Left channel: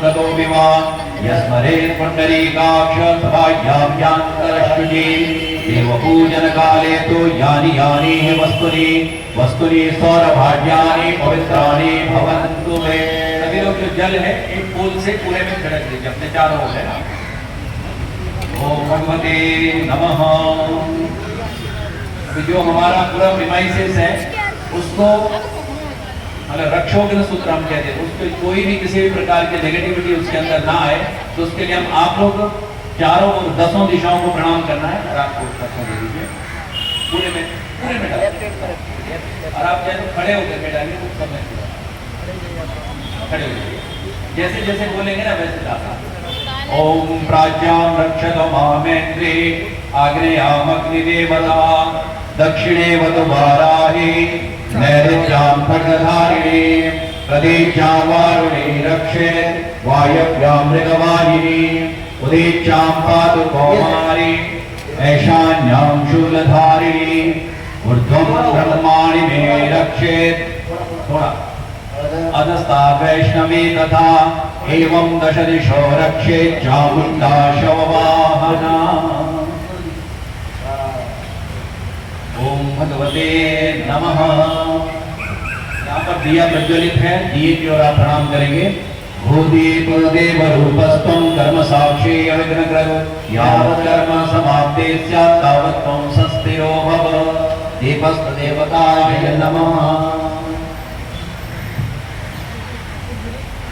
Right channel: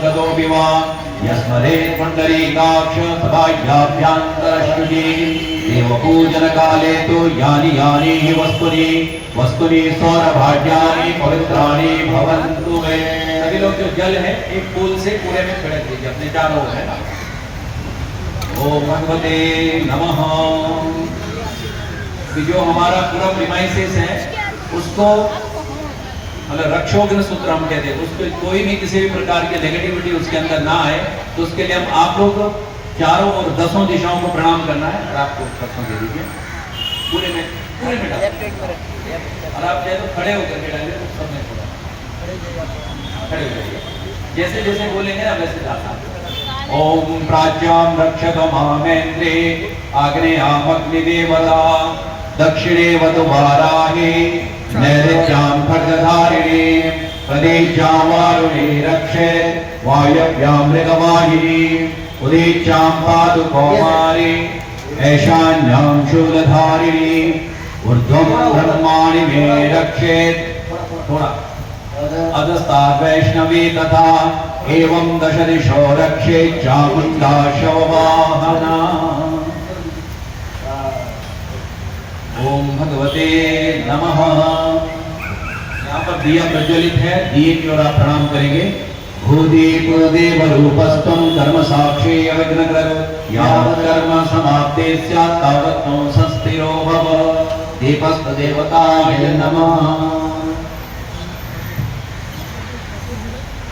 संगतो विवा यस्मरे पुंडरीकाक्ष सभायाभ्यन्तरश्रुति देवपूजन काले तो यानि यानि हि वस्तुनि सौरभाग्यानि पवित्राणि भवन्तु मे। सभी लोग जो जल है एक फूल से पूरे में छिड़क दीजिए अपने चारों ओर है। ओम भगवते नमः। जो हमारा पूरा प्रीमाइसिस है उसको मतलब रक्षोग्न सूत्र हम कहते हैं, उसको कोई भी किसी भी प्रकार की नेगेटिविटी उसके अंदर ना आए, तो उसके लिए हम आप लोग चारों और 10 दिशाओं को प्रणाम करना है। और आपको परसों दे दीजिए पूरे में डाल, और आप चाहे तो खड़े होकर के डालिए, तो सब में खड़े हो जाइए, जैसे जैसे बोलेंगे ना वैसे डालना। ओम प्राच्यां रक्षतो मामेन्द्रे आग्नेयामग्निदेवता दक्षिणे वतु वाराहि नैऋत्यां खड्गधारिणी प्रदेशां वारुणी रक्षे वायव्यां मृगवाहिनी उदीच्यां पातु कौमारी ऐशान्यां शूलधारिणी ऊर्ध्वं ब्रह्माणि मे रक्षेत्। थोड़ा अधस्ता वैष्णवी तथा एवं 10 दिशो रक्षेत् चामुण्डा शववाहना। ओम भगवते नमः। यहाँ पर दिया प्रज्वलित है, दिए की ओर आप प्रणाम करेंगे। भूदीपो देव रूपस्त्वं कर्म साक्षी अविघ्नकर यावत् कर्म समाप्ते स्यात् तावत् त्वं संस्थिरो भव। दीपस्त देवताय नमः।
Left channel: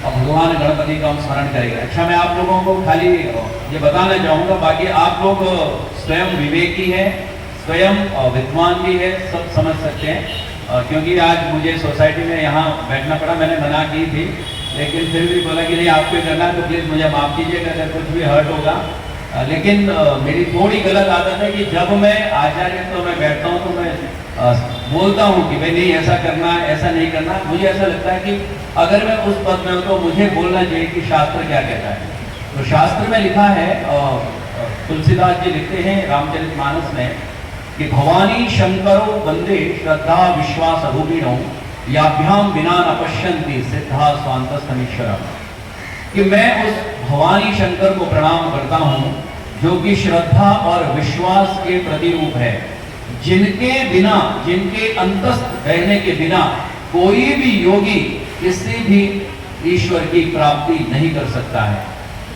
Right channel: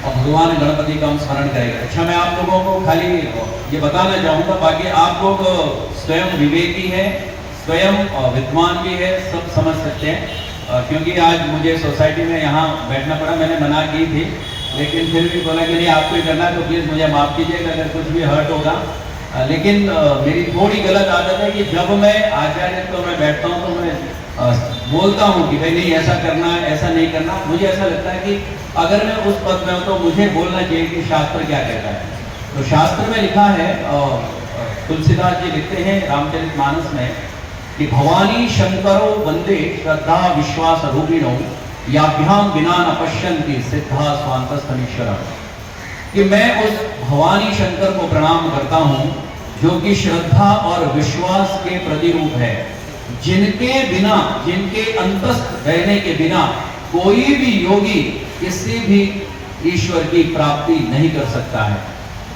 भगवान गणपति का हम स्मरण करेंगे। अच्छा, मैं आप लोगों को खाली ये बताना चाहूंगा, बाकी आप लोग स्वयं विवेकी हैं, स्वयं विद्वान भी है, सब समझ सकते हैं। क्योंकि आज मुझे सोसाइटी में यहाँ बैठना पड़ा, मैंने मना की थी, लेकिन फिर भी बोला कि नहीं आपको करना है तो प्लीज़ मुझे माफ़ कीजिएगा अगर कुछ भी हर्ट होगा। लेकिन मेरी थोड़ी गलत आदत है कि जब मैं आचार्य तो मैं बैठता हूँ तो मैं बोलता हूँ कि भाई नहीं ऐसा करना है, ऐसा नहीं करना। मुझे ऐसा लगता है कि अगर मैं उस पद में हूँ तो मुझे बोलना चाहिए कि शास्त्र क्या कहता है। तो शास्त्र में लिखा है, तुलसीदास जी लिखते हैं रामचरितमानस में कि भवानी शंकरो वंदे श्रद्धा विश्वास रूपिणो याभ्याम विना न पश्यन्ति सिद्धा स्वांतस्तमीश्वरम्। कि मैं उस भवानी शंकर को प्रणाम करता हूँ जो कि श्रद्धा और विश्वास के प्रतिरूप है, जिनके बिना, जिनके अंतस्थ रहने के बिना कोई भी योगी किसी भी ईश्वर की प्राप्ति नहीं कर सकता है।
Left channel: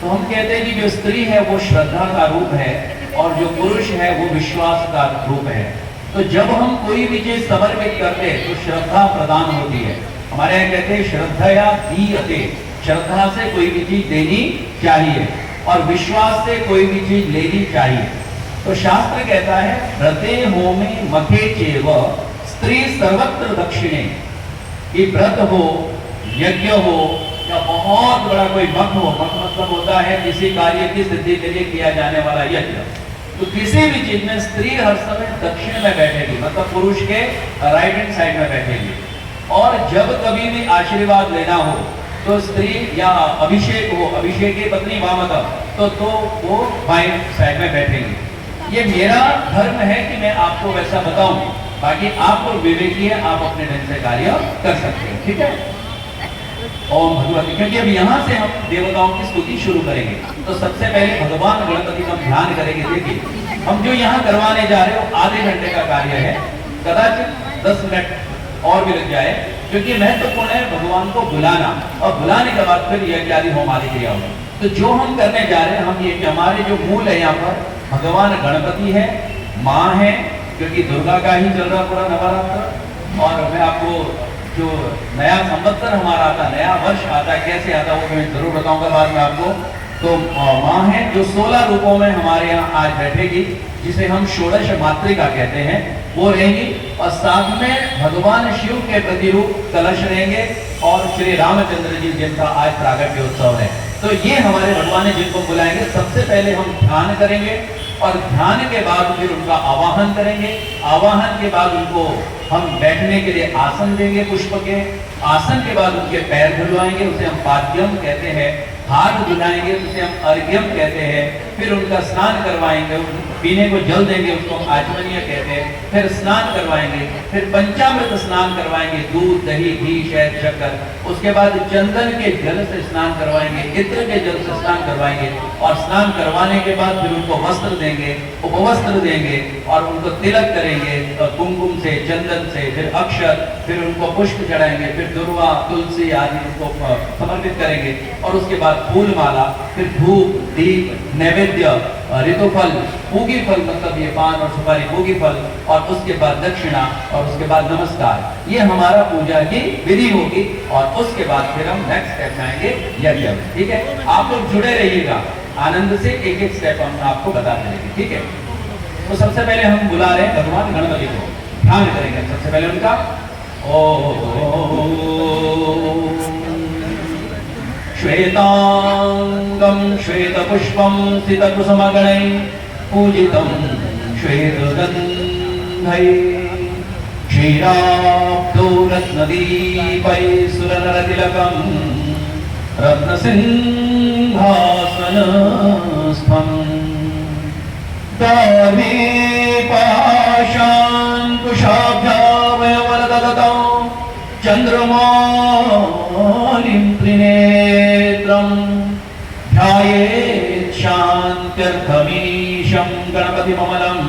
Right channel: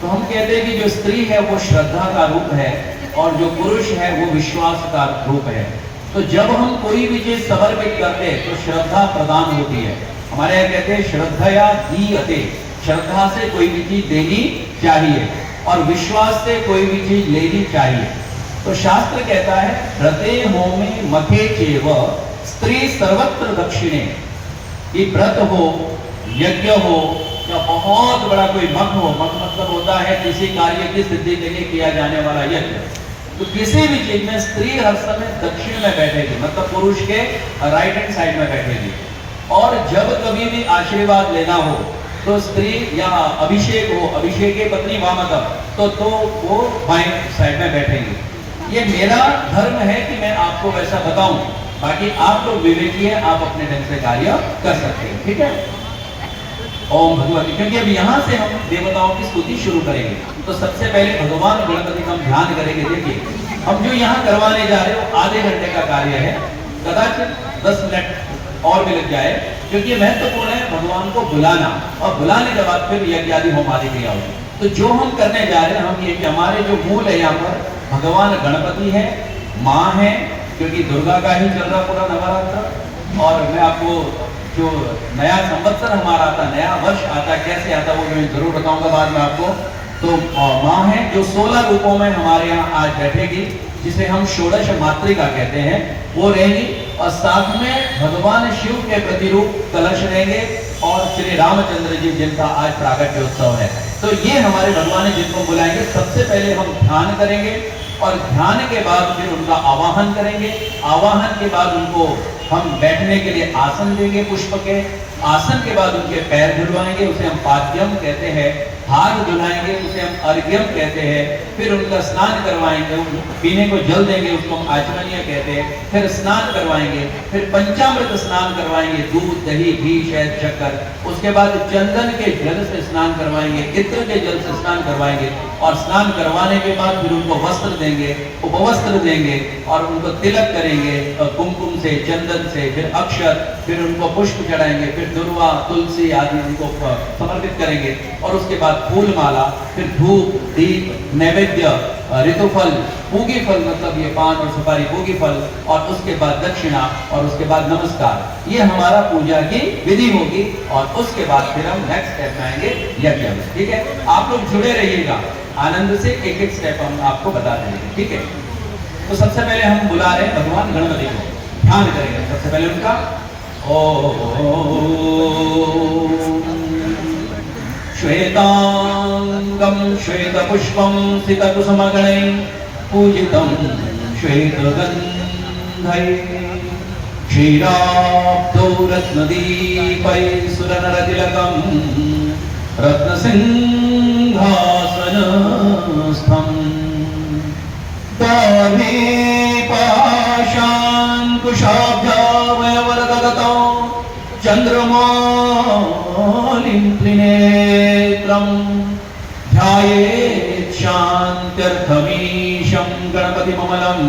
तो हम कहते हैं कि जो स्त्री है वो श्रद्धा का रूप है और जो पुरुष है वो विश्वास का रूप है। तो जब हम कोई भी चीज समर्पित करते हैं तो श्रद्धा प्रदान होती है। हमारे यहाँ कहते हैं श्रद्धया दीयते, श्रद्धा से कोई भी चीज देनी चाहिए और विश्वास से कोई भी चीज लेनी चाहिए। तो शास्त्र कहता है व्रते होमे मथे चेव स्त्री सर्वत्र दक्षिणे। कि व्रत हो, यज्ञ हो या बहुत बड़ा कोई मठ हो, मठ मतलब होता है किसी कार्य की सिद्धि के लिए किया जाने वाला यज्ञ, तो किसी भी चीज में स्त्री हर समय दक्षिण में बैठेगी, मतलब पुरुष के राइट हैंड साइड में बैठेगी। और जब कभी भी आशीर्वाद लेना हो तो स्त्री या अभिषेक हो, अभिषेक की पत्नी वामता, तो वो बाएं साइड में बैठेंगी। ये मेरा धर्म है कि मैं आपको वैसा बताऊं, बाकी आप लोग विवेकी है, आप अपने ढंग से कार्य कर सकते हैं। ठीक है। ओम भगवती, क्योंकि अब यहाँ से हम देवताओं की स्तुति शुरू करेंगे तो सबसे पहले भगवान गणपति का हम ध्यान करेंगे। देखिए हम जो यहाँ करवाने जा रहे हैं वो आधे घंटे का कार्य है, कदाचित 10 मिनट और भी लग जाए, क्योंकि महत्वपूर्ण है भगवान को बुलाना और बुलाने के बाद फिर यज्ञ आदि होम आदि क्रिया होगी। तो जो हम करने जा रहे हैं हम ये कि हमारे जो मूल है यहाँ पर भगवान गणपति है, माँ है, क्योंकि दुर्गा का ही चल रहा पूरा नवरात्र। और मैं आपको जो नया संवत्सर हमारा आता, नया वर्ष आता, कैसे आता वो मैं जरूर बताऊंगा बाद में आपको। तो माँ है जो 16 रूपों में हमारे यहाँ आज बैठेगी, जिसे हम षोडश मातृका कहते हैं, वो रहेंगी। और साथ में भगवान शिव के प्रतिरूप कलश रहेंगे और श्री रामचंद्र जी जिनका आज प्रागट्योत्सव है। तो ये हमारे भगवान जिनको बुलाएंगे, सबसे पहले हम ध्यान करेंगे और ध्यान के बाद फिर उनका आवाहन करेंगे। आवाहन के बाद उनको हम बैठने के लिए आसन देंगे पुष्प के, आसन के बाद उनके पैर धुलवाएंगे, उसे हम पाद्यम कहते हैं, हाथ धुलाएंगे उसे हम अर्घ्यम कहते हैं, फिर उनका स्नान करवाएंगे, पीने को जल देंगे उसको हम आचमनीय कहते हैं, फिर स्नान करवाएंगे, फिर पंचामृत स्नान करवाएंगे, दूध दही घी शहद शक्कर, उसके बाद चंदन के जल से स्नान करवाएंगे, इत्र के जल से स्नान करवाएंगे, और स्नान करवाने के बाद फिर उनको वस्त्र देंगे, उपवस्त्र देंगे और उनको तिलक करेंगे कुमकुम से चंदन से, फिर अक्षत, फिर उनको पुष्प चढ़ाएंगे, फिर दुर्वा तुलसी आदि उनको समर्पित करेंगे, और उसके बाद फूल माला, फिर धूप दीप नैवेद्य ऋतुफल पूगी फल, मतलब ये पान और सुपारी पूगी फल, और उसके बाद दक्षिणा और उसके बाद नमस्कार। ये हमारा पूजा की विधि होगी, और उसके बाद फिर हम नेक्स्ट स्टेप जाएंगे यज्ञ। ठीक है, आप लोग जुड़े रहिएगा, आनंद से एक एक स्टेप हम आपको बता देंगे। ठीक है, तो सबसे पहले हम बुला रहे हैं भगवान गणपति को, ध्यान करेंगे सबसे पहले उनका। श्वेतांगं श्वेतपुष्पं सितकुसुमगणैः पूजितं श्वेतगन्धैः क्षीराब्धौ रत्नदीपैः सुरनरतिलकं रत्नसिंहासनस्थम् दार्ढ्ये पाशाङ्कुशाभ्यामवरददतौ चन्द्रमालिं त्रिनेत्रं ध्यायेत् शान्त्यर्थमीशं गणपतिममलं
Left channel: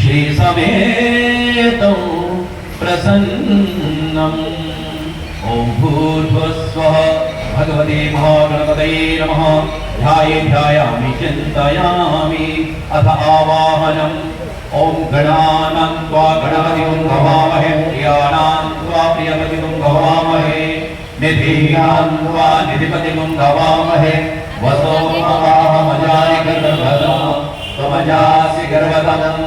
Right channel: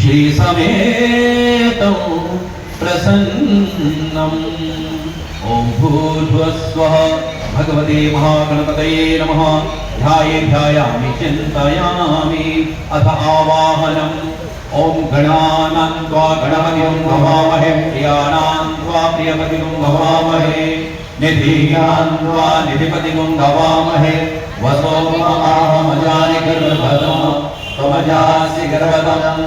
श्रीसमेतं प्रसन्नम्। ॐ भूर्भुवस्वः भगवते महागणपतये नमः। ध्यायामि चिन्तयामि अथ आवाहनम्। ओम गणानां त्वा गणपतिं भवामहे, प्रियाणां त्वा प्रियपतिं भवामहे, निधीनां त्वा निधिपतिं भवामहे। वसो महामजानि गर्भदम् त्वमजासि गर्भदम्।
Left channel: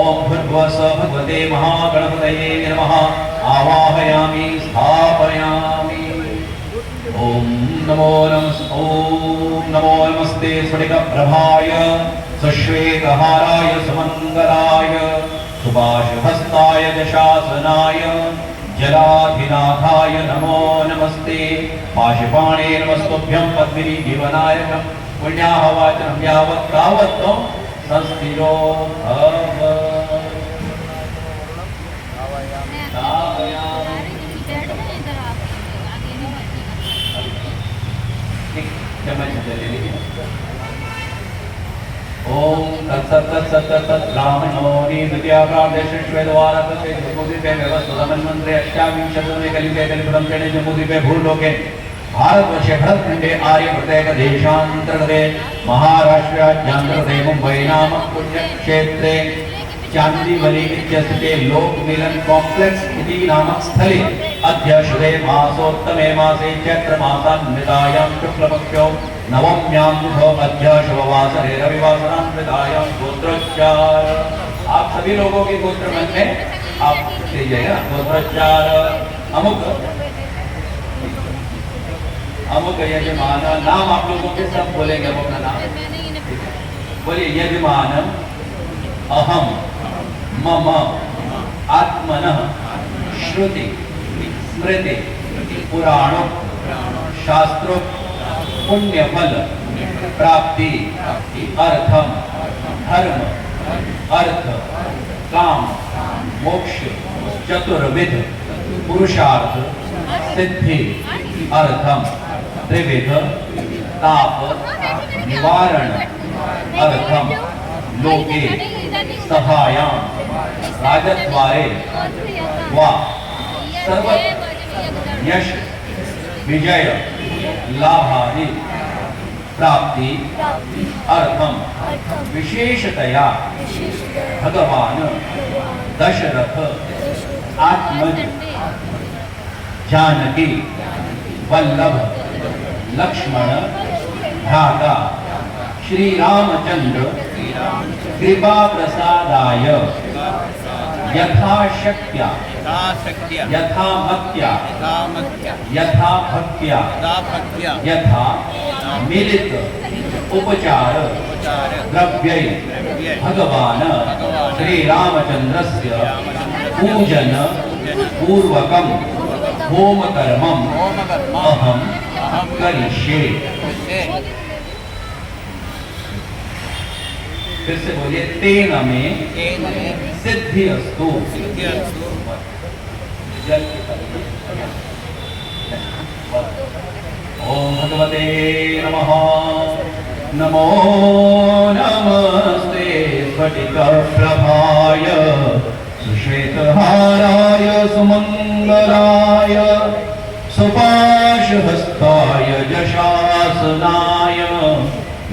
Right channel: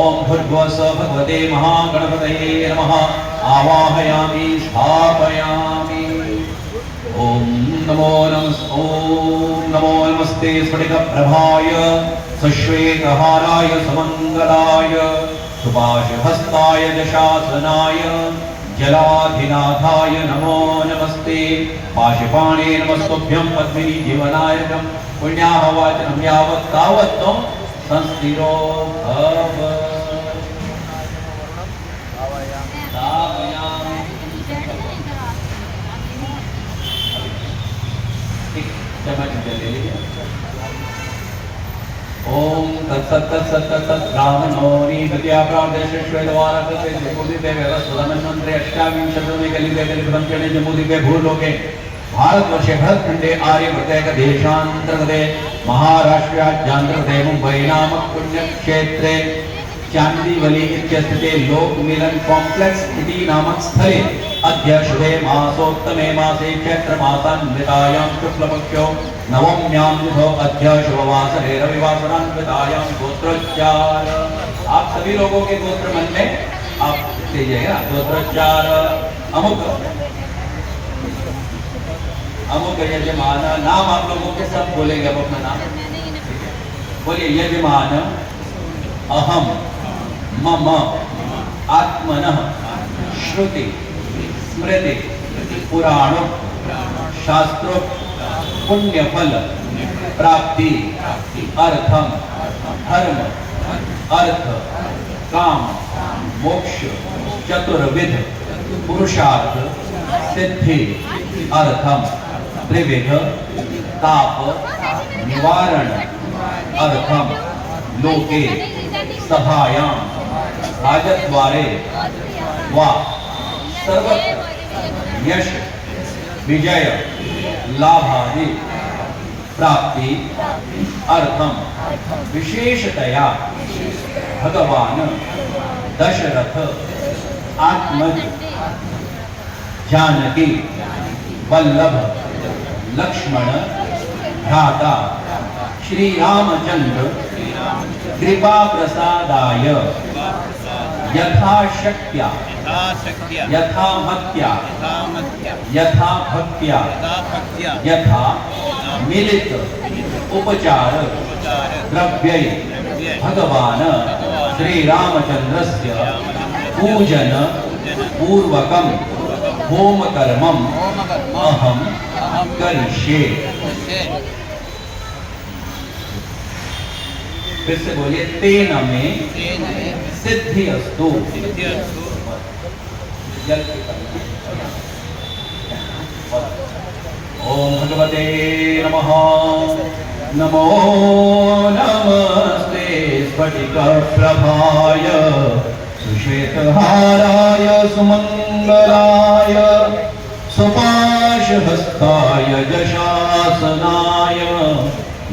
ओम भूर्भुवस्सुवः भगवते महागणपतये नमः। आवाहयामि स्थापयामि। ओम नमो नमस्ते स्फटिकप्रभाय सुश्वेतहाराय सुमंगलाय सुभाषहस्ताय जशासनाय जलाधिनाथाय नमो नमस्ते। पाशुपाणे नमस्तुभ्यं पद्मिनी जीवनायकं पुण्याहवाचनं यावत् तावत् त्वं संस्थिरो भव। ओम तत्सत् ब्राह्मणो निगत्या प्रादेशेश्वेद्वारकृते जम्बूद्वीपे व्यवस्थितमन्वन्तरे अष्टाविंशतमे कलियुगे दलितपञ्चमे जम्बूद्वीपे भूलोके भारतवर्षे भरतखण्डे आर्यप्रदेश देशान्तर्गते महाराष्ट्राज्यान्तर्गते मुम्बै नामक पुण्यक्षेत्रे चांदीवली इत्यस्ते लोकमिलन कॉम्प्लेक्स इति नामक स्थले अद्य शुभे मासोत्तमे मासे चैत्रमासान्वितायां शुक्लपक्षो नवम्यां तिथौ अद्य शुभवासरे रविवासरान्वितायां गोत्रोच्चार। आप सभी लोगों के गोत्र मन में आप लीजिएगा गोत्रोच्चार। अमुक अमुक यजमान नाम आप लोगों के सब बोलेंगे अपना नाम। बोलिए यजमान अहम मम आत्मनः श्रुति स्मृति पुराणों शास्त्रों पुण्यफल प्राप्ति अर्थम धर्म अर्थ काम मोक्ष चतुर्विध पुरुषार्थ सिद्धि अर्थम त्रिविध ताप निवारण अर्थम लोके सभायां राजद्वारे वा सर्वत्र यश विजय लाभादि प्राप्ति अर्थम विशेषतया भगवान दशरथ आत्मज जानकी वल्लभ लक्ष्मण भ्राता श्री रामचंद्र कृपा प्रसादाय यथाशक्त्या यथामत्या यथाभक्त्या यथा मिलित उपचार द्रव्यै भगवान श्री रामचंद्रस्य पूजन पूर्वकम होम कर्मम अहम करिष्ये। फिर से बोलिए, तेन में सिद्धि अस्तु। ओम भगवते नमः। नमो नमस्ते स्फटिकप्रभाय श्वेतहाराय सुमंगलाय सुपाशहस्ताय जशासनाय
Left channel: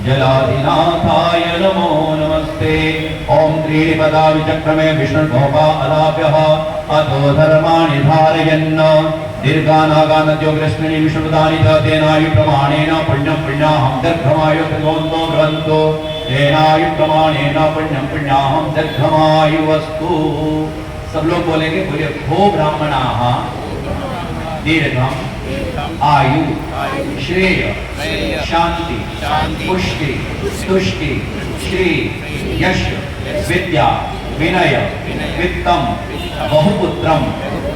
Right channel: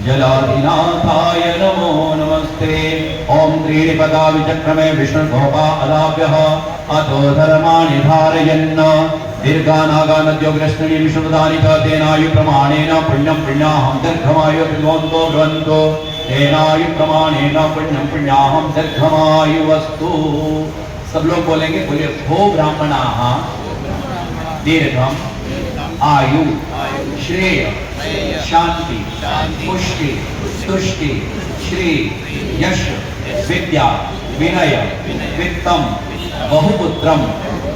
जलाधिनाथाय नमो नमस्ते। ओम त्रिपदा विचक्रमे विष्णुगोपालाभ्यः अतो धर्माणि धारयन् दीर्घानागानद्यो कृष्णनि विष्णुदानि तेनायु प्रमाणेन पुण्यं पुण्याहं दीर्घमायु भगवन्तो भ्रवन्तो तेनायु प्रमाणेन पुण्यं पुण्याहं दीर्घमायु वस्तु। सब लोग बोलेंगे, बोलिए, भो ब्राह्मणाः दीर्घम आयु श्रेय शांति पुष्टि तुष्टि श्री यश विद्या विनय वित्तम बहुपुत्रम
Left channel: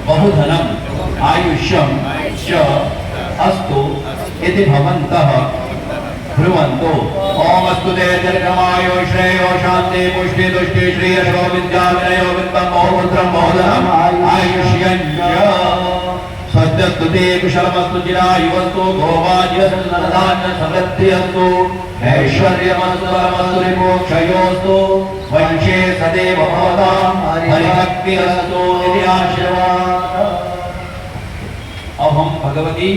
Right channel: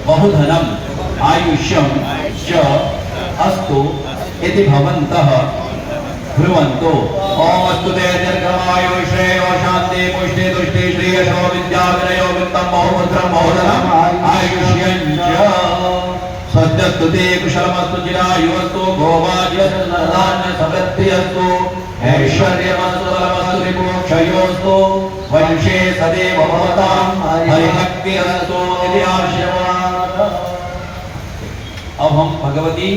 बहुधनम आयुष्यम च अस्तु इति भवन्तः ब्रुवन्तु। ओम अस्तु ते दीर्घमायु श्रेयो शान्ति पुष्टि तुष्टि श्री यशो विद्या विनयो वित्तम बहुपुत्रम बहुधनम आयुष्यं च स्वस्त्यस्तु ते कुशलमस्तु चिरायुवस्तु भोगाज्यसन्धान्य समृद्धिरस्तु ऐश्वर्यमस्तु बलमस्तु विमोक्षयोस्तु वंशे सदैव भवतां हरिभक्तिरस्तु इति आशीर्वादः। अब हम भगवती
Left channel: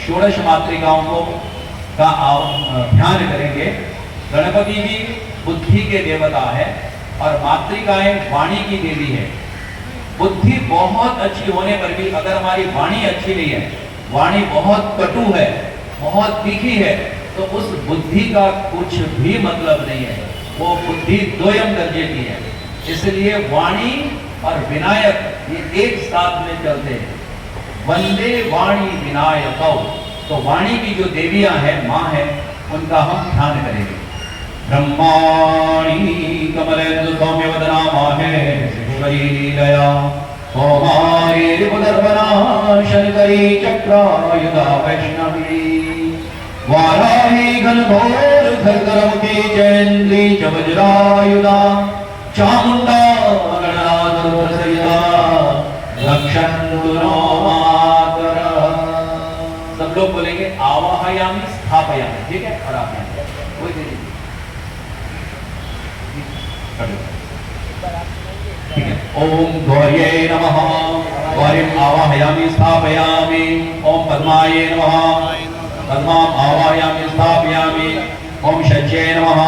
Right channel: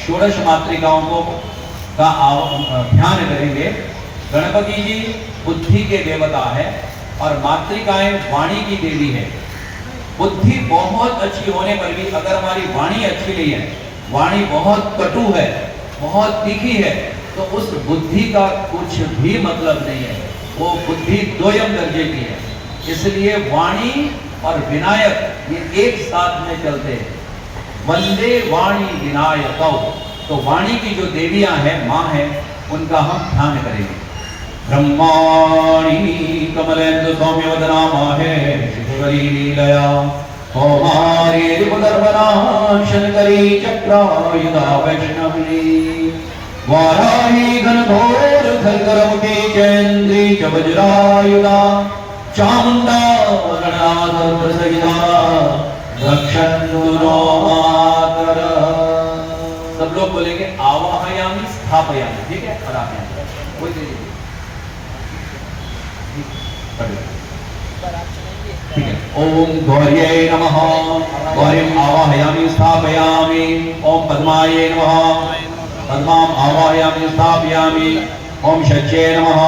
षोडश मातृकाओं को का ध्यान करेंगे। गणपति जी बुद्धि के देवता है और मातृकाएं वाणी की देवी है। बुद्धि बहुत अच्छी होने पर भी अगर हमारी वाणी अच्छी नहीं है, वाणी बहुत कटु है, बहुत तीखी है, तो उस बुद्धि का कुछ भी मतलब नहीं है। वो बुद्धि दोयम दर्जे की है। इसलिए वाणी और विनायक ये एक साथ में चलते हैं। वंदे वाणी विनायकौ। तो वाणी की जो देवियां हैं, माँ हैं, उनका हम ध्यान करेंगे। ब्रह्माणी कमलेन्दु सौम्य वदना माहे शिवरी लीलया कौमारी रिपुदर्पणा शंकरी चक्रायुधा वैष्णवी वाराही घनघोर खरगरमुखी चैन्द्री च वज्रायुधा चामुण्डा गणनाथसहिता रक्षन्तु नो मातरः। सब लोग बोलेंगे, आवाहयामि स्थापयामि। ठीक है, और आप कोई दे दीजिए। ठीक है। ओम गौर्ये नमः। गौरीम आवाहयामि स्थापयामि। ओम पद्माये नमः। पद्मां आवाहयामि स्थापयामि। ओम शच्ये नमः।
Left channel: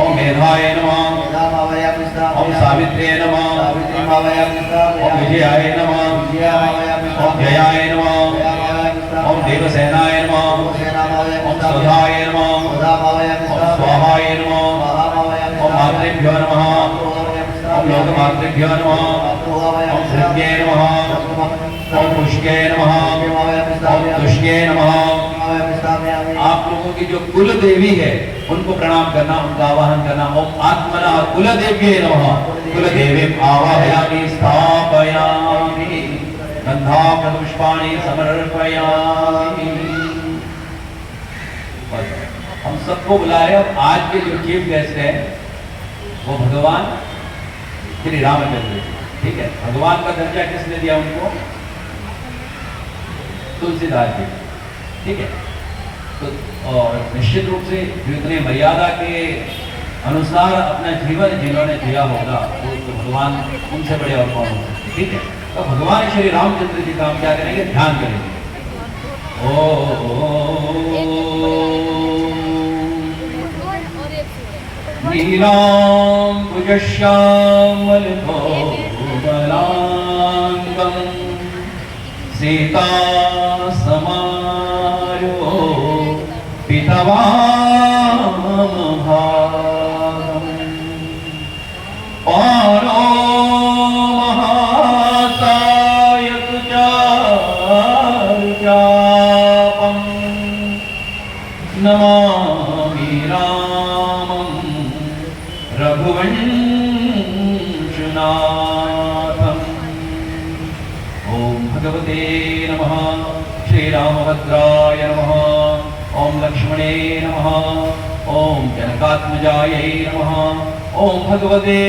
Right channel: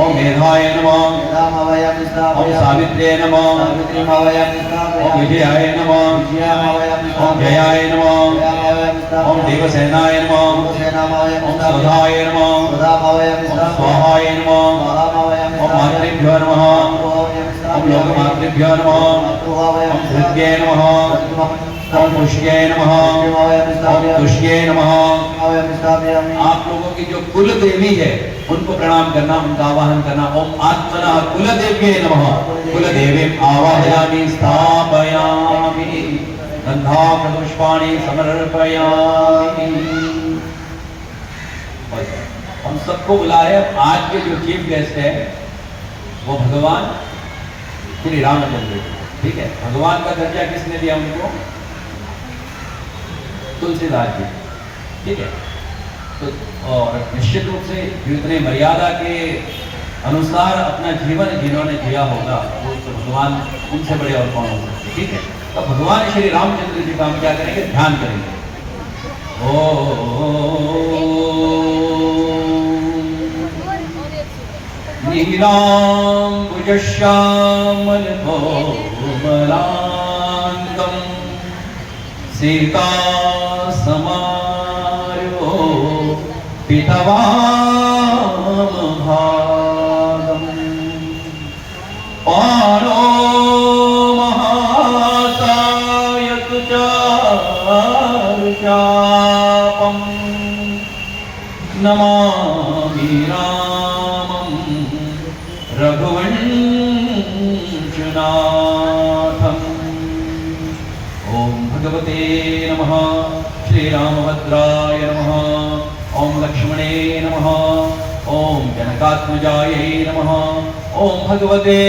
ओम मेधाय नमः। ओम सावित्र्ये नमः। ओम विजयाय नमः। ओम जयाय नमः। ओम देवसेनाय नमः। ओम सदाय नमः। ओम स्वाहाय नमः। ओम मातृभ्यो नमः। ओम लोकमातृभ्यो नमः। ओम धृत्ये नमः। ओम पुष्ये नमः। ओम तुष्ये नमः। आप लोगों की जो कुल देवी है उनको प्रणाम करना, उनका आवाहन करना। ओम आत्मनः कुलदेव्ये नमः। कुलदेवीं आवाहयामि स्थापयामि। गन्धापुष्पाणि समर्पयामि। हम सबको बुला रहे हैं। आज के जो चीफ गेस्ट है वो भगवान श्री रामचंद्र जी। ठीक है, भगवान का दर्जा किसने दिया उनको? तुलसीदास जी। ठीक है, तो और निश्चित रूप से जो इतने मर्यादा के अनुसार अपना जीवन जिन्होंने जिया होगा वो तो भगवान, उनसे बड़े और कौन हो सकते। ठीक है, तो भगवान श्री रामचंद्र जी का हम क्या करेंगे? ध्यान करेंगे। नीलांबुज श्यामल कोमलांगं सीता समारो पितवामभागं पारो महासायक चारुचापं नमामि रामं रघुवंशनाथम्। हनुमते नमः। श्रीरामभद्राय नमः। ओम लक्ष्मणे नमः। ओम जनकात्मजायै नमः। ओम भगवते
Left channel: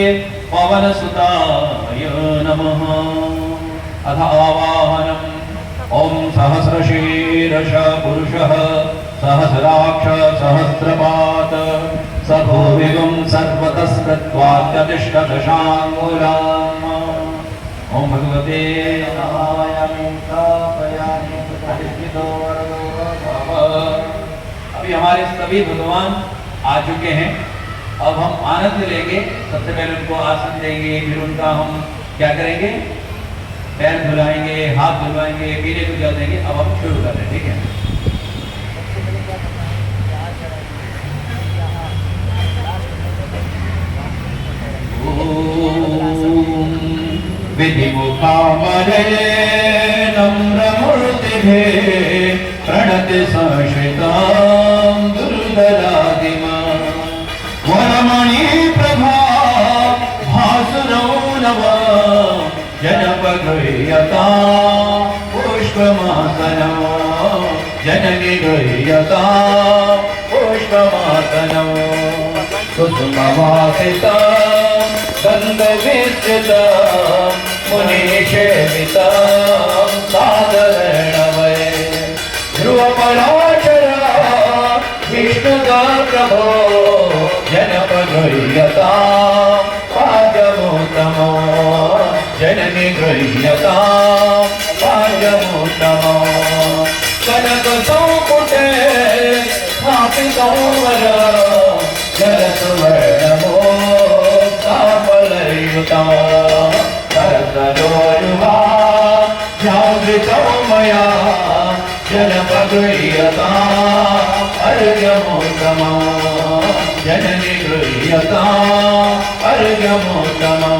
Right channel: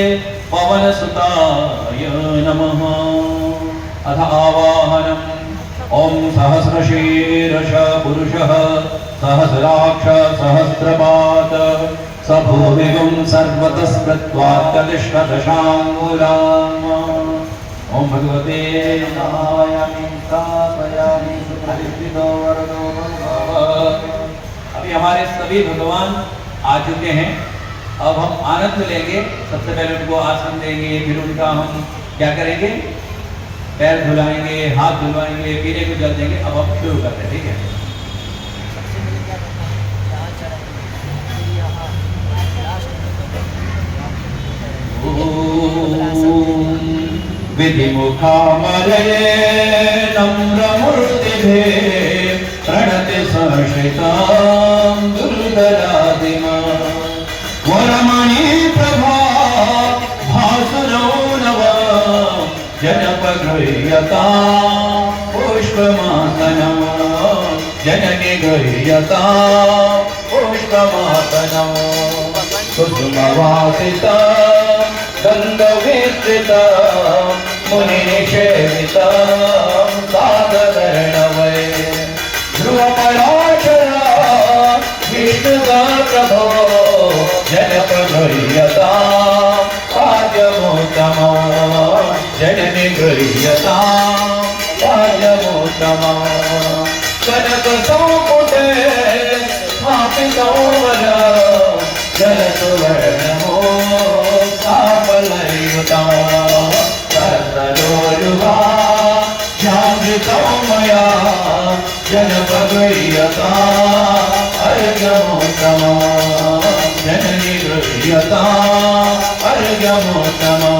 पवनसुताय नमः। अथ आवाहनम्। ओम सहस्रशीर्ष पुरुषः सहस्राक्ष सहस्रपाद स भूमिगुं सर्वतस्कृत्वात्यतिष्ठदशाङ्गुलाम्। ओम भगवते नमः। अभी हमारे सभी भगवान आ चुके हैं। अब हम आनंद लेंगे। सबसे पहले उनको आसन देंगे, फिर उनका हम क्या करेंगे, पैर धुलाएंगे, हाथ धुलवाएंगे, पीने को जल देंगे। अब हम शुरू कर रहे हैं, ठीक है। विधिमुखामरे नम्रमूर्तिभिः प्रणति संश्रितां दुर्दरादिमां वरमणि प्रभा भासुरो नव जनपगृह्यतां पुष्पमासनं जनके गृह्यतां पुष्पमासनं कुसुमवासिता गन्धविस्तृता मुनिनिषेविता साधवर्णवये ध्रुवपराशरा विष्णुगात्रभो जनपगृह्यता पाद्यमोत्तमो जननिगृह्यता पाद्यमोत्तमो कनकसौपुटे स्थापितो वरा जनसुवर्णमो साफलयुता सर्वदोरुहा जागृतो मया जनपगृह्यता अर्घ्यमोत्तमो जननिगृह्यता अर्घ्यमोत्तमो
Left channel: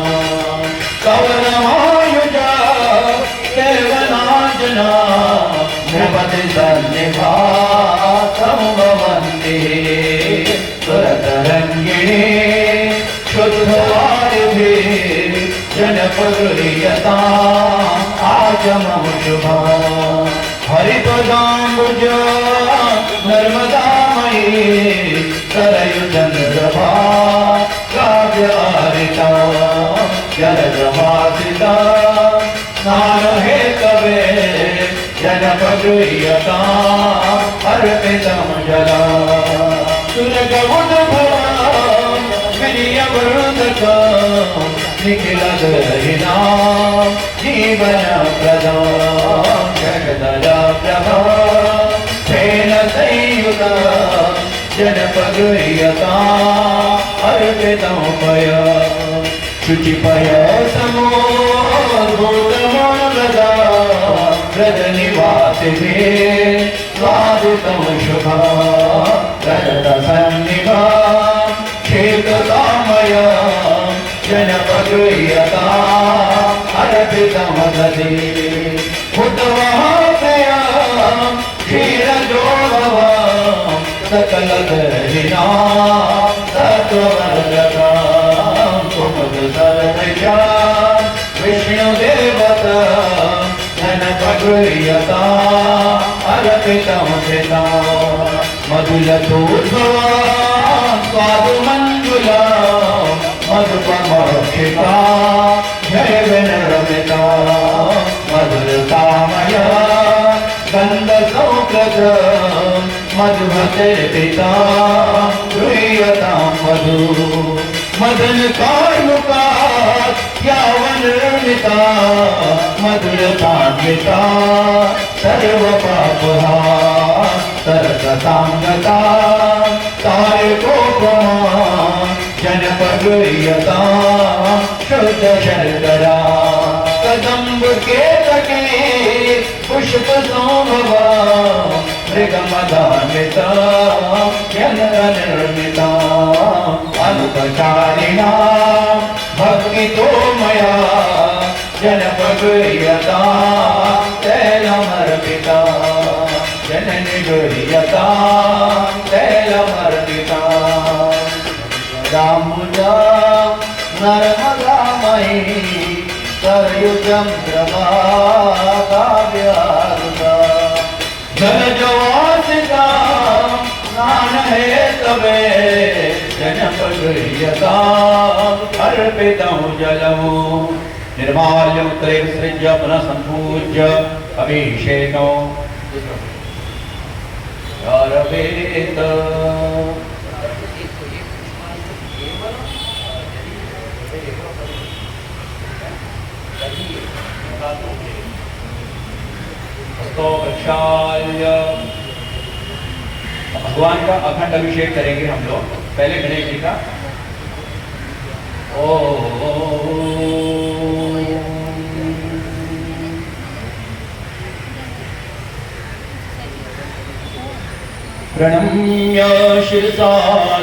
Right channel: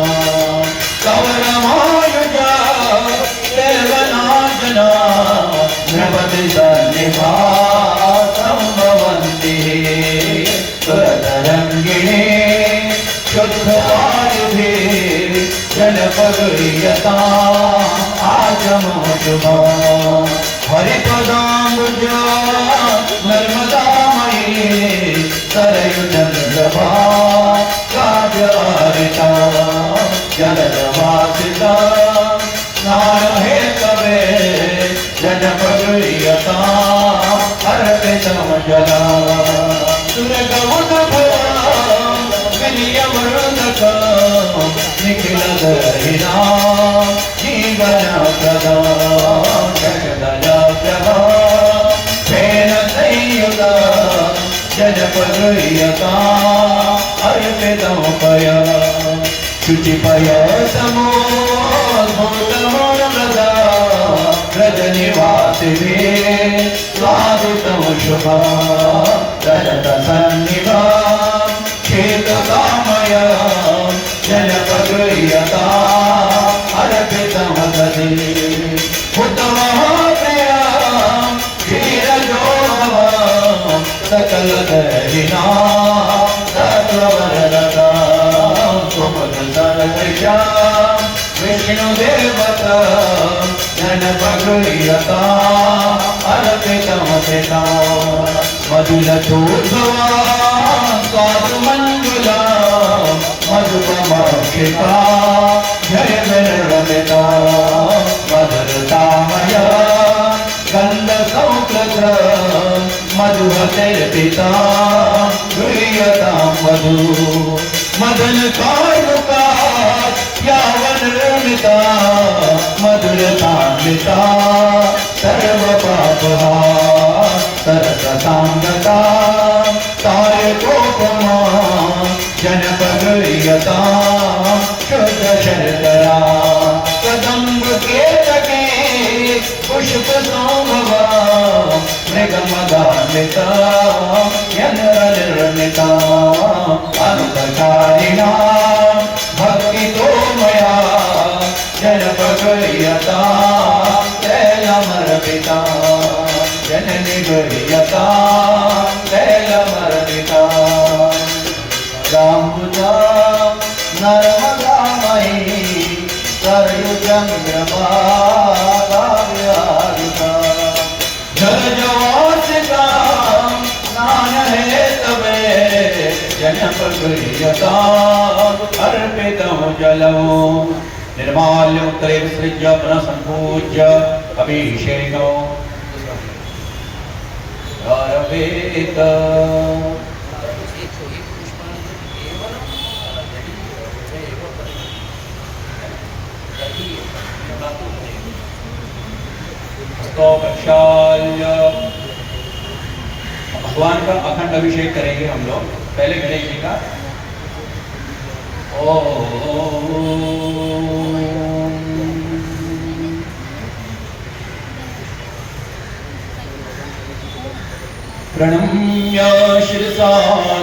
कवनमायुजा केवलार्जुना नृपति सन्निभा संभवन्ति सुरतरङ्गिणी शुद्धवादिभिः जनपगृह्यता आगमोत्तमो हरिपदाम्बुज नर्मदामयी सरयुजनप्रभा काव्यारिता जलदवासिता स्नानहेतवे जनपगृह्यता अर्पितं जला सुरगमुदभरा विनियमृतका निखिलदहिना जीवनप्रदा जगदयाप्रभा तेन संयुता जनपगृह्यता अर्पितं पया शुचिपय समोद्भूतमोददा व्रजनिवासिभिः स्वादितं शुभा रजतसन्निभा क्षेत्रतामया जनपगृह्यता अर्पितं दधि हुतमहाप्रिया क्षीरजोभवा सकलदहिना सकलवरदा कुमुद सर्वजा विष्णुदेवता जनपगृह्यता अर्पितं पिता मधुलतोद्भवा स्वादुमण्डुला मधुपमर्षिता जय विनरमिता मधुरतामया गन्धसौकृत मधुहतिर्पिता गृह्यतां मधु मदनकार्मुका यावन्निता मधुरतान्विता सर्वपापहा सरसताङ्गता तारकोपमा जनपगृह्यता शुद्धशर्करा कदम्बकेतकी पुष्पसौभवा मृगमदान्विता यन्त्रनिर्मिता अनुपकारिणा भक्तितो मया जनपगृह्यता तैलमर्पिता जननिगृह्यता तैलमर्पिता रामुजा नर्मदामयी सरयुजं प्रभा जल जवास का स्नान है तवे जनपदयता अर्पितं जलम् निर्माल्यमुत्तरे विसृज्य पुनः सम्पूज्य अभिषेको आरभेत। तो प्रक्षाल्य भगवान का अखंड अभिषेक करेंगे हम लोग। पहले गणेश जी का प्रणम्य शिरसा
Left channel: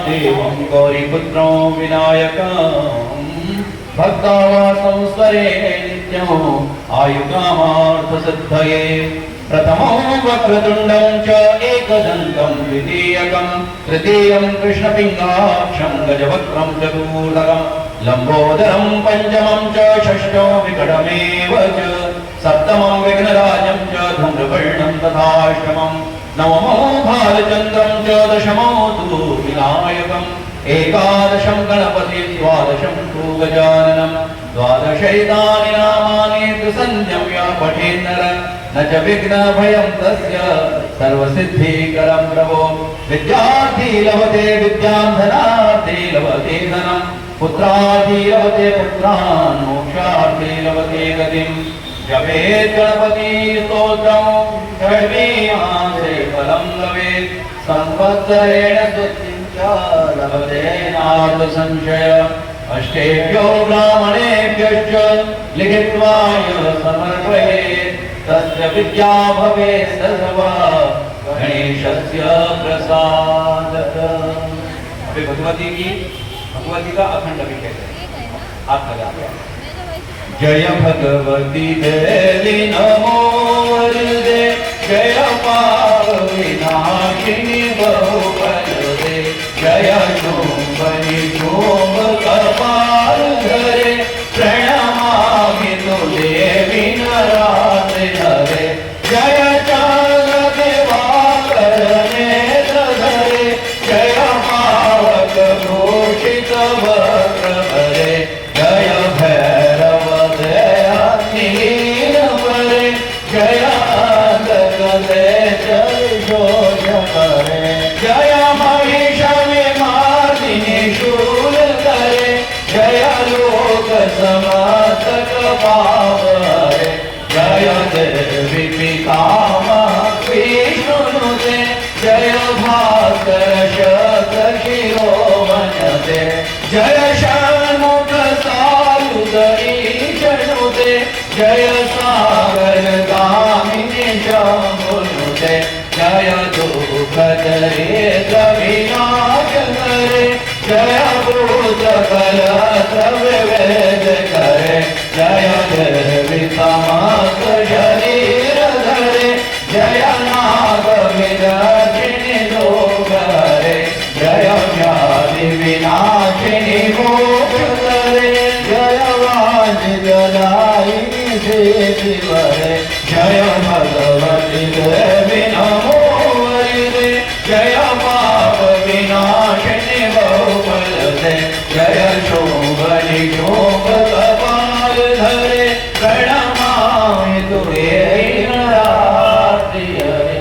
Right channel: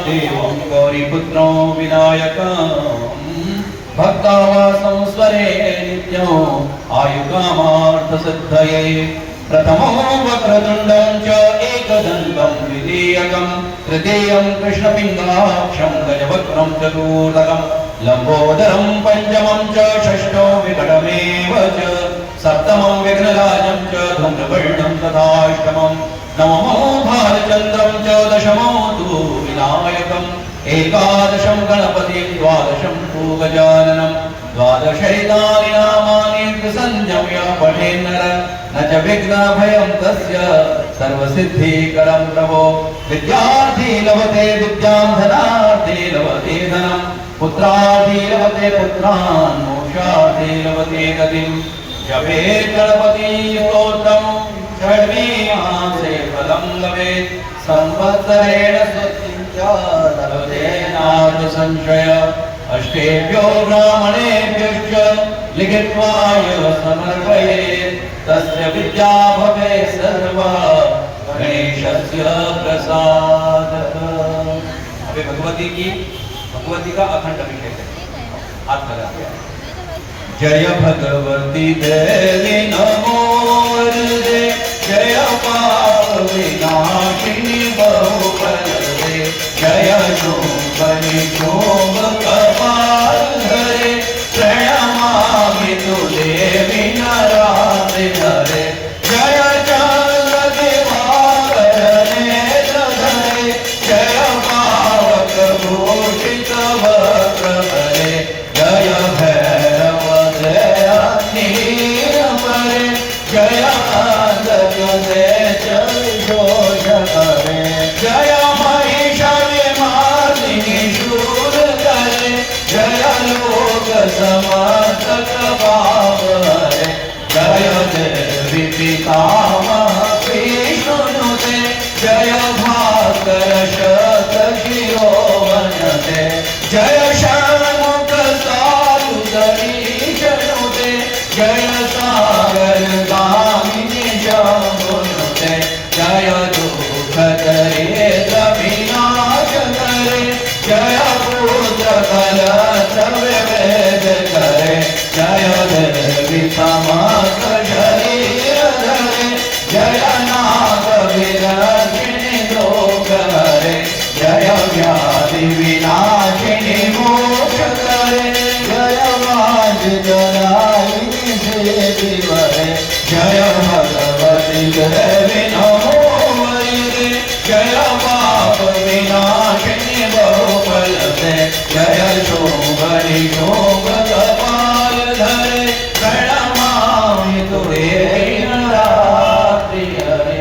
देवं गौरीपुत्रं विनायकं भक्तावासं स्वरे नित्यं आयुकामार्थसिद्धये। प्रथमो वक्रतुण्डं च एकदन्तं द्वितीयकं तृतीयं कृष्णपिङ्गाक्षं गजवक्त्रं चतुर्थकं लम्बोदरं पञ्चमं च षष्ठो विकटमेव च सप्तमं विघ्नराजं च धूम्रवर्णं तथाष्टमं नवमो भालचन्द्रं च दशमो तु विनायकम् एकादशं गणपतिं द्वादशं तु गजाननं द्वादशैतानि नामानि संयम्य पठेन्नर न च विघ्नभयं तस्य सर्वसिद्धिकरं प्रभो। विद्यार्थी लभते विद्यां धनार्थी लभते धनं पुत्रार्थी लभते पुत्रान् मोक्षार्थी लभते गतिं। जपेत् गणपति स्तोत्रं षड्विमासे फलं लभेत् संवत्सरेण स्तुतिं च लभते नार्थ संशय। अष्टेभ्यो ब्राह्मणेभ्यश्च लिखित्वा यो समर्पयेत् तस्य विद्या भवेत् सर्वा गणेशस्य प्रसादः। अभी भगवती का अखंड अभिषेक हाथ लगा दिया। जय भगवती देवी नमो हृदे जय पाप विनाशिनी बहुबलदे जय शुंभनि शुंभ कपाल धरे प्रणमामि तु देवी नराते हरे। जय चंद्र दिवाकर नेत्र धरे जय पावक भूषित वक्र भरे जय भैरव जय घोष करे जय महिषाविमार्दिनि शूल करे जय लोक समस्तक पाप हरे जय देवी पितामह विष्णुनुते जय भास्कर शत शिरोमणते जय षण्मुख सारुदरी शनुते जय सागर गामिनी शंभुनुते जय दुख दरिद्र विनाश करे जय भूत कलत्र विभेद करे जय देवी समस्त शरीर धरे जय नाग विदर्शिनी दुख हरे जय व्याधि विनाशिनी मोक्ष करे जय वाञ्छितदायिनी सिद्धिवरे जय भगवती देवी नमो वरिदे जय पाप विनाशिनी बहुफलदे जय शोभनि शोभ कपाल धरे प्रणमामि तु देवी नरार्ति हरे।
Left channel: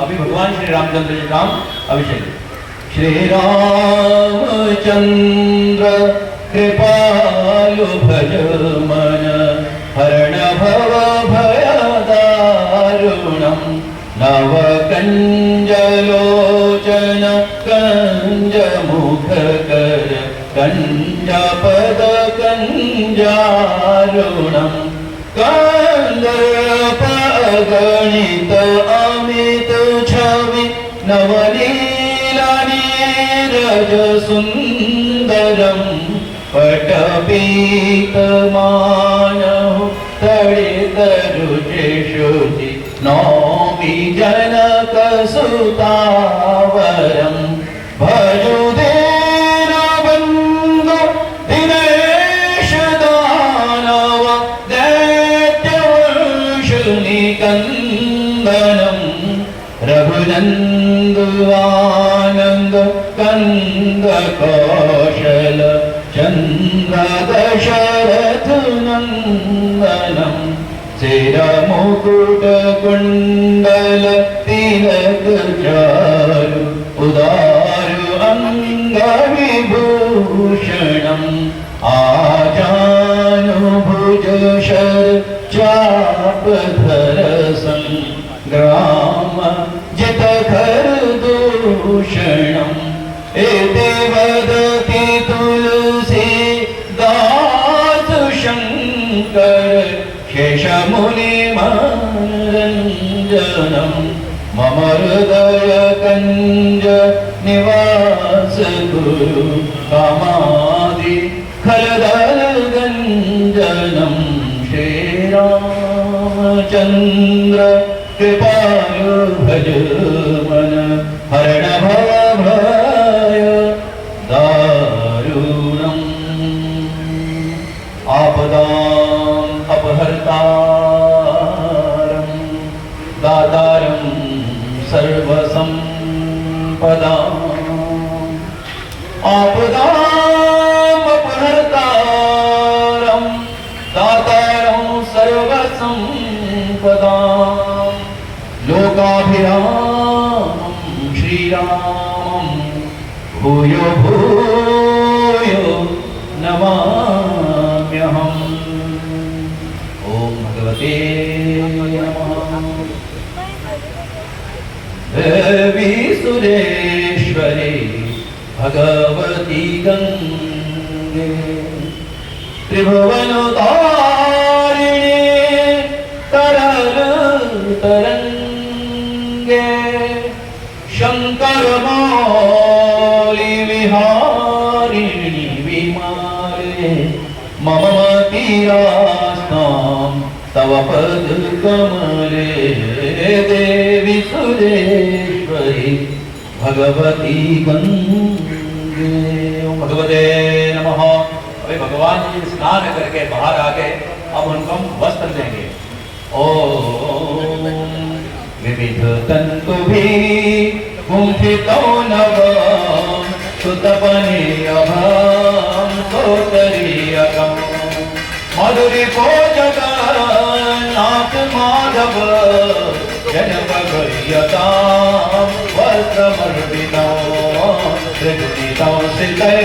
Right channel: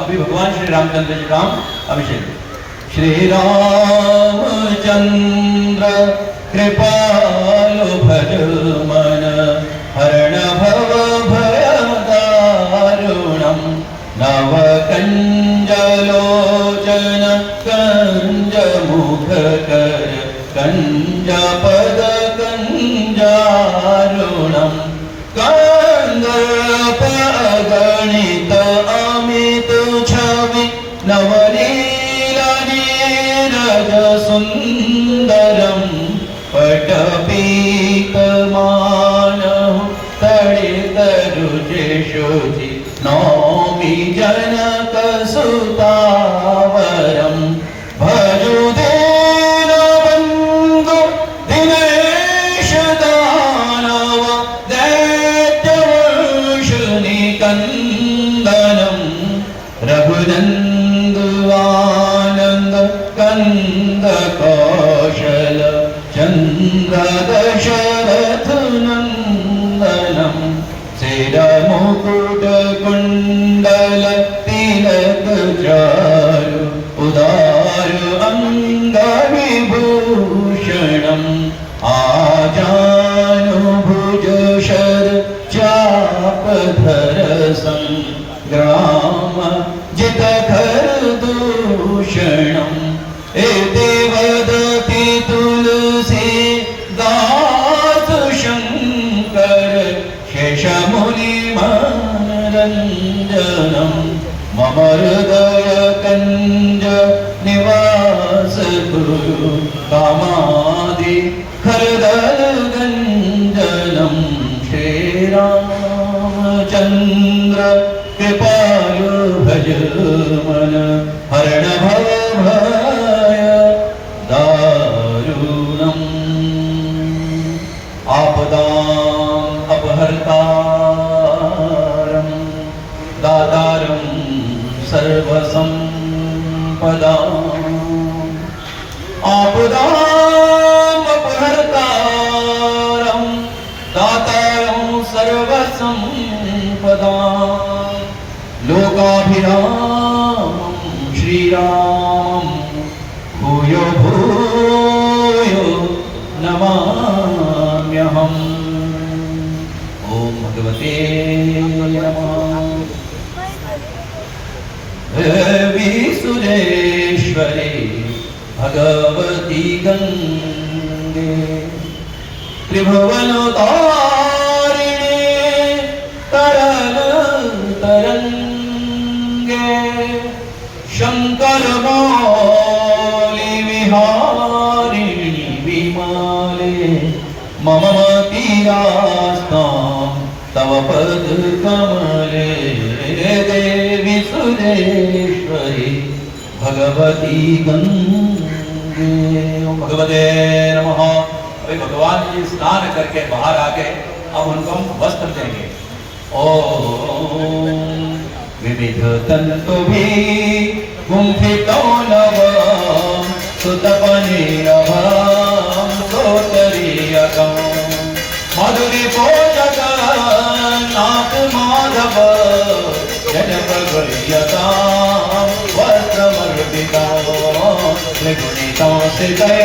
अभी भगवान श्री रामचंद्र जी राम अभिषेक। श्री रामचंद्र कृपालु भज मन हरण भव भय दारुणं नव कंजलोचन कंज मुख कर कंज पद कंजारुणं कंदर्प अगणित अमित छवि नवनीला नीरज सुंदरं पटपीत मानव तड़ित रुचि शुचि नौमि जनक सुतावरम भजुदेन बंधु दिनेश दानव दैत्यवंश निकंदनम रघुनंद आनंद कंद कौशल चंद्र दशरथ नंदनम सिर मुकुट कुंडल तिलक चारु उदार अंग विभूषणम आजानुभुज शर चाप धर संग्राम जित धर दूषणम एते वदति तुलसी दास शंकर शेषमुनि मनरंजनम मम हृदय कंज निवास गुरु कामादि खरदल गंजनम श्री रामचंद्र कृपालु भज मन हरण भव भय दारुणम आपदाम अपहर्तारं दातारं सर्वसंपदाम् आपदाम अपहर्तारं दातारं सर्वसंपदाम् लोकाभिरामं श्रीरामं भूयो भूयो नमाम्यहम्। ओम भगवते नमः। देवी सुरेश्वरी भगवती गंगे त्रिभुवनतारिणी तरल तरंगे शंकर मौली विहारिणी विमाले मम मतियास्तां तव पद कमले देवी सुरेश्वरी भगवती गंगे। ओम भगवते नमः। अभी भगवान जी स्नान करके बाहर आ गए, अब उनको हम वस्त्र देंगे। ओम विविध तंतु भी कुंठितो नव सुतपनीरभं सोतरीयकम् मधुरी पोषक नाथ माधव जनपगयतां वस्त्रमर्पितं त्रिगुणितं सिते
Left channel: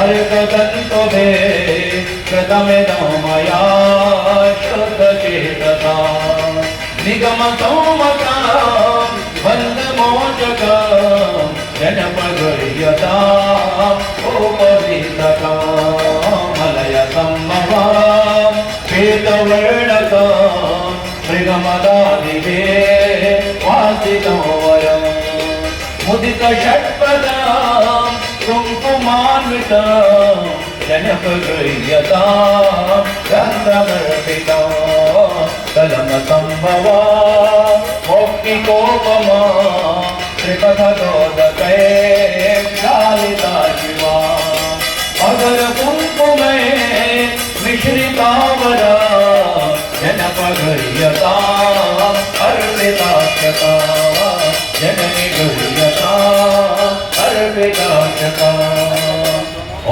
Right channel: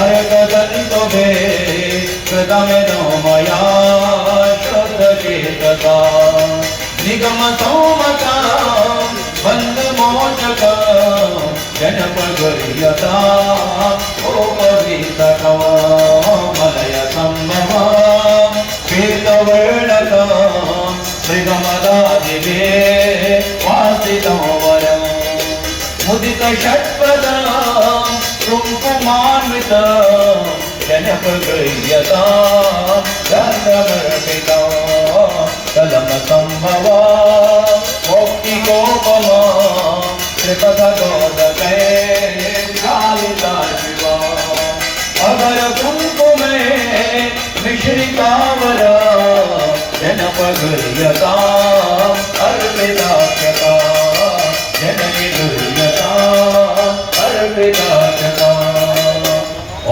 अर्कदन्तुभे कृतमिदं मया शुद्धचेतसा निगमसौमतां वन्दमोचकं जनपगयतां उपवीतकं मलयसम्भवां श्वेतवर्णकं मृगमदादिवे वासितं वरं मुदितषट्पदां कुङ्कुमान्वितं जनपगयतां चन्द्रमर्पितं कलमसम्भवां मौक्तिकोपमां त्रिपथगोदकै लालिता शिवा अगर कुङ्कुमे मिश्रितावरा जनपगयतां अर्पिताक्षता जननी गयतां अर्पिताक्षता।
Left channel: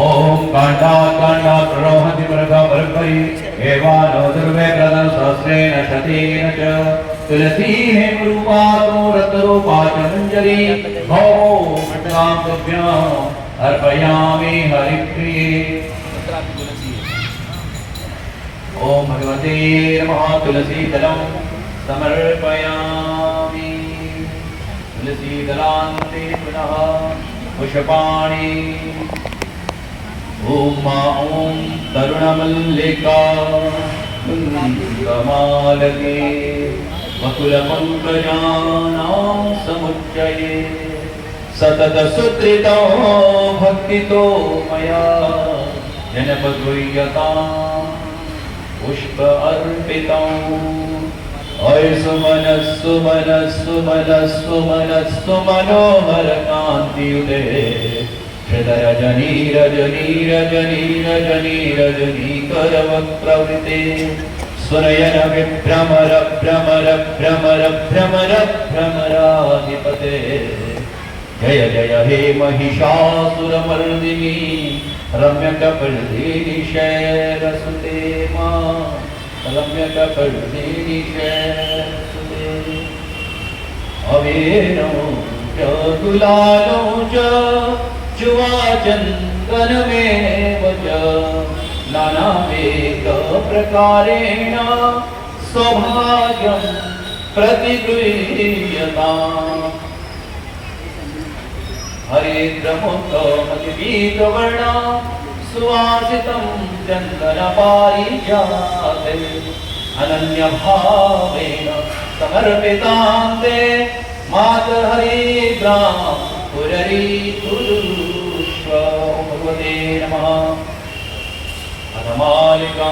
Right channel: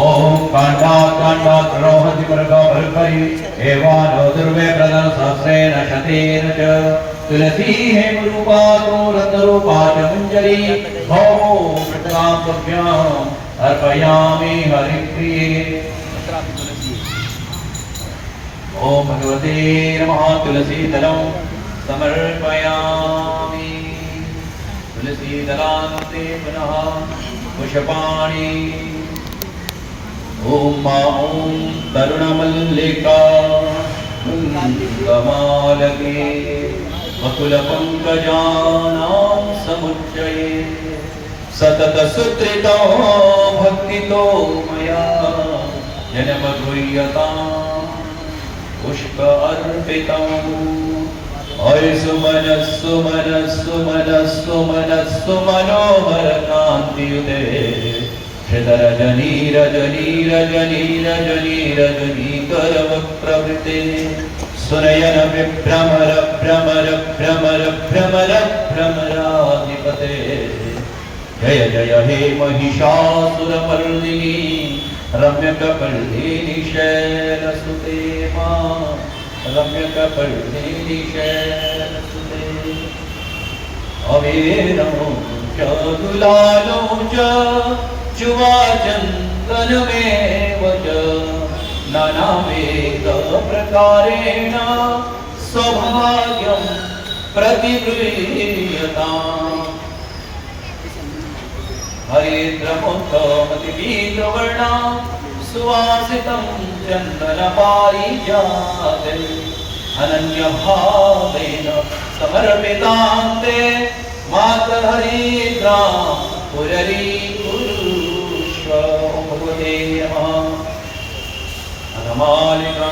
ओम कांडात् कांडात् रोहन्ति मृगा बर्बरि एवानो दुर्वे प्रदं सहस्रेण शतेन च तुलसी हेमरूपा तो रत्नरूपा च मञ्जरी भवो कृतां तुभ्याम् अर्पयामि हरिप्रिये। ओम भगवते नमः। तुलसी दलं समर्पयामि। तुलसी दलान्ते पुनः पुष्पाणि। ओम ओम तरुणमल्लिका कुन्दमालके वकुलपङ्कजानां समुच्चये सतत सुकृतो भक्तितो मया जनपगुह्यतां पुष्प अर्पितम् ओय सुमन सुमन सुमन सुमन सुमनोहर कांतियुते रजनी रजनी रजनी रजनी रजनी करवक्त्रवृते सुनयन विभ्रमर भ्रमर भ्रमर भ्रमर भ्रमराधिपते जय जय हे महिषासुरमर्दिनी रम्यकपर्दिनी शैलसुते मां रम्यकपर्दिनी शैलसुते अवेनो च दुलालो च जुवा चन्दनमेव च नानामेक प्रकारेण सौभाग्यं प्रतिगृह्यताम् हरिद्रमुखमतिपीतवर्णा सुवासितं चन्दनपारिजाते अनन्यभावेन समर्पितां ते मातर्हरिद्रां पुररीकुरुष्व भगवते नमः अनमालिका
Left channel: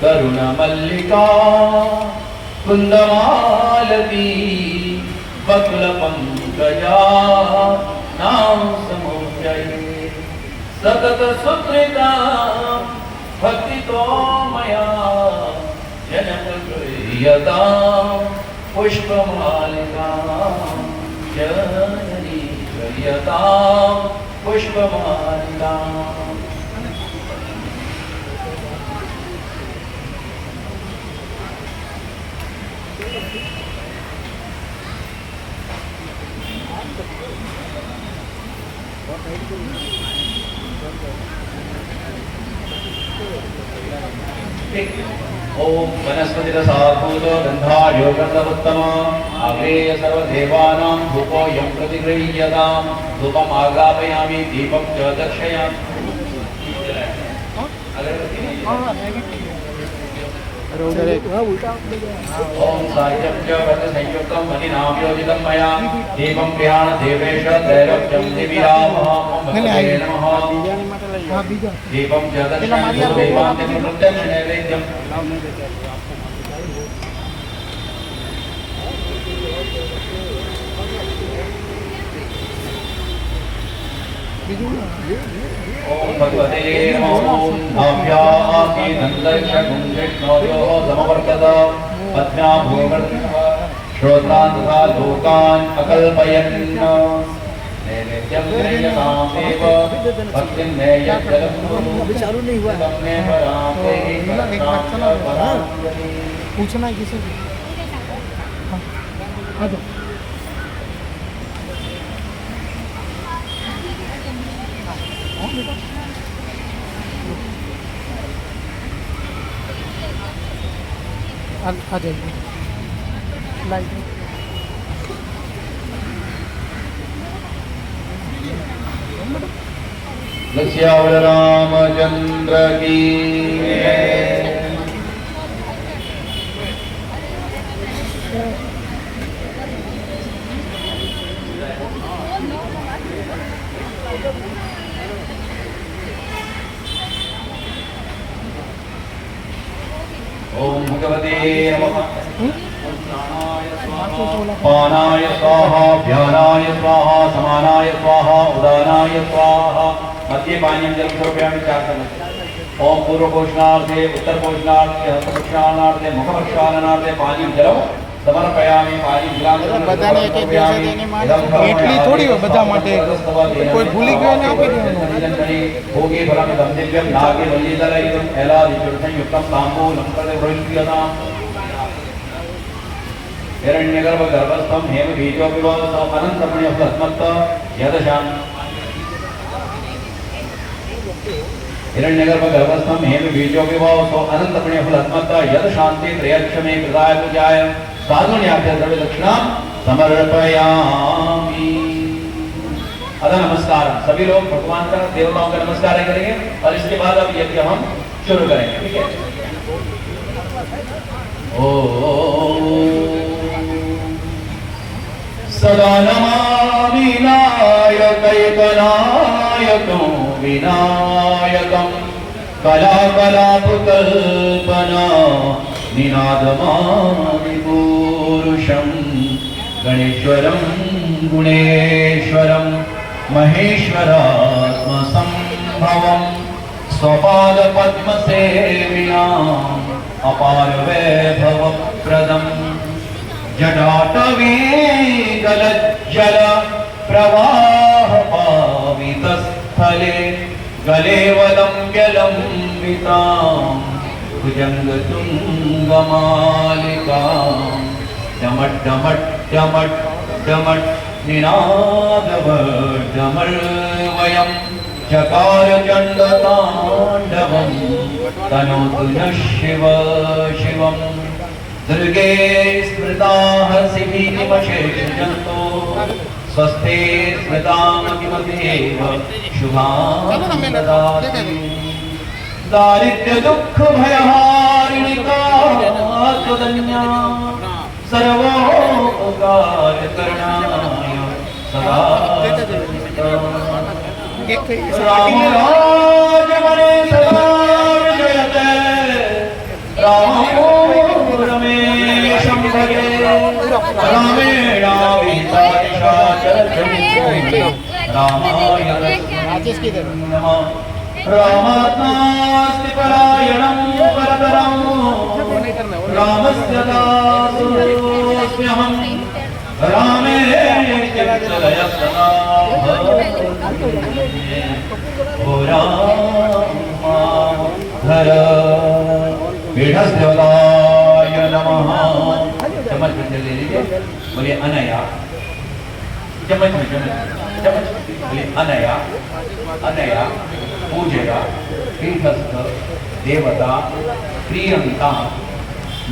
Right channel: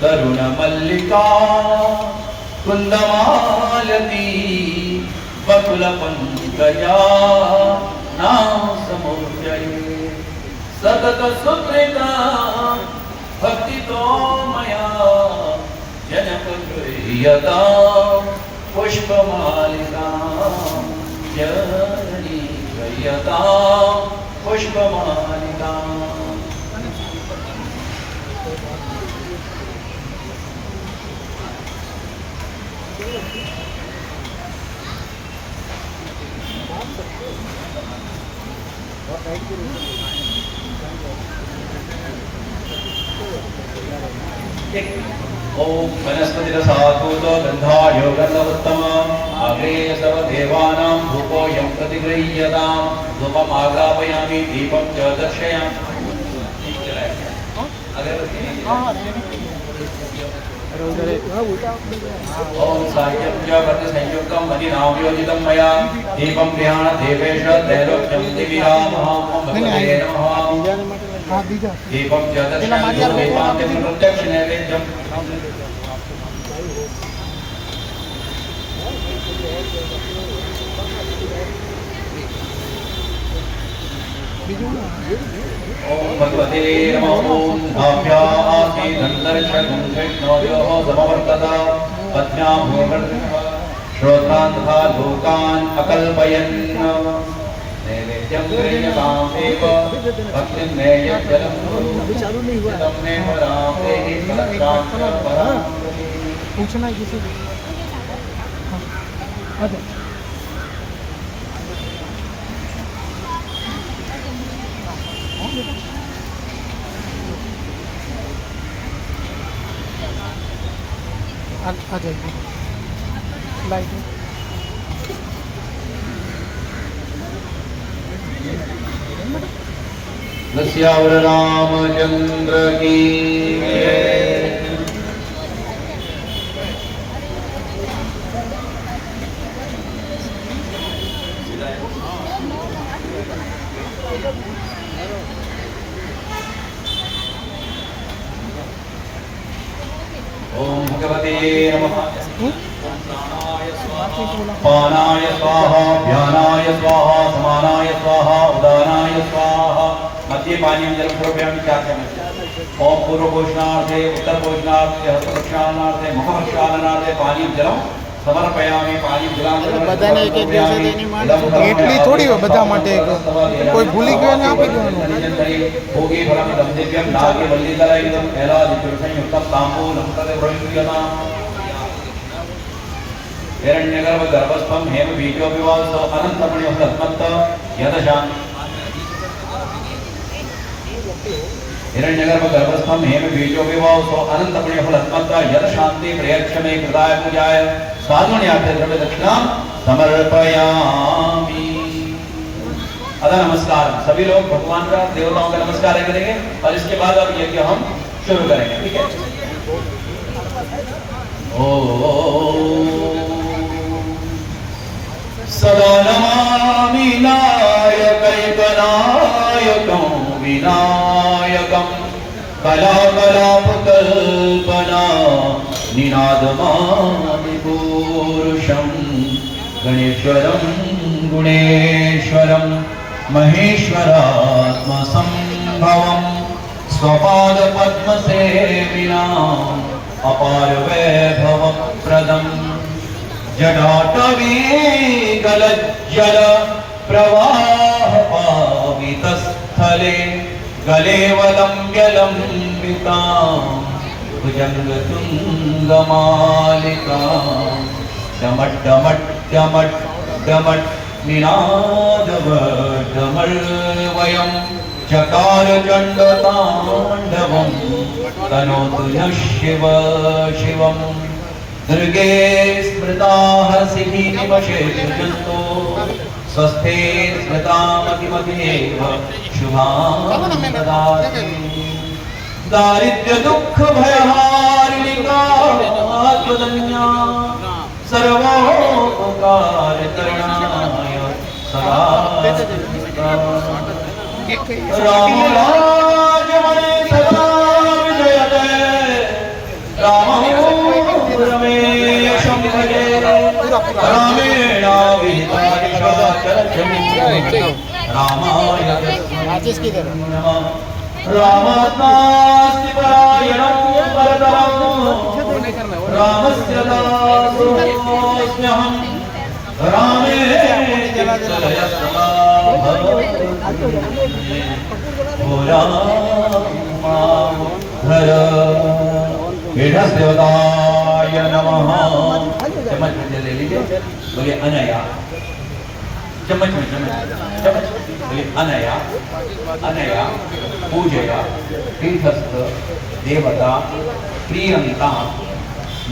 करुणमल्लिका कुन्दमालती बकुलपङ्कजा नाम समुच्चये सतत सुकृता भक्तितो मया जनपुत्रयता पुष्पमालिका जननीयता पुष्पमालिका ओम वनस्पतिरसात्मक गन्धाढ्यो गन्धवत्तम आग्रे सर्वदेवानां धूपोऽयं प्रतिगृह्यताम् धूपम् आग्रापयामि दीपं च दर्शयामि ओम साह्यं च वर्णसंयुक्तं मणिनामयोजितं मया दीपं गृहाण देवेश दैरोक्यं दिविरामः ओम भगवते नमः दीपं च दर्शयामि दीपान्तं प्रत्यक्ष नैवेद्यम् ओम भगवते नमः ओम नाभ्यां नन्दर्शनं विष्णोर्योः समवर्तत पद्म्यां भूवर्णः श्रोत्रान् तथा लोकान् अकल्पयन् नैवेद्यं गृह्यतां देव भक्तिं नैवेद्यं तं मे परां देहि फलत्रां च परां पूछना है किसी आ जाइए लाइट लस्यावर रामचंद्र की ओम भगवते नमः पानाय स्वाहा ध्यानाय स्वाहा समानाय स्वाहा उदानाय स्वाहा मध्य पानी में जल प्रोग्राम क्या करना ओम पूर्व घोषणार्थे उत्तर घोषणार्थे हस्त प्रक्षालनार्थे मुख प्रक्षालनार्थे पानी जल समर्पयामि पानी બધાને એક એક દિવસે તેની માંગ એટલી થોડી હોય બધા માટે કોઈ ભૂલી ગયો ને આપી દેવાનું ભોગે ફલમ દંભ્યમ નાગે વલ્લીધરૈ એલાદિ સંયુક્તમ તાંબૂલમ પ્રતિવૃષ્યતામ हिरण्यगर्भ गर्भस्थम हेम बीजोपिवास अनंतमणि भस्मत्त यदशाम हिरण्यगर्भ गर्भस्थम हेम बीजोपिवास अनंतमणि भस्मत्त यदशांति प्रयच्छमे कृताय पूजाय साधुन्याभ्य द्रव्य दक्षिणा समर्पयामि। अतः नमस्कार सभी लोग भगवान का देवताओं का नमस्कार करेंगे और इसके बाद अब यज्ञ हम शुरू करेंगे। ठीक है। ओ सदा नमामि नायकैकनायकं विनायकं कलाकलापकल्पना निनादमादिपूरुषं गणेश्वरं गुणेश्वरं महेश्वरात्मसंभवं स्वपादपद्मसेव्याम् अपार वैभवप्रदं जटाटवी गलज्जल प्रवाह पावितस्थले गलेवलम्ब्यलम्बितां भुजङ्गतुङ्गमालिकां डमड्डमड्डमड्डमड् निनादवड्डमर्वयं चकारचण्डताण्डवं तनोतु नः शिव शिवं दुर्गे स्मृता हर्षिणीमशेषजन्तो स्वस्थे स्मृतामतिमतेव शुभां ददाति दारिद्र्यदुःखभयहारिणिका त्वदन्या सर्वोपकारकरणाय सदा रामराजवने सदा विजयते रामो रमेशं भजे रामाय तस्मै नमः रामात्मास्ति परायणं परतरं रामस्य दासोऽस्म्यहं रामे चिन्तय सदा ओ रामाधर पीठस्देवताय नमः। चम्मच में ले लीजिए, बोलिए अनया, चम्मच में चम्मच बोलिए अनया अनया पूजया पीठस्थ देवता प्रियंका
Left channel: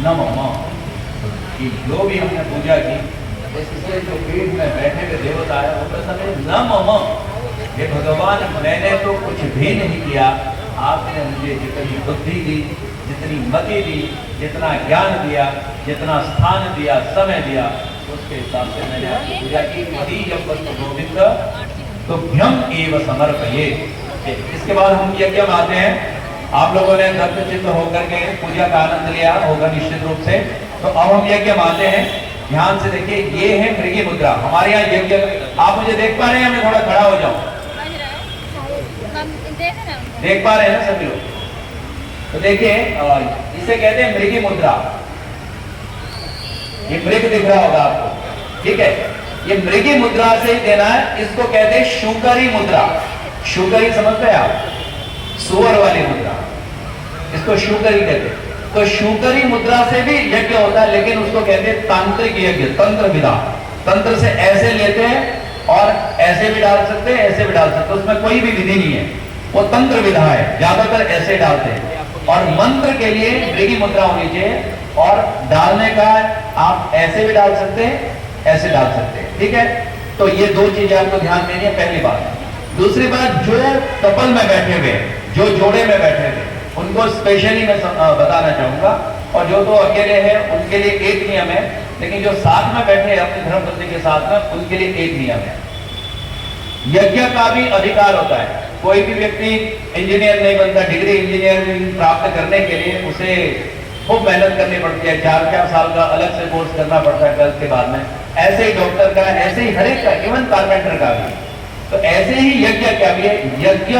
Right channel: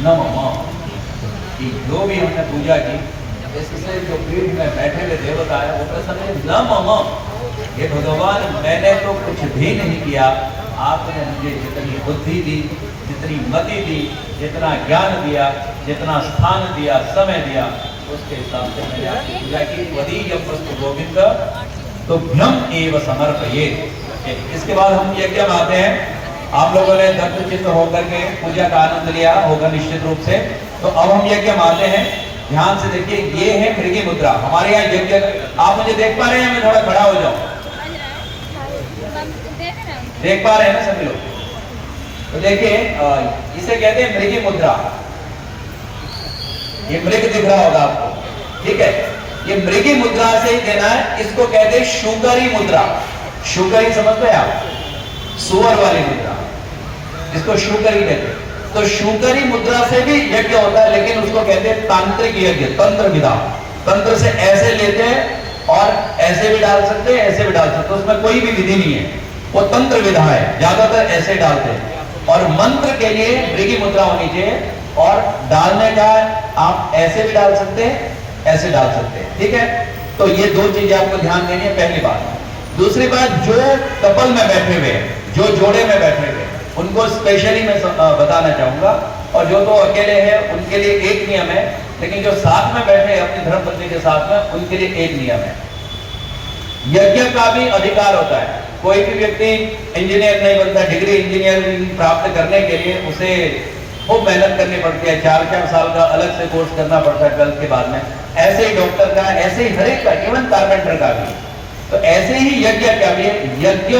नमः। कि जो भी हमने पूजा की इससे जो पीठ में बैठे हुए देवता है वो प्रसन्न नमः। ये भगवान मैंने तो कुछ भी नहीं किया, आपने मुझे जितनी बुद्धि दी, जितनी मति दी, जितना ज्ञान दिया, जितना स्थान दिया, समय दिया, उसके हिसाब से मैंने आपकी पूजा की। वही जब वस्तु गोविंद तो भ्यम एव समर्पये। इसके बाद हम यज्ञ में आते हैं। आप लोगों ने दत्तचित्त होकर के पूजा का आनंद लिया होगा निश्चित रूप से। तो अब हम यज्ञ में आते हैं। ध्यान से देखिए, ये है मृगी मुद्रा। हमारे यहाँ यज्ञ, आप मुझे देख पा रहे हैं? मैं थोड़ा खड़ा हो जाऊं, देख पा रहे हैं ना सभी लोग? तो देखिए, इसे कहते हैं मृगी मुद्रा। ये मृग दिख रहा होगा आपको, ठीक है? ये मृगी मुद्रा से ही देना है। इसको कहते हैं शुकरी मुद्रा। शुकरी समझते हैं आप? सुअर वाली मुद्रा, इसको शुकरी कहते हैं। तो शुकरी मुद्रा से भी यज्ञ होता है, लेकिन उसको कहते हैं तांत्रिक यज्ञ, तंत्र विधा। तंत्र से ऐसे लेते हैं और ऐसे भी डाल सकते हैं, ऐसे भी डाल सकते हैं, उसमें कोई भी विधि नहीं है, वो तंत्र विधा है। ज्यादातर ऐसे डालते हैं। और मंत्र के लिए मृगी मुद्रा होनी चाहिए, और डालने का आप ऐसे भी डाल सकते हैं, ऐसे डाल सकते हैं, ठीक है? तो ये दो चीजें आपको ध्यान देनी है, पहली बात। दूसरी बात, जो कपल में बैठे हुए हैं, जो जोड़े में बैठे हुए, उनको स्पेशली मैं बताना चाहूंगा। और जो तो अकेले हैं उनके लिए एक नियम है, लेकिन जो साथ में बैठे हैं अपनी धर्मपत्नी के साथ में, उनके लिए एक नियम है। यज्ञ का भी अधिकार होता है। कोई भी व्यक्ति इंजीनियर नहीं बनता, डिग्री इंजीनियरिंग प्राप्त करने के लिए उसे खूब मेहनत करनी पड़ती है, 4-4 साल का अलग से कोर्स करना पड़ता है 12th के बाद में। ऐसे ही डॉक्टर का, ऐसे ही हर एक का, इवन कारपेंटर का भी। तो ऐसे ही यज्ञ का भी, यज्ञ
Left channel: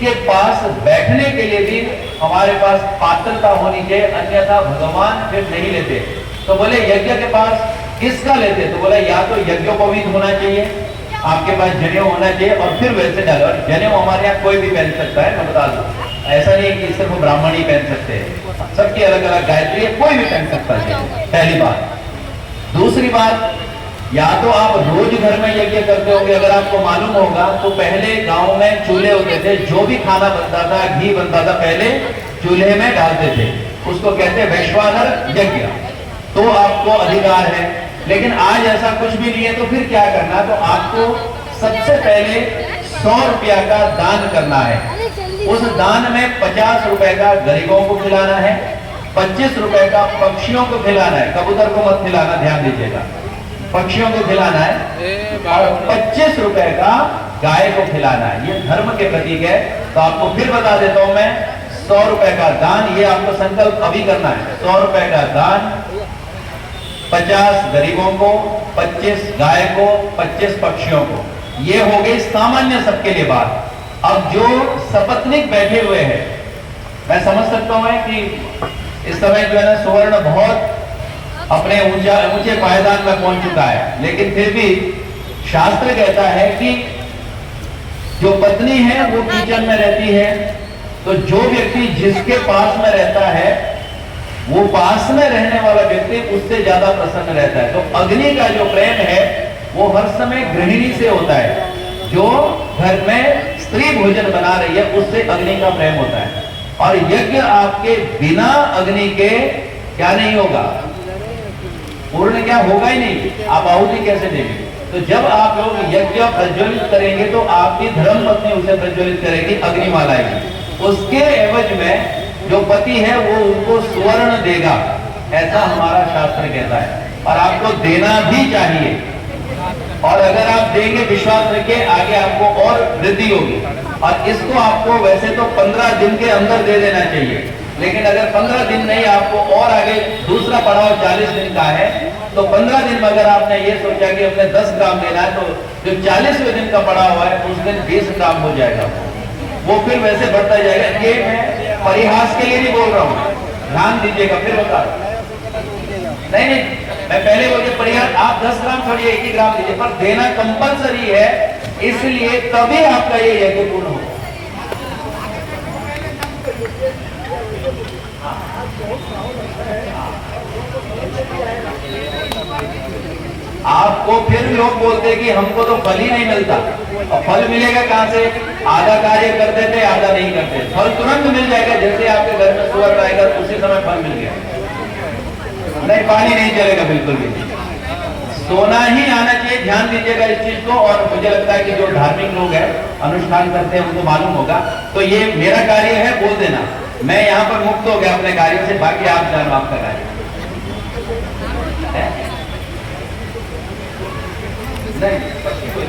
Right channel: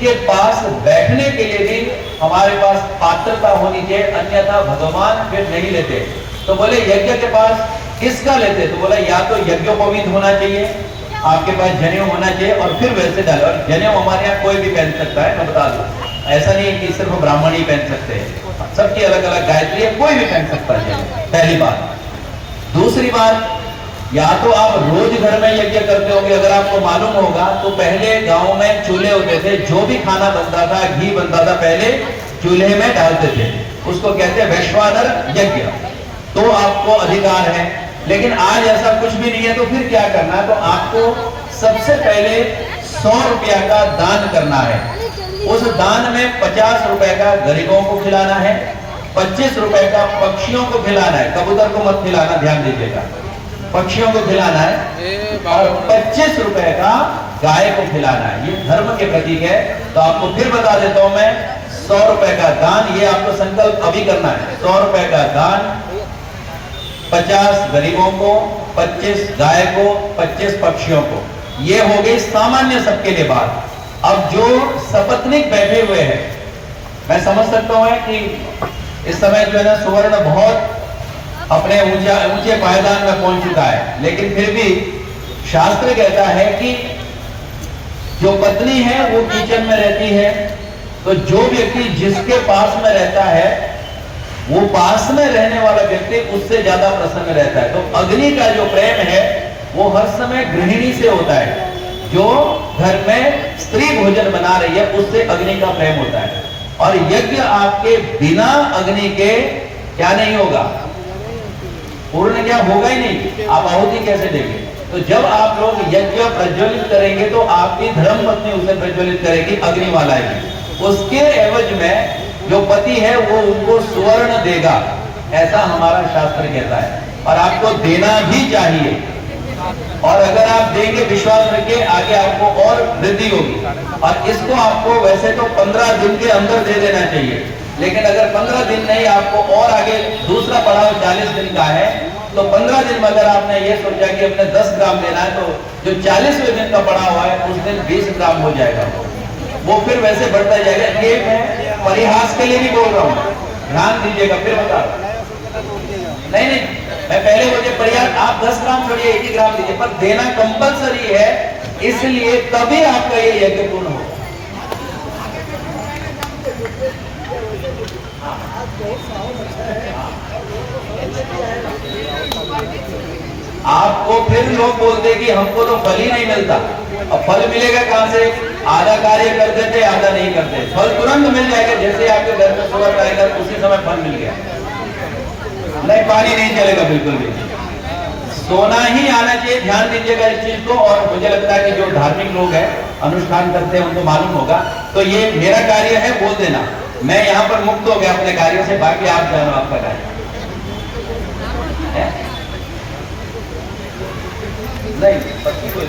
के पास बैठने के लिए भी हमारे पास पात्रता होनी चाहिए, अन्यथा भगवान फिर नहीं लेते। तो बोले यज्ञ के पास किसका लेते? तो बोला या तो यज्ञोपवीत होना चाहिए, आपके पास जनेऊ होना चाहिए, और फिर वैसे डालो। और जनेऊ हमारे यहाँ कोई भी पहन सकता है, मैं बता दूं। ऐसा नहीं कि सिर्फ ब्राह्मण ही पहन सकते हैं, सबकी अलग अलग गायत्री है, कोई भी पहन सकता है, पहली बात। दूसरी बात, या तो आप रोज घर में यज्ञ करते होंगे। अगर आपको मालूम होगा तो पहले गांव में चूल्हे होते थे, जो भी खाना बनता था, घी बनता था, पहले चूल्हे में डालते थे, उसको कहते हैं वैश्वानर यज्ञ। तो आपको अधिकार है। लेकिन आज ऐसा कुछ भी नहीं है, तो फिर क्या करना है? तो आपको सबसे पहले 100 रुपया का दान करना है। उस दान में 50 रुपए का गरीबों को खिलाना है, 25 रुपए का पक्षियों को खिलाना है। कबूतर को मत खिलाना, ध्यान दीजिएगा, पक्षियों को खिलाना है। और 25 रुपए का गाय को खिलाना है। ये धर्म के प्रतीक है। तो आपको फिर बता देता हूं मैं, 100 रुपए का दान, ये आपको संकल्प अभी करना है। 100 रुपए का दान, 50 गरीबों को, 25 गाय को, 25 पक्षियों को। ये हो गई सामान्य सबके लिए बात। अब जो सपत्निक बैठे हुए हैं, मैं समझ सकता हूं कि इस समय जो है ना सुवर्ण बहुत अपने ऊंचे पायदान में पहुंच चुका है, लेकिन फिर भी शास्त्र कहता है कि जो पत्नी है वो किचन में रहती है, तो जो व्यक्ति जिसके पास में रहता है वो पास में रहने वाला व्यक्ति उससे ज्यादा प्रसन्न रहता है। तो अग्नि का जो प्रेम है वो हर समय गृहिणी से होता है। जो घर में स्त्री भोजन बना रही है उससे अग्नि का प्रेम होता है। और यज्ञ आपके बिना अग्नि के क्या नहीं होगा, पूर्ण क्या होगा ही नहीं, आप आहुति कैसे देंगे। तो जब आप लोग यज्ञ प्रज्वलित करेंगे तो आपकी धर्म पत्नी उसे प्रज्वलित करेगी, अग्नि वाला है। उसके एवज में जो पति है वो उनको सुवर्ण देगा, ऐसा हमारा शास्त्र कहता है। और आपको देना भी चाहिए, और अगर आप देंगे विश्वास रखिए आगे आपको और वृद्धि होगी। और इसको आपको वैसे तो 15 दिन के अंदर दे देना चाहिए, लेकिन अगर 15 दिन नहीं, आपको और आगे दूसरा पड़ाव 40 दिन का है, तो 15 दिन में अगर आपने ये सोचा कि अपने 10 ग्राम देना है, तो जो 40वें दिन का पड़ाव है उस दिन 20 ग्राम हो जाएगा, वो फिर वैसे बढ़ता जाएगा। ये मैं परिहास के लिए नहीं बोल रहा हूँ, ध्यान दीजिएगा। फिर बता नहीं, मैं पहले बोलते परिहास, आप 10 ग्राम छोड़िए 1 ग्राम दीजिए, पर देना कंपलसरी है, इसलिए तभी आपका ये यज्ञ पूर्ण होगा। आपको फिर लोग बोलते कि हमको तो फल ही नहीं मिलता। अब फल मिलेगा कहां से? आधा कार्य करते थे, आधा नहीं करते। फल तुरंत मिल जाएगा, जैसे आपके घर में सुअर आएगा उसी समय फल मिल गया। नहीं, पानी नहीं चलेगा बिल्कुल भी। सोना ही आना चाहिए, ध्यान दीजिएगा इस चीज को। और मुझे लगता है कि जो धार्मिक लोग हैं, अनुष्ठान करते हैं, उनको मालूम होगा। तो ये मेरा कार्य है, बोल देना, मैं यहाँ पर मुक्त हो गया अपने कार्य से, बाकी आप जानो आपका कार्य है? नहीं, पत्नी को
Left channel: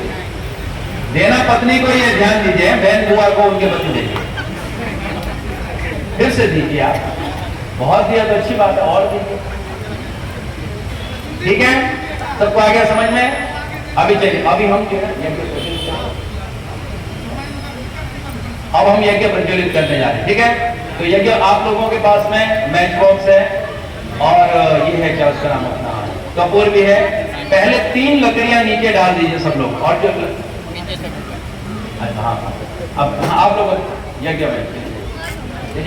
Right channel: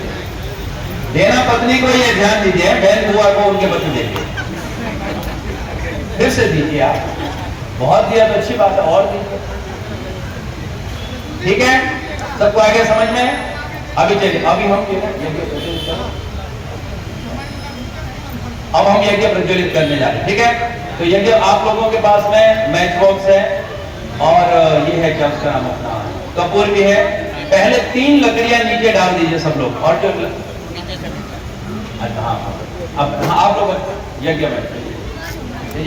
देना, पत्नी को ये ध्यान दीजिए, बहन बुआ को उनके बच्चे देंगे। फिर से दीजिए आप, बहुत दिया तो अच्छी बात है, और दीजिए। ठीक है, सबको आ गया समझ में? अभी चलिए, अभी हम अब हम यज्ञ प्रज्वलित करने जा रहे हैं। ठीक है, तो यज्ञ आप लोगों के पास में मैच बॉक्स है, और ये है क्या उसका नाम, अपना कपूर भी है। पहले 3 लकड़ियां नीचे डाल दीजिए सब लोग, और जो हाँ, अब आप लोग यज्ञ में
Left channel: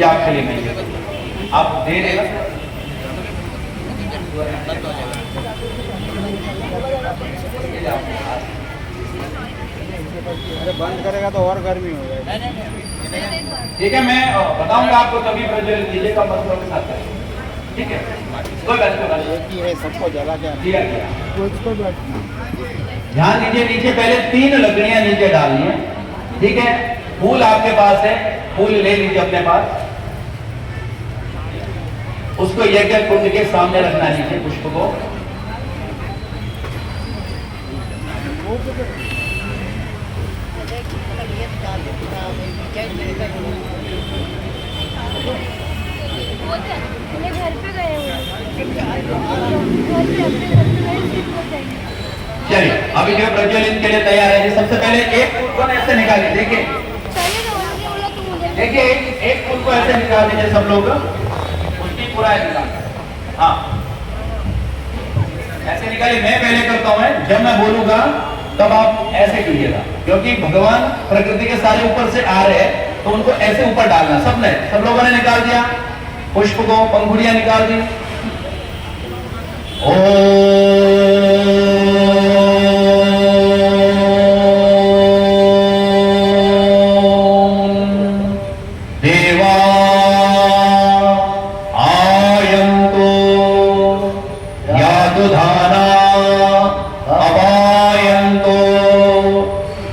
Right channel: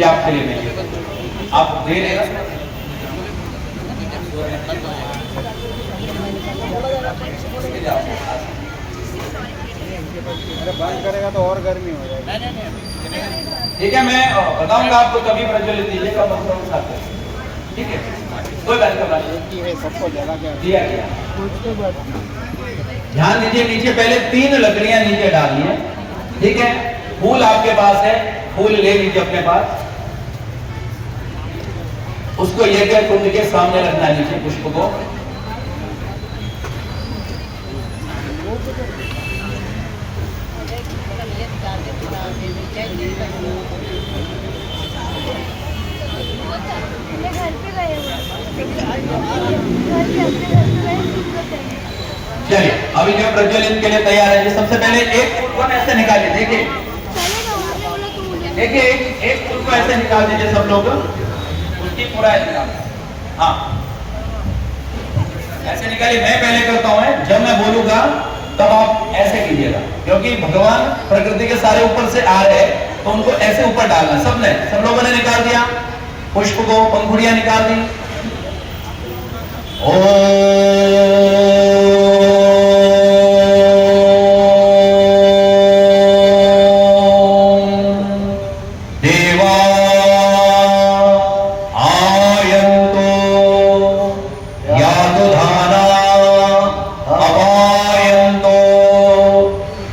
आपके लिए नहीं, आप दे देना। बंद करेगा तो और गर्मी हो जाएगी। ठीक है, मैं बताऊंगा आपको, कभी प्रज्वलित कीजिएगा मंत्रों के साथ। ठीक है, कोई बात नहीं, सबको जला के दिया गया। ध्यान दीजिए, नीचे पहले 3 लकड़ियां नीचे डालनी है। ठीक है, फूल आपके पास है, फूल ले लीजिए अपने पास, उसको यज्ञ कुंड के सामने रखना है, नीचे पुष्प को। चलिए, अभी जो प्रज्वलित के लिए तैयार है। सबसे पहले एक फूल को ऐसे निकालिए, देखिए देखिए, एक फूल को ऐसे निकाल दीजिए सब लोग, उसकी पूरा निकाल, हाँ ऐसे निकालिए। मैं पहले करता हूं, जब मैं बोलूंगा तब आप ऐसे कीजिएगा, क्योंकि भगवान प्रकृति के सारे ऊपर से आ रहे हैं, तो उनको ऐसे ऊपर डालना। सब लोगों ने निकाल दिया पुष्प को, पंखुड़ियां निकाल दी। देवा आयन्तु यादुधाना अपायन्तु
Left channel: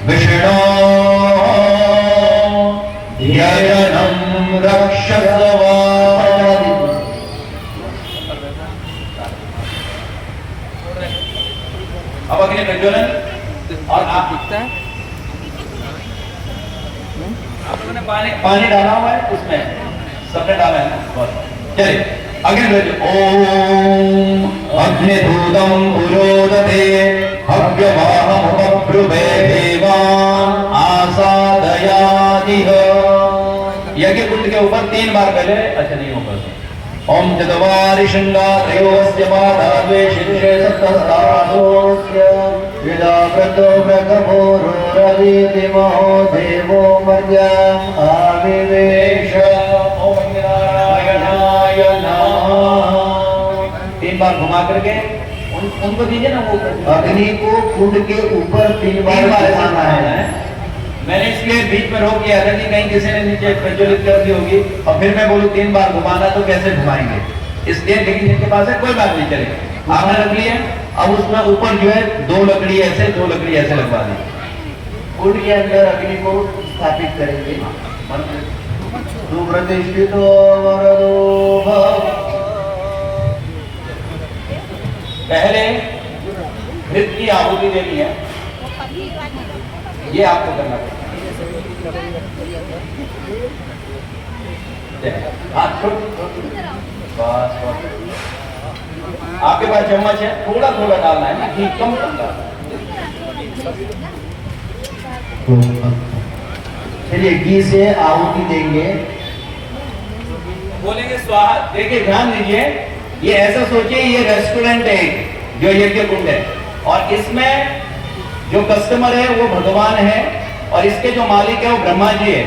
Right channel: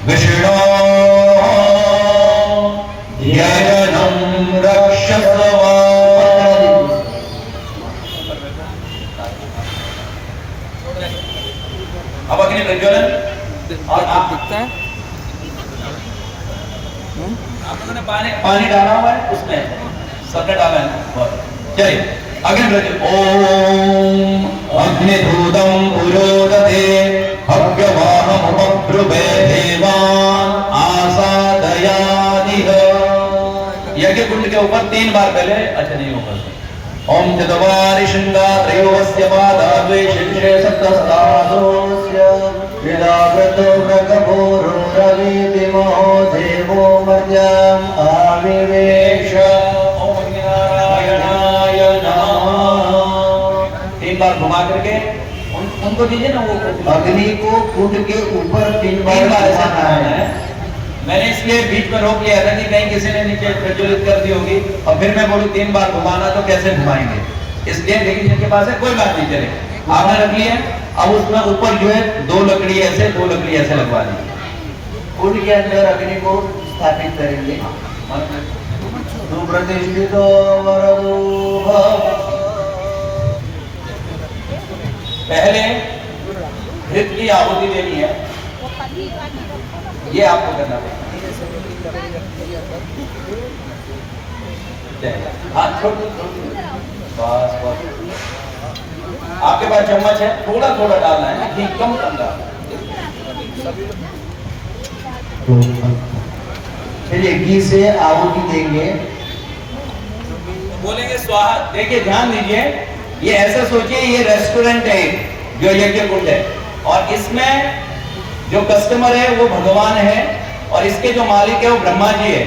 विष्णो यजनं रक्षस्व। अब अग्नि प्रज्वलन, और आप दिखता है आपने पानी डाला हुआ है उसमें, सबने डाला है ना? बस। चलिए आगे बढ़ते। ओम अग्निधूतम पुरोदते हव्यवाहमुपब्रुवे देवान् आसादयादिह। यज्ञ कुंड के ऊपर 3 बार पहले, अच्छा नहीं ऊपर, ओम चतवारि शृंगा त्रयोस्य पादाद्वे शीर्षे सप्तस्तासोस्य विदाकृतो भगभोरो रविदिमो देवो मर्याम् आविवेश। ओम नारायणाय नमः। 3 बार घुमा करके उनको दीजिए ना, वो अग्नि को कुंड के ऊपर 3 बार घुमाना है। मैंने इसलिए बीच में रोक दिया था कि कहीं किसी ने नीचे प्रज्वलित कर दी होगी और फिर मैं बोलूं 3 बार घुमाना, तो कैसे घुमाएंगे, इसलिए। लेकिन जिनके पास है कोई बात नहीं, चले आपने रख लिया। अब उसमें ऊपर जो है 2 लकड़ी ऐसे 2 लकड़ी ऐसे लगवा दी। कुंड के अंदर अग्नि को स्थापित करेंगे। सुप्रतिष्ठितो वरदो भव। पहले घृत की आहुति देनी है, ये आपको करना पड़ेगा। हाथ छोड़, बस बस। आपके पास चम्मच है, थोड़ा थोड़ा डालना है ना, घी कम कम डालना है। चलिए घी से आहुति देंगे। बोलेंगे स्वाहा। देखिए ध्यान दीजिए, ये ऐसा सोचिए ये रेस्टोरेंट है जो यज्ञ कुंड है, और इसमें जो कस्टमर है वो भगवान है, और इसके जो मालिक है वो ब्रह्मा जी है,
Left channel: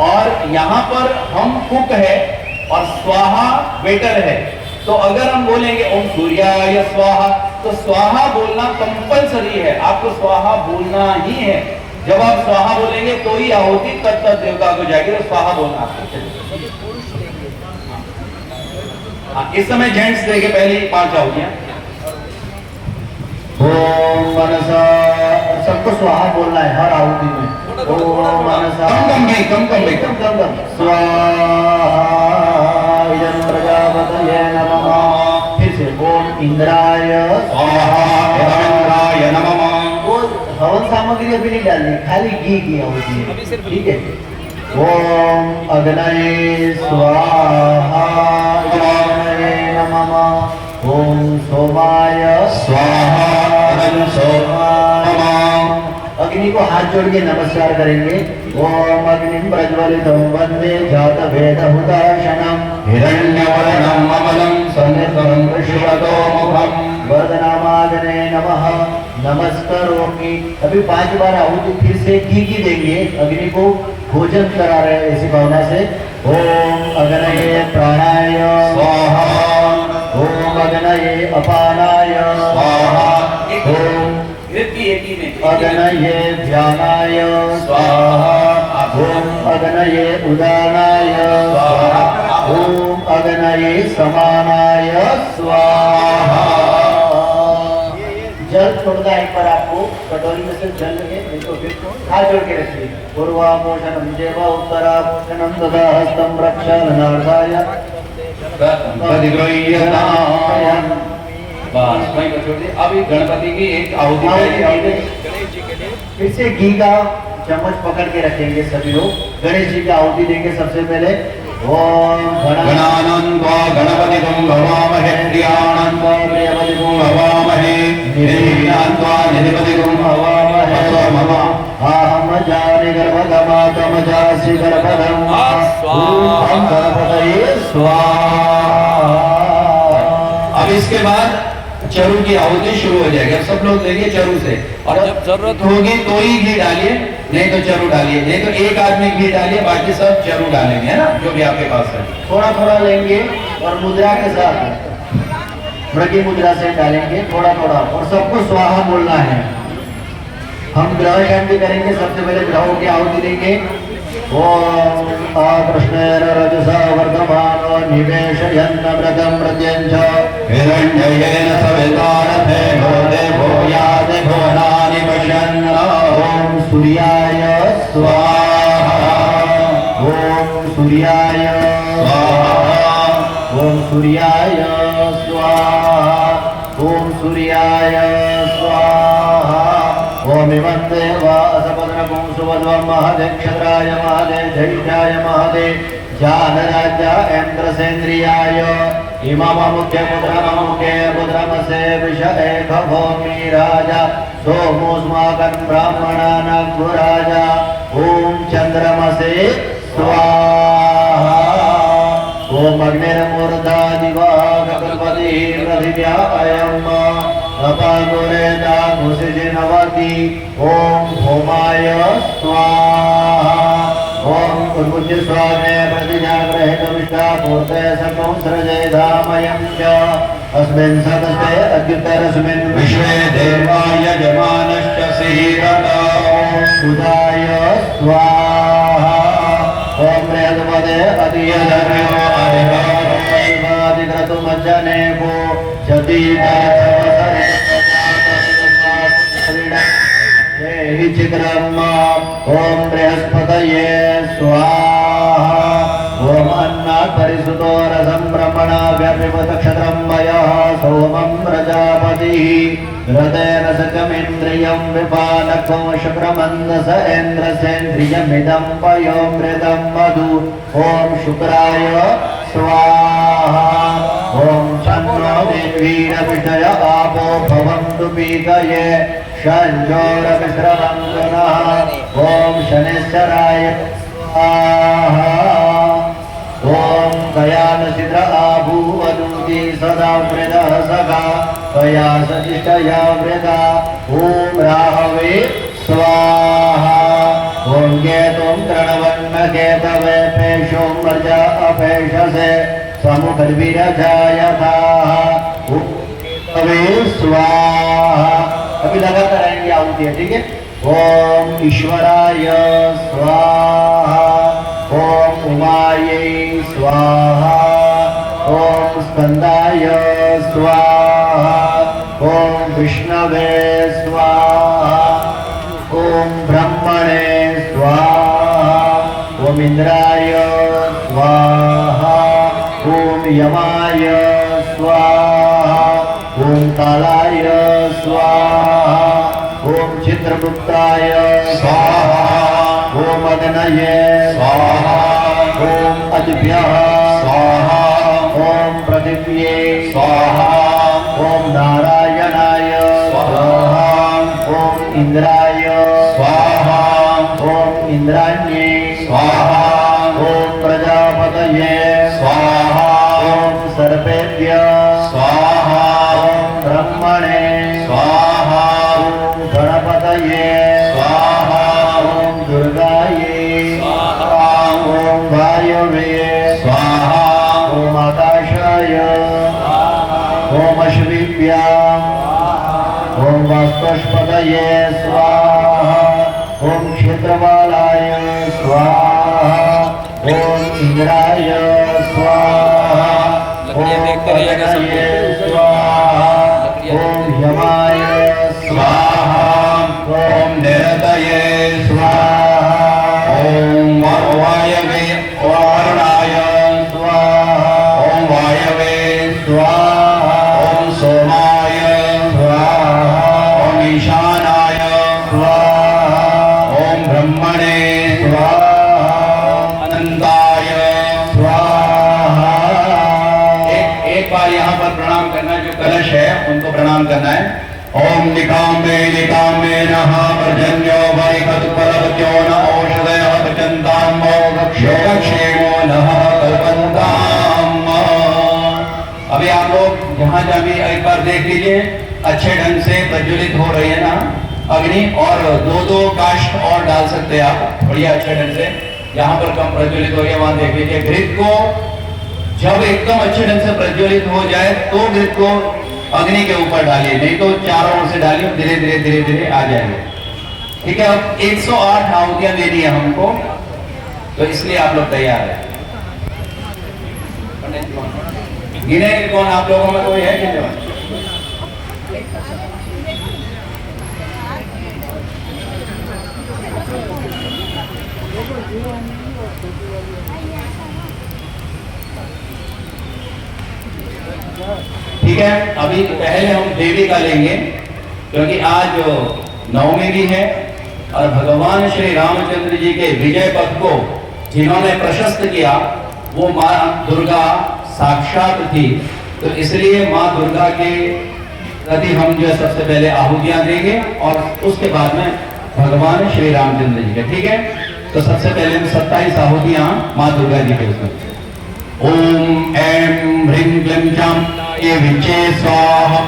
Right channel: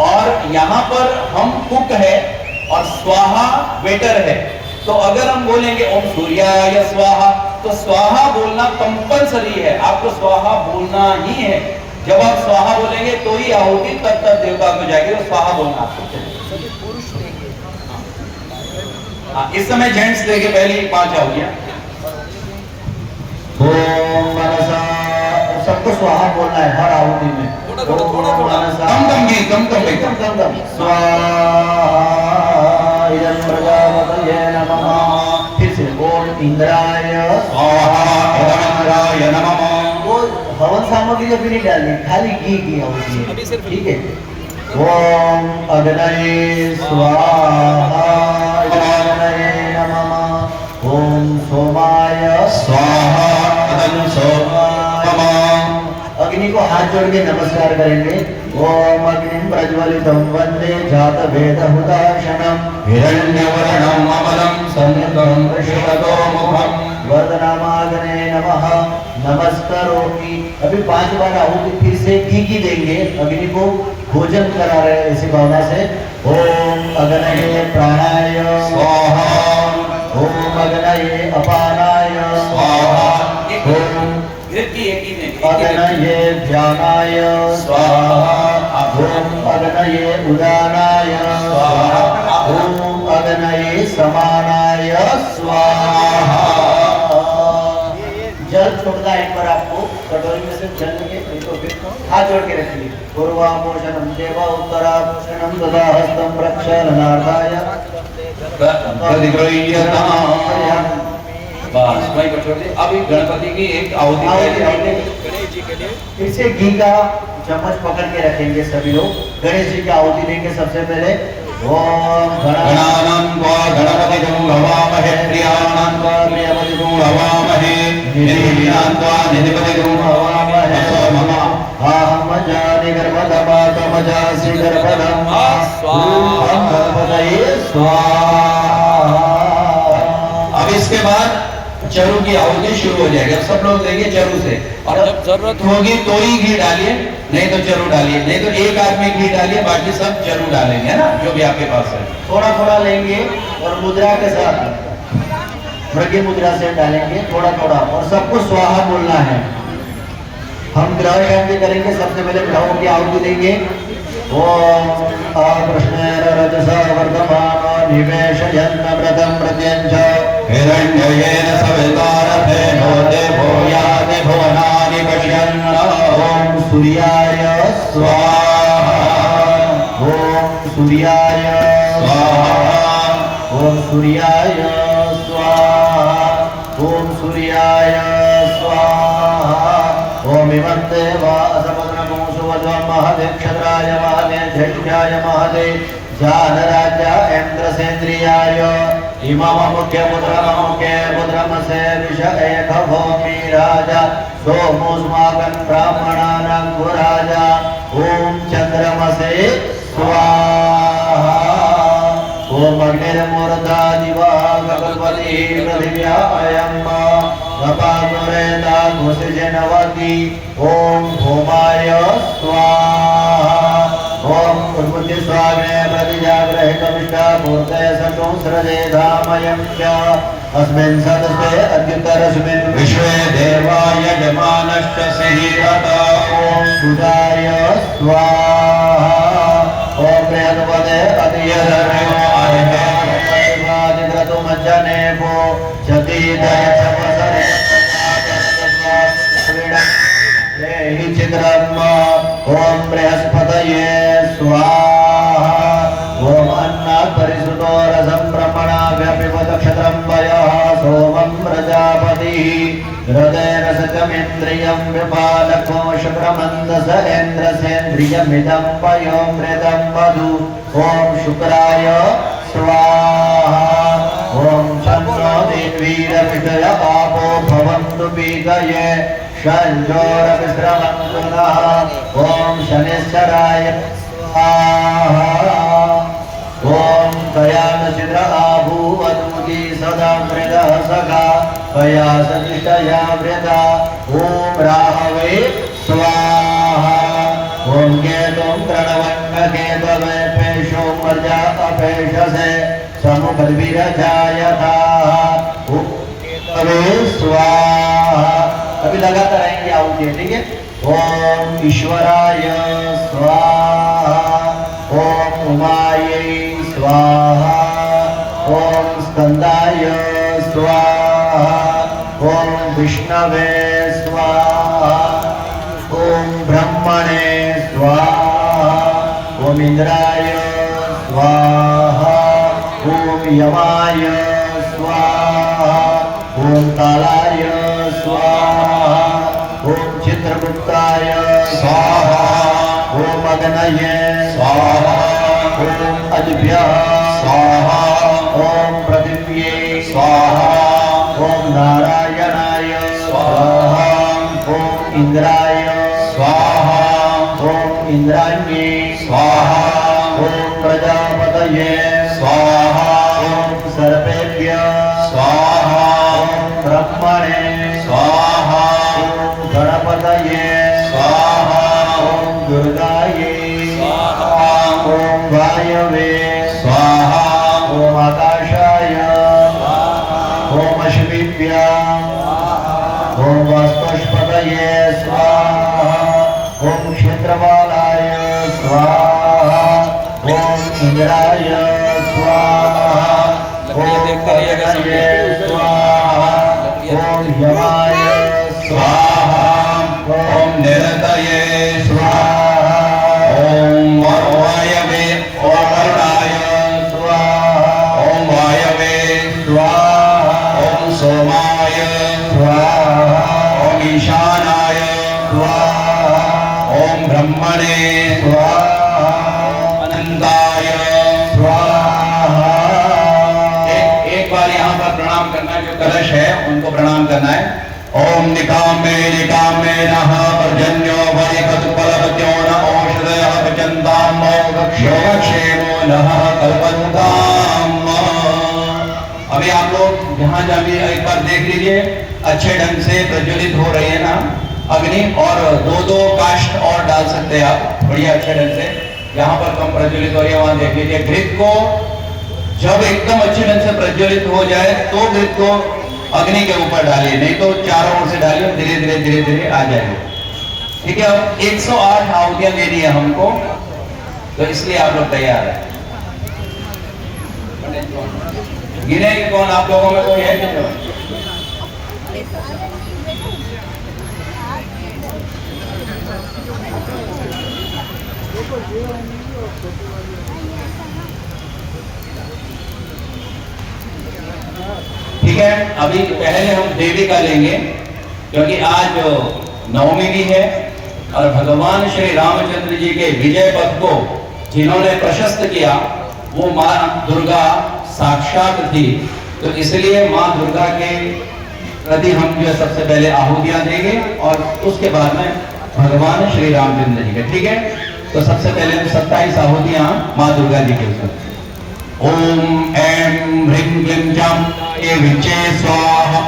और यहाँ पर हम कुक है और स्वाहा वेटर है। तो अगर हम बोलेंगे ओम सूर्याय स्वाहा, तो स्वाहा बोलना कंपलसरी है, आपको स्वाहा बोलना ही है। जब आप स्वाहा बोलेंगे तो ही आहुति तब देवता को जाएगी, तो स्वाहा बोलना आपको। इस समय जेंट्स देखे पहले ही 5 आहुतियां। ओम मनसा, सबको स्वाहा बोलना है हर आहुति में। ओम मनसा, कम स्वाहा इदं प्रजापतये नमः। फिर से ओम इंद्राय स्वाहा नमः। वो हवन सामग्री अभी नहीं डालनी, खाली घी की आहुति है, ठीक है। ओम अग्नये स्वाहा अग्नये नमः। ओम सोमाय स्वाहा इदं सोमाय। अग्नि को हाथ जोड़ के नमस्कार करेंगे। ओम अग्निं प्रज्वलितं वन्दे जातवेदहुताशनं हिरण्यवर्णं अमलं सन्निधं कृष्णतो मुखं वदनामाग्ने नमः नमस्करोमि। अभी 5 बार आहुति फिर से घी की देंगे। अग्नि को भोजन करा रहे हैं इसी भावना से। ओम अग्नये प्राणाय स्वाहा। ओम अग्नये अपानाय स्वाहा। ओम अग्नये ध्यानाय स्वाहा। ओम अग्नये उदानाय स्वाहा। ओम अग्नये समानाय स्वाहा। जल छोड़ना है एक बार आपको, कटोरी में से जल लेंगे, इसको फिर हाथ जोड़ के रखिए। पूर्वामोषणं देव उत्तरामोषणं तथा हस्तं प्रक्षालनार्थाय बस वहीं पर छोड़ दिए। अभी गणपति की एक आहुति फिर से घी का चम्मच पकड़ के रखेंगे सभी लोग। गणेश जी की आहुति देंगे सबसे पहले। ओम गणानां त्वा गणपतिं भवामहे प्रियाणां त्वा प्रियपतिं भवामहे निधिनां त्वा निधिपतिं भवामहे सोमः आहम जाने गर्भगमातम जासि गर्भगम स्वाहा गणपतये स्वाहा। अब इसके बाद चरु की आहुति शुरू हो जाएगी। अब सब लोग देंगे चरु से, और जब जरूरत होगी तो ही घी डालिए, नहीं तो चरु डालिए, नहीं तो एक आदमी घी डालिए, बाकी सब चरु डालेंगे, है ना, जो भी आपके पास है। थोड़ा थोड़ा लेंगे और मुद्रा के साथ मृगी मुद्रा से डालेंगे थोड़ा थोड़ा, और सबको स्वाहा बोलना है। हम ग्रह शांति करेंगे। सबसे पहले ग्रहों की आहुति देंगे। ओम कृष्णेर रजसा वर्धमानो निवेशयन्नमृतं प्रत्यञ्च हिरण्ययेन सवितारथे भोते भूयाति भुवनानि पश्यन्। ओम सूर्याय स्वाहा। ओम सूर्याय स्वाहा। ओम सूर्याय स्वाहा। ओम सूर्याय स्वाहा। ओम इवन्ते वा असपद्रगुं सुवध्वं महते क्षत्राय महते धैर्याय महते जानराजा इंद्रसेन्द्रियाय इममुख्य पुत्रमसे विष एक भूमि राजा सोमुस्माकं ब्राह्मणानां गुराजा ओम चंद्रमसे स्वाहा ओम अग्निर्मूर्धा दिवा गणपति पृथिव्या अयम् अपाकुरेता घुसिजिनवती ओम भूमाय स्वाहा ओम उर्वुज्य स्वामे प्रतिजाग्रहितमिष्टा पूर्ते संसृजे धामयं च अस्मिन् सदस्ते अद्युतरस्मिन् विश्वे देवाय जमानश्च सीरता ओम सुदाय स्वाहा ओम प्रियतमदे अतियधर्मो अधिक्रतुमज्जने को जति चित्रम ओम बृहस्पतये स्वाहा ओम अन्नात् परिसुतो रसं ब्रह्मणाभ्यपिबत क्षत्रं वयः सोमं प्रजापतिः हृदयेन सकमिन्द्रियं विपालको शुक्रमन्दस इन्द्रसेन्द्रियमिदं वयोमृतं वधु ॐ शुक्राय स्वाहा ॐ शन्नो वीरविषय आपो भवन्तु पीतये शञ्जोरविश्रमङ्गलः ॐ शनिश्चराय स्वाहा ॐ कयालचिद्र आभूवदूति सदा मृदः सखा कया सजिष्टया मृदा ॐ राहवे स्वाहा ॐ केतुं तृणवन्नकेतवे पेशो मर्जा अपेशसे समुखद्विरजायताः ॐ केतवे स्वाहा। अभी लगातार आएंगे आहुति है, ठीक है। ओम ईश्वराय स्वाहा ओम उमायै स्वाहा ओम स्कंदाय स्वाहा ओम विष्णवे स्वाहा ओम ब्रह्मणे स्वाहा ओम इंद्राय स्वाहा ओम यमाय स्वाहा ओम कालाय स्वाहा ओम चित्रगुप्ताय स्वाहा ओम अग्नये स्वाहा ओम अदिभ्यः स्वाहा ओम पृथिव्ये स्वाहा ओम नारायणाय स्वाहा ओम इंद्राय स्वाहा ओम इंद्राण्ये स्वाहा ओम प्रजापतये स्वाहा ओम सर्पेभ्यः स्वाहा ओम ब्रह्मणे स्वाहा ओम गणपतये स्वाहा ओम दुर्गाये स्वाहा ओम वायवे स्वाहा ओम आकाशाय स्वाहा ओम अश्विभ्याम् ओम वास्तुष्पतये स्वाहा ओम क्षेत्रपालाय स्वाहा ओम इंद्राय स्वाहा ओम अग्नये स्वाहा ओम यमाय स्वाहा ओम निरतये स्वाहा ओम वायवे वरुणाय स्वाहा ओम वायवे स्वाहा ओम सोमाय स्वाहा ओम ईशानाय स्वाहा ओम ब्रह्मणे स्वाहा अनंताय स्वाहा। एक बार यहाँ पर प्रणाम करना, जो कलश है उनको प्रणाम करना है। ओम निकामे निकामे नः पर्जन्यो वरिकल्पलवत्यो न औषधयः पचन्ताम् योगक्षेमो नः कल्पन्ताम्। अभी आप लोग यहाँ जाके एक बार देख लीजिए, अच्छे ढंग से प्रज्वलित हो रही है ना अग्नि, और दो काष्ठ और डाल सकते हैं आप बढ़िया अच्छे ढंग से। यहाँ पर कम प्रज्वलित हो रही है, वहां देख लीजिए। घृत को जब एकदम अच्छे ढंग से प्रज्वलित हो जाए तो घृत को अग्नि के ऊपर डालिए, नहीं तो चारों ओर से डालिए, धीरे धीरे धीरे धीरे आ जाएंगे, ठीक है। अब 108 आहुतियां दे दी है हमको, तो इसलिए आप लोग तैयार है। गिने कौन आप लोगों में कोई है कि नहीं? ठीक है, अभी पहले हम देवी का लेंगे, क्योंकि आज नवमी भी है और भगवान श्री रामचंद्र जी के विजय पथ को जिन्होंने प्रशस्त किया वो माँ दुर्गा साक्षात थी, तो इसलिए माँ दुर्गा के प्रति हम जो है सबसे पहले आहुतियां देंगे और उसके बाद में भगवान श्री रामचंद्र जी के। ठीक है, तो सबसे पहले हम 27 आहुतियां माँ दुर्गा जी के ऊपर। ओम ऐं ह्रीं क्लीं चां ये विचे स्वाहा।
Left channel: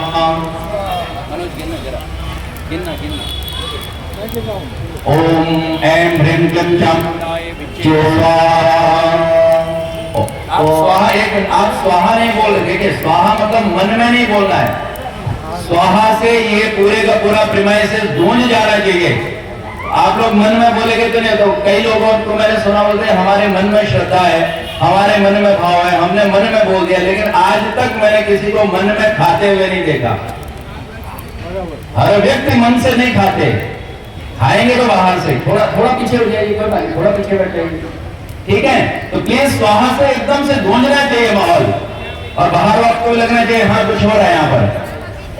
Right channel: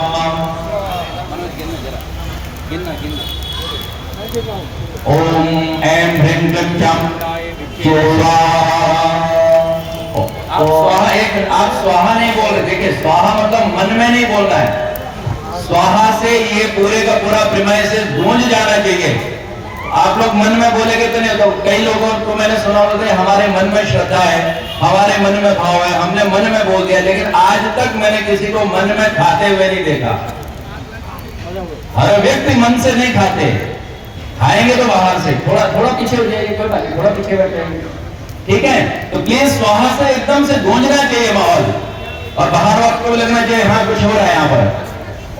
ओम ऐं ह्रीं क्लीं चां स्वाहा। आप स्वाहा आप स्वाहा नहीं बोल रहे, देखिए स्वाहा मतलब मन में नहीं बोलना है, स्वाहा से ये पूरे का पूरा प्रीमाइसेस गूंज जाना चाहिए। आप लोग मन में बोलेंगे तो नहीं, तो कई लोगों को मैंने सुना बोलते हैं हमारे मन में श्रद्धा है, हमारे मन में भाव है, हमने मन में बोल दिया, लेकिन आज तक मैंने किसी को मन में खाते हुए नहीं देखा। हर व्यक्ति मन से नहीं खाते, खाएंगे तो बाहर से। थोड़ा थोड़ा पीछे हो जाइए, कोई बात, थोड़ा पीछे बैठ जाइए, ठीक है। तो प्लीज स्वाहा से एकदम से गूंजना चाहिए माहौल, और बाहर वाले को भी लगना चाहिए हाँ कुछ हो रहा है यहाँ पर।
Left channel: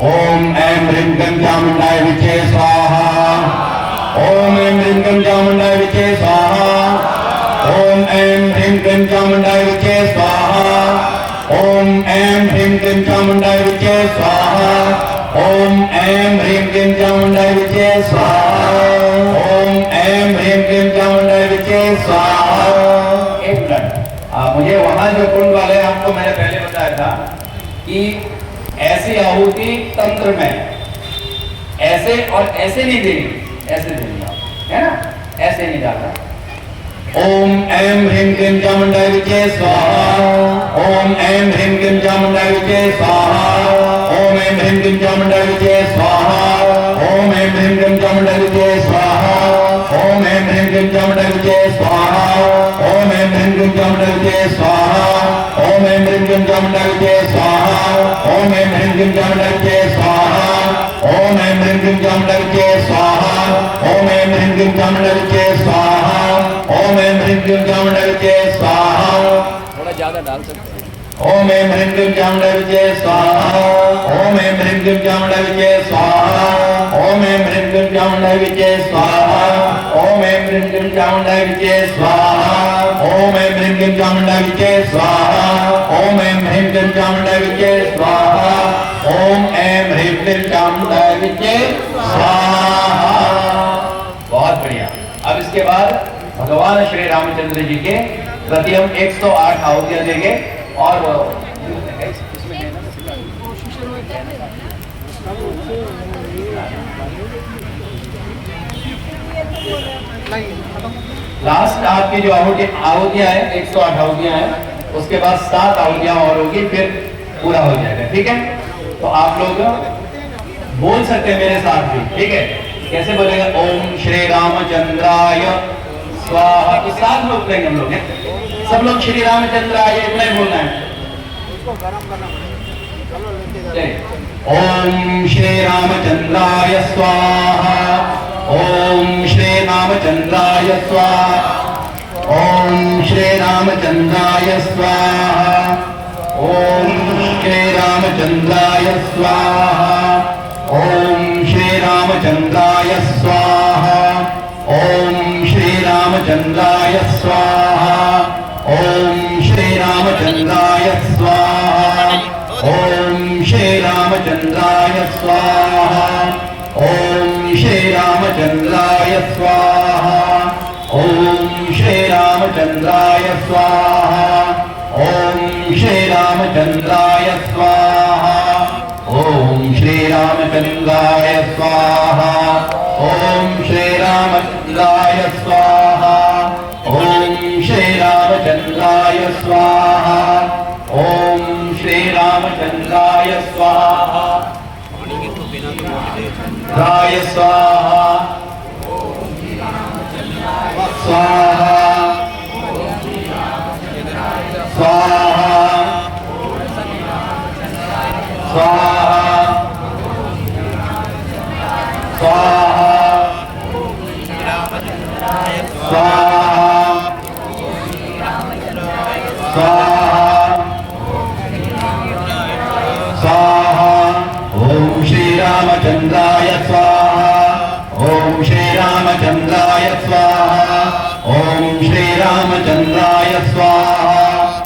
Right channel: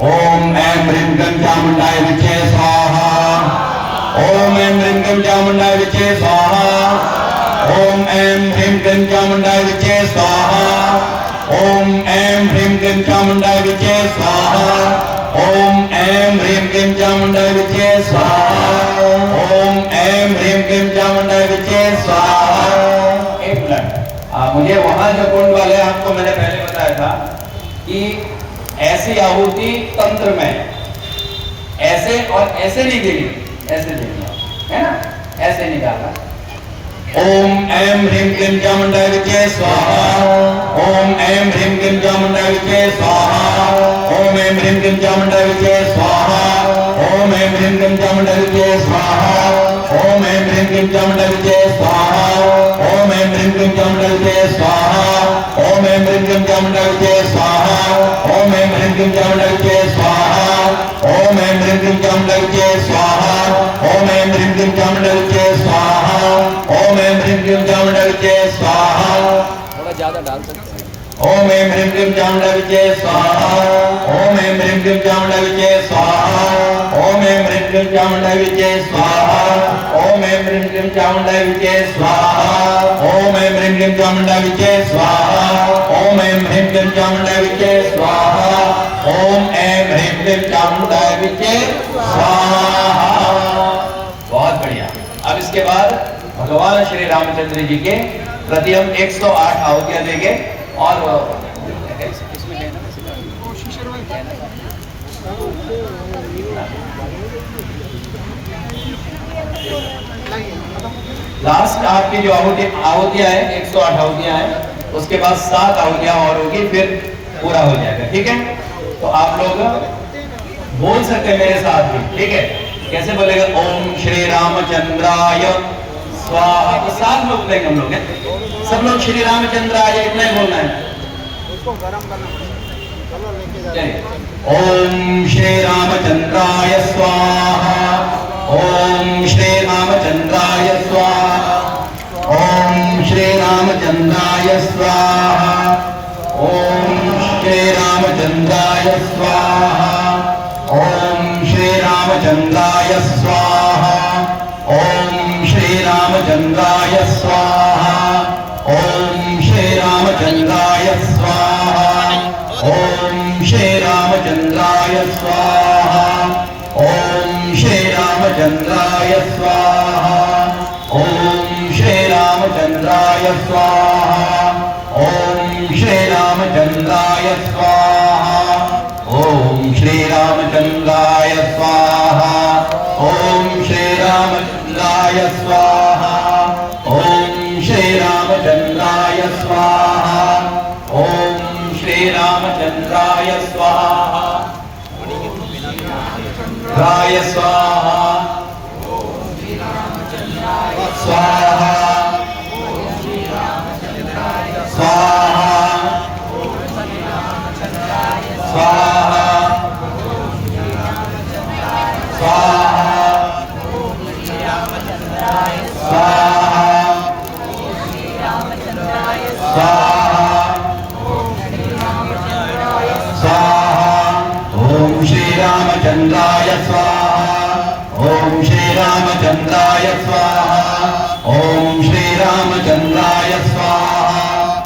ओम ऐं ह्रीं क्लीं चामुंडाय विचे स्वाहा। ओम ऐं ह्रीं क्लीं चामुंडाय विचे स्वाहा। ओम ऐं ह्रीं क्लीं चामुंडाय विचे स्वाहा। ओम ऐं ह्रीं क्लीं चामुंडाय विचे स्वाहा। ओम ऐं ह्रीं क्लीं चामुंडाय विचे स्वाहा। ओम ऐं ह्रीं क्लीं चामुंडाय विचे स्वाहा। एक मिनट, मुझे वहां जो कुंड वाले आपको मैंने पहले बताया था कि ऐसी आहुति तंत्र में ऐसे और ऐसे नहीं देनी, ऐसे देनी है ना, ऐसे नहीं डालना। ओम ऐं ह्रीं क्लीं चामुंडाय विचे स्वाहा। ओम ऐं ह्रीं क्लीं चामुंडाय विचे स्वाहा। ओम ऐं ह्रीं क्लीं चामुंडाय विचे स्वाहा। ओम ऐं ह्रीं क्लीं चामुंडाय विचे स्वाहा। ओम ऐं ह्रीं क्लीं चामुंडाय विचे स्वाहा। ओम ऐं ह्रीं क्लीं चामुंडाय विचे स्वाहा। ओम ऐं ह्रीं क्लीं चामुंडाय विचे स्वाहा। ओम ऐं ह्रीं क्लीं चामुंडाय विचे स्वाहा। ओम ऐं ह्रीं क्लीं चामुंडाय विचे स्वाहा। ओम ऐं ह्रीं क्लीं चामुंडाय विचे स्वाहा। ओम ऐं ह्रीं क्लीं चामुंडाय विचे स्वाहा। थोड़ा ज्यादा डाल सकते हैं। ओम ऐं ह्रीं क्लीं चामुंडाय विचे स्वाहा। ओम ऐं ह्रीं क्लीं चामुंडाय विचे स्वाहा। ओम ऐं ह्रीं क्लीं चामुंडाय विचे स्वाहा। ओम ऐं ह्रीं क्लीं चामुंडाय विचे स्वाहा। ओम ऐं ह्रीं क्लीं चामुंडाय विचे स्वाहा। ओम ऐं ह्रीं क्लीं चामुंडाय विचे स्वाहा। ओम ऐं ह्रीं क्लीं चामुंडाय विचे स्वाहा। बहुत बढ़िया। अब इसके बाद भगवान श्री रामचंद्र जी के प्रति हम 108 आहुतियां देंगे और लास्ट आपकी जो आहुतियां है 108 आहुतियां हैं, उसके बाद 7 आहुतियां और होगी, फिर पूरा हो जाएगा। ठीक है, तो आप लोग बोल सकते हैं मेरे साथ भी, ठीक है। कैसे बोलेगा? ओम श्री रामचंद्राय स्वाहा। तो साथ में बोलेंगे हम लोग, सब लोग श्री रामचंद्राय इतना ही बोलना है। उसको गरम करना पड़ेगा। चलो लेके जाते हैं। ओम श्री रामचंद्राय स्वाहा। ओम श्री रामचंद्राय स्वाहा। ओम श्री रामचंद्राय स्वाहा। ओम श्री रामचंद्राय स्वाहा। ओम श्री रामचंद्राय स्वाहा। ओम श्री रामचंद्राय स्वाहा। ओम श्री रामचंद्राय स्वाहा। ओम श्री रामचंद्राय स्वाहा। ओम श्री रामचंद्राय स्वाहा। ओम श्री रामचंद्राय स्वाहा। ओम श्री रामचंद्राय स्वाहा। ओम श्री रामचंद्राय स्वाहा। ओम श्री रामचंद्राय स्वाहा। ओम श्री रामचंद्राय स्वाहा। ओम श्री रामचंद्राय स्वाहा। राय स्वाहा। स्वाहा स्वाहा स्वाहा स्वाहा ओम श्री रामचंद्राय स्वाहा। ओम श्री रामचंद्राय स्वाहा। ओम श्री रामचंद्राय स्वाहा।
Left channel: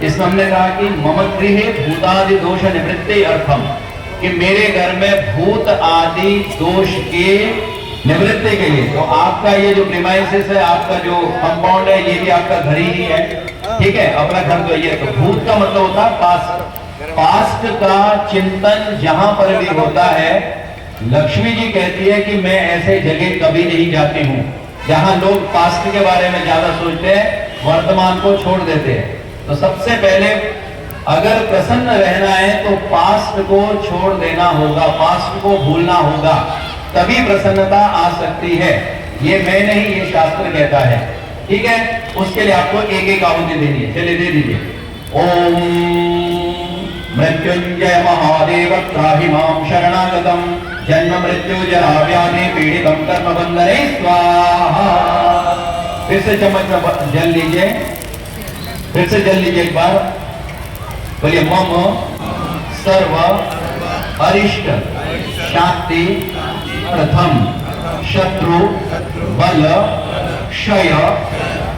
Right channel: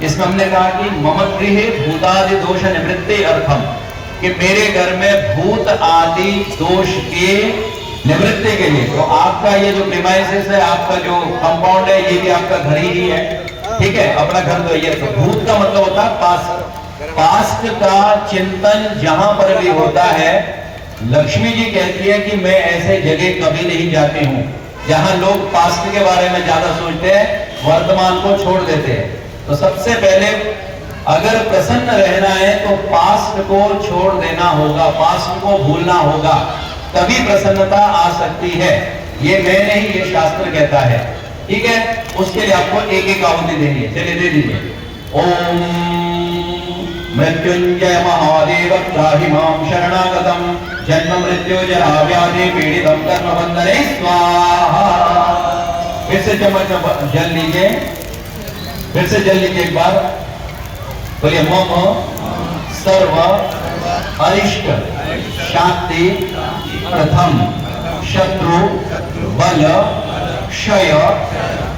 इसमें हमने कहा कि मम गृहे भूतादि दोष निवृत्ति अर्थम, कि मेरे घर में भूत आदि दोष के निवृत्ति के लिए। तो आपका ये जो प्रीमाइसिस है, आपका जो कंपाउंड है, ये भी आपका घर ही है, ठीक है, अपना घर तो ये। तो भूत का मतलब होता है पास्ट। पास्ट का चिंतन जहां पर भी होता है, लक्ष्मी जी कहती है कि मैं ऐसे जगह कभी नहीं जाती हूँ जहां लोग पास्ट के बारे में ज्यादा सोचते हैं, वर्तमान को छोड़ देते हैं। तो सबसे पहले अगर प्रसन्न रहना है तो पास्ट को छोड़ देना होगा, पास्ट को भूलना होगा, तभी प्रसन्नता आ सकती है। ये मैं नहीं, ये शास्त्र कहता है, ठीक है। उसके लिए आपको एक एक आहुति देनी है, चलिए दे दीजिए। ओम मृत्युंजय महादेव त्राहि मां शरणागतम जन्म मृत्यु जरा व्याधि पीड़ितम कर्म बंधने स्वाहा। फिर से चम्मच जल लीजिए, फिर से जल लीजिए एक बार, बोलिए मम सर्व अरिष्ट शांति प्रथम शत्रु बल क्षय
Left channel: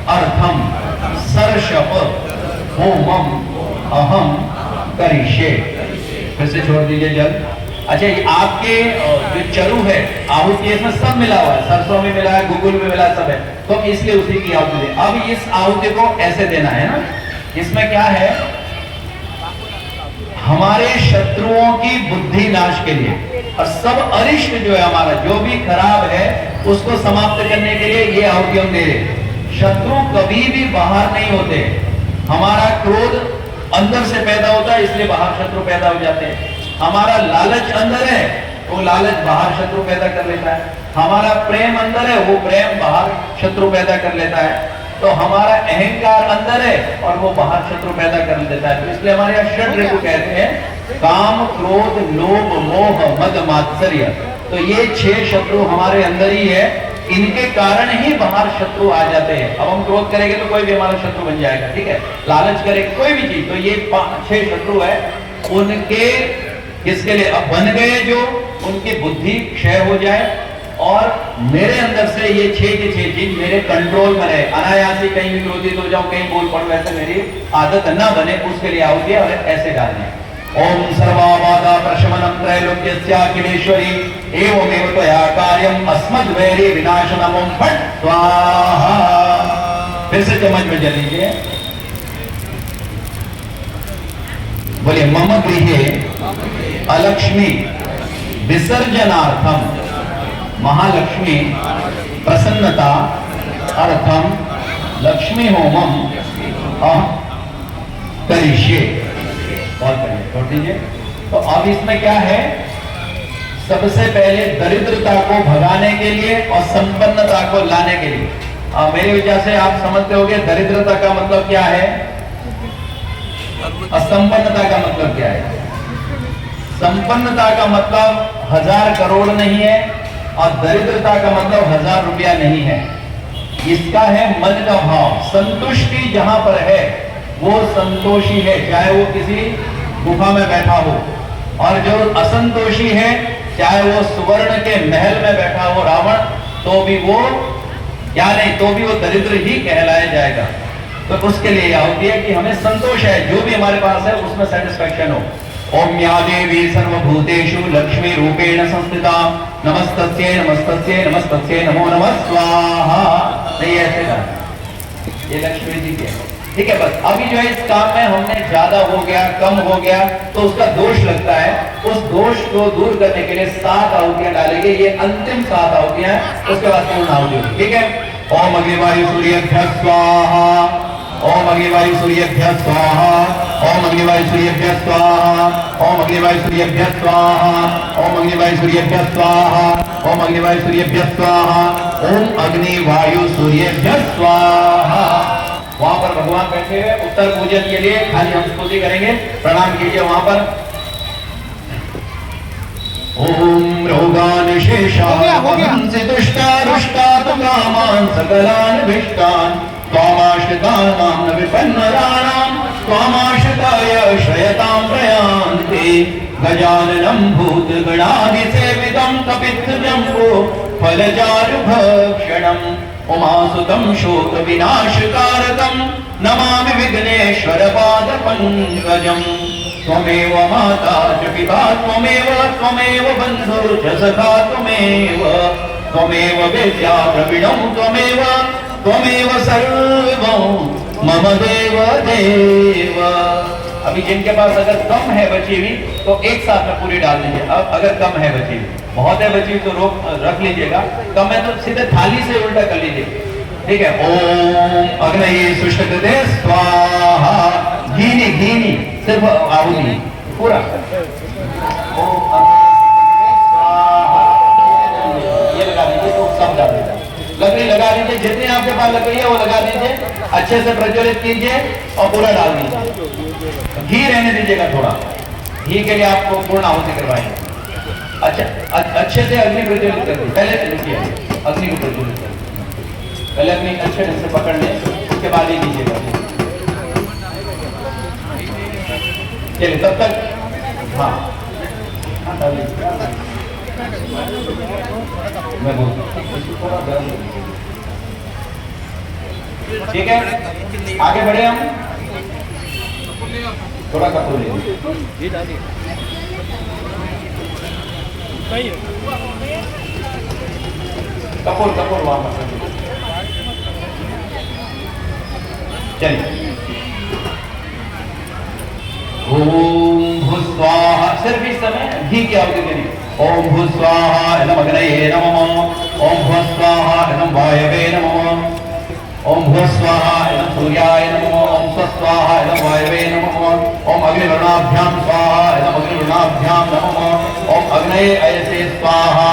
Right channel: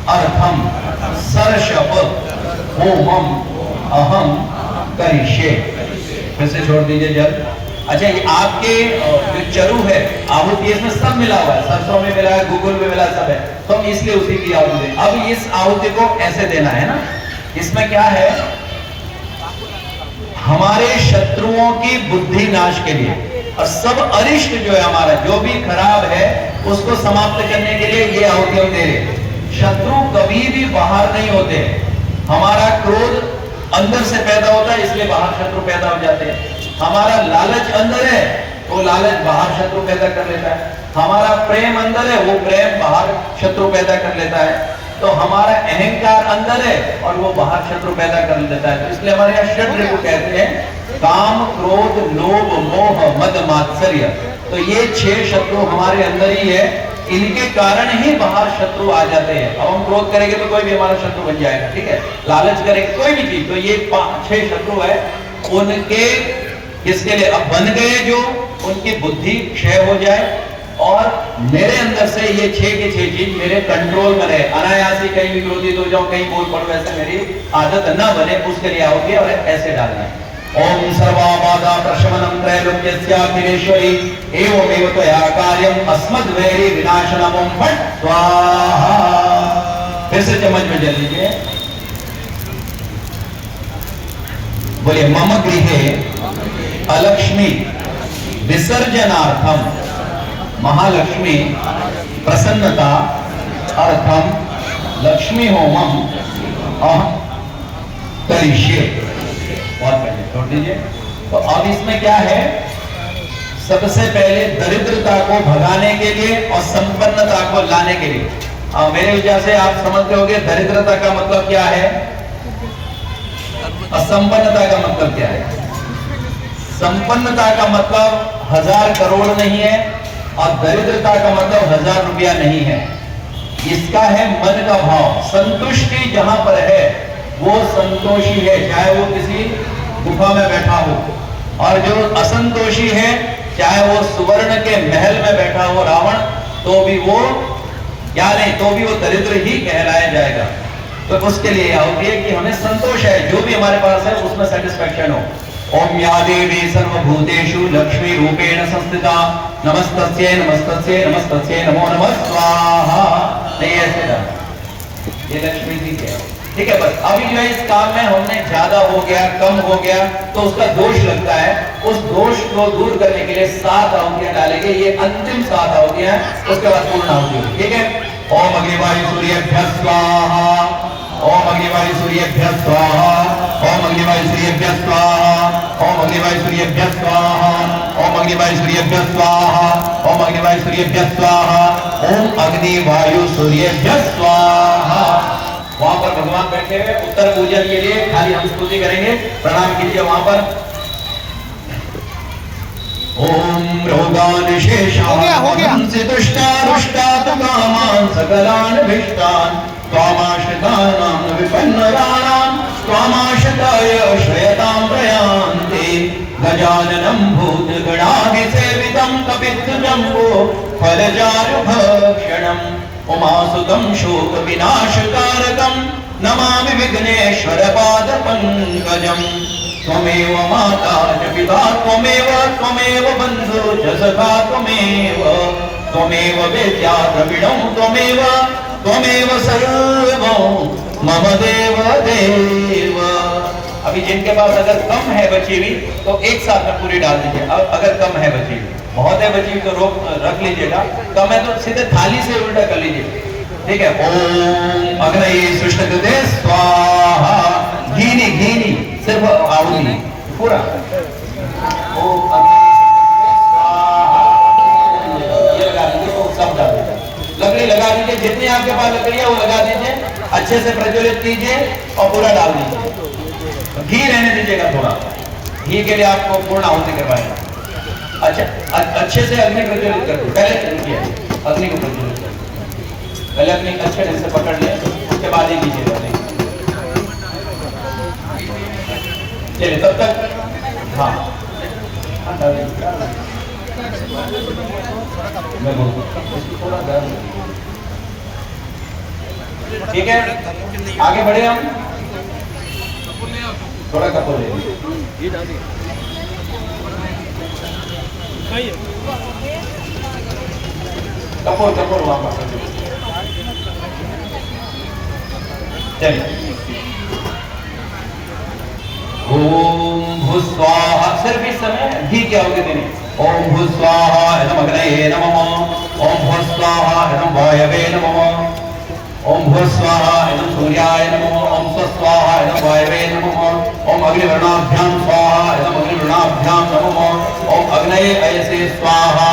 अर्थम सर्षप होमम अहम करिष्ये। फिर से छोड़ दीजिए जल। अच्छा, ये आपके जो चरु है आहुति, इसमें सब मिला हुआ है, सरसों में मिला है, गुगुल में मिला है, सब है, तो हम इसलिए उसी की आहुति दें। अब इस आहुति को ऐसे देना है ना, इसमें क्या है, हमारे शत्रुओं की बुद्धि नाश के लिए, और सब अरिष्ट जो है हमारा, जो भी खराब है, उसको समाप्त करने के लिए ये आहुति हम दे रहे। शत्रु कभी भी बाहर नहीं होते, हमारा क्रोध अंदर से पैदा होता है, इसलिए बाहर शत्रु पैदा हो जाते हैं। हमारा लालच अंदर है, वो लालच बाहर शत्रु पैदा कर लेता है। हमारा प्रेम अंदर है, वो प्रेम बाहर शत्रु पैदा कर लेता है। तो हमारा अहंकार अंदर है और वो बाहर शत्रु पैदा कर लेता है। तो इसलिए हमारे यहाँ षड ऋतु कहते हैं, काम क्रोध लोभ मोह मद मात्सर्य। तो ये 6 शत्रु हमारे अंदर ही है, इनके कारण ही बाहर शत्रु आ जाते हैं। अब हम क्रोध करेंगे तो कोई भी हमारा शत्रु बन जाएगा, ठीक है, लालच करेंगे कोई भी चीज, तो ये 5-6 शत्रु है। उनके इसके लिए अब बन गए, जो उनकी बुद्धि क्षय हो जाए और मेरे अंदर से ये 6 के 6 चीज मेरे कंट्रोल में रहे, अनायास ही कहीं भी क्रोधित हो जाऊं, कहीं बोल पड़ो, वैसे मेरी आदत न बने, उसके लिए आओगे और ऐसे डालना है। ओम सर्वाबाधा प्रशमनम त्रैलोक्यस्याखिलेश्वरी एवमेव त्वया कार्यम अस्मद्वैरी विनाशनम ओम फट स्वाहा। फिर से चम्मच में जल लीजिए, बोलिए मम गृहे अलक्ष्मी विसर्जनार्थम महालक्ष्मी प्रसन्नता अर्थम लक्ष्मी होमम करिष्ये। बहुत बढ़िया, छोड़ दीजिए। तो अब इसमें क्या है, सबसे पहले दरिद्रता को भगाने के लिए और संपन्नता को लाने के लिए। अब मेरे विचार से आप समझते होंगे दरिद्रता का मतलब क्या है, असंपन्नता का मतलब क्या है। संपन्नता का मतलब 1000 करोड़ नहीं है और दरिद्रता का मतलब 1000 रुपया नहीं है। इसका है मन का भाव। संतुष्टि जहां पर है वो संतोषी है, चाहे वो किसी गुफा में बैठा हो, और जो असंतोषी है, चाहे वो सुवर्ण के महल में बैठा हो रावण, तो भी वो क्या नहीं, तो भी वो दरिद्र ही कहलाया जाएगा। तो उसके लिए आओगे कि हमें संतोष है, जो भी हमारे पास है उसमें सेटिस्फैक्शन हो। ओम या देवी सर्वभूतेषु लक्ष्मी रूपेण संस्थिता नमस्तस्यै नमस्तस्यै नमस्तस्यै नमो नमः स्वाहा। ये लक्ष्मी जी है, ठीक है। बस अभी जो है इस काम में हमने ज्यादा हो गया, कम हो गया, तो उसका दोष लगता है। उस दोष को दूर करने के लिए 7 आहुतियां डालेंगे, ये अंतिम 7 आहुतियां, उसके बाद पूर्ण आहुति, ठीक है। ओम अग्निवायु सूर्येभ्यः स्वाहा, ओम अग्निवायु सूर्येभ्यः स्वाहा, ओम अग्निवायु सूर्येभ्यः स्वाहा, ओम अग्निवायु सूर्येभ्यः स्वाहा, ओम अग्निवायु सूर्येभ्यः स्वाहा, ओम अग्निवायु सूर्येभ्यः स्वाहा, ओम अग्निवायु सूर्येभ्यः स्वाहा। वहां पर भगवान बैठे हुए, उत्तर पूजन के लिए खाली हम स्तुति करेंगे, प्रणाम कीजिए वहां पर। ओम रोगानिशेषान् दुष्टान् कामान् सकलान् भीष्टान् त्वामाश्रितानां न विपन्नराणां त्वामाश्रिताय श्रयतां प्रयान्ति गजाननं भूतगणाभिसेवितं कपित्थजम्बो फलचारुभक्षणम् उमासुतं शोकविनाशकारकं नमामि विघ्नेश्वरपादपङ्कजम् त्वमेव माता च पिता त्वमेव बन्धु च सखा त्वमेव विद्या द्रविणं त्वमेव सर्वं मम देव देव। अभी जिनके पास अगर कम है बची हुई तो एक साथ में पूरी डाल दीजिए। अब अगर कम है बची हुई, बहुत है बची हुई तो रख लीजिएगा, कम है तो सीधे थाली से उल्टा कर लीजिए, ठीक है। ओम अग्नये सुष्टुते स्वाहा, घी सिर्फ आहुति पूरा। ओम ये लगा दीजिए, तो सब डाल दीजिए, लकड़ी लगा दीजिए, जितनी आपके पास लकड़ी है वो लगा दीजिए, अच्छे से प्रज्वलित कीजिए और पूरा डाल दीजिए। घी रहने दीजिएगा थोड़ा, घी के लिए आपको पूर्ण आहुति करवाएंगे। अच्छा, अच्छे से अग्नि प्रज्वलित कर दीजिए, पहले देखिए अग्नि को प्रज्वलित कर दीजिए, पहले अग्नि अच्छे ढंग से पकड़ लें, उसके बाद ही कीजिएगा। चलिए तब तक, हाँ मैं बोलूँ, ठीक है, आगे बढ़े हम, थोड़ा कपूर ले कपूर वहां पर चलिए। ओम भूस्वाहा, सिर्फ इस समय घी क्या होगा कि नहीं। ओम भूस्वाहा इदम अग्नये नमः, ओम भूस्वाहा इदम वायवे नमः, ओम भूस्वाहा इदम सूर्याय नमः, ओम स्वस्वाहा इदम वायवे नमः, ओम अग्निवर्णाभ्यां स्वाहा इदम अग्निवर्णाभ्यां नमः, ओम अग्नये ऐसे स्वाहा,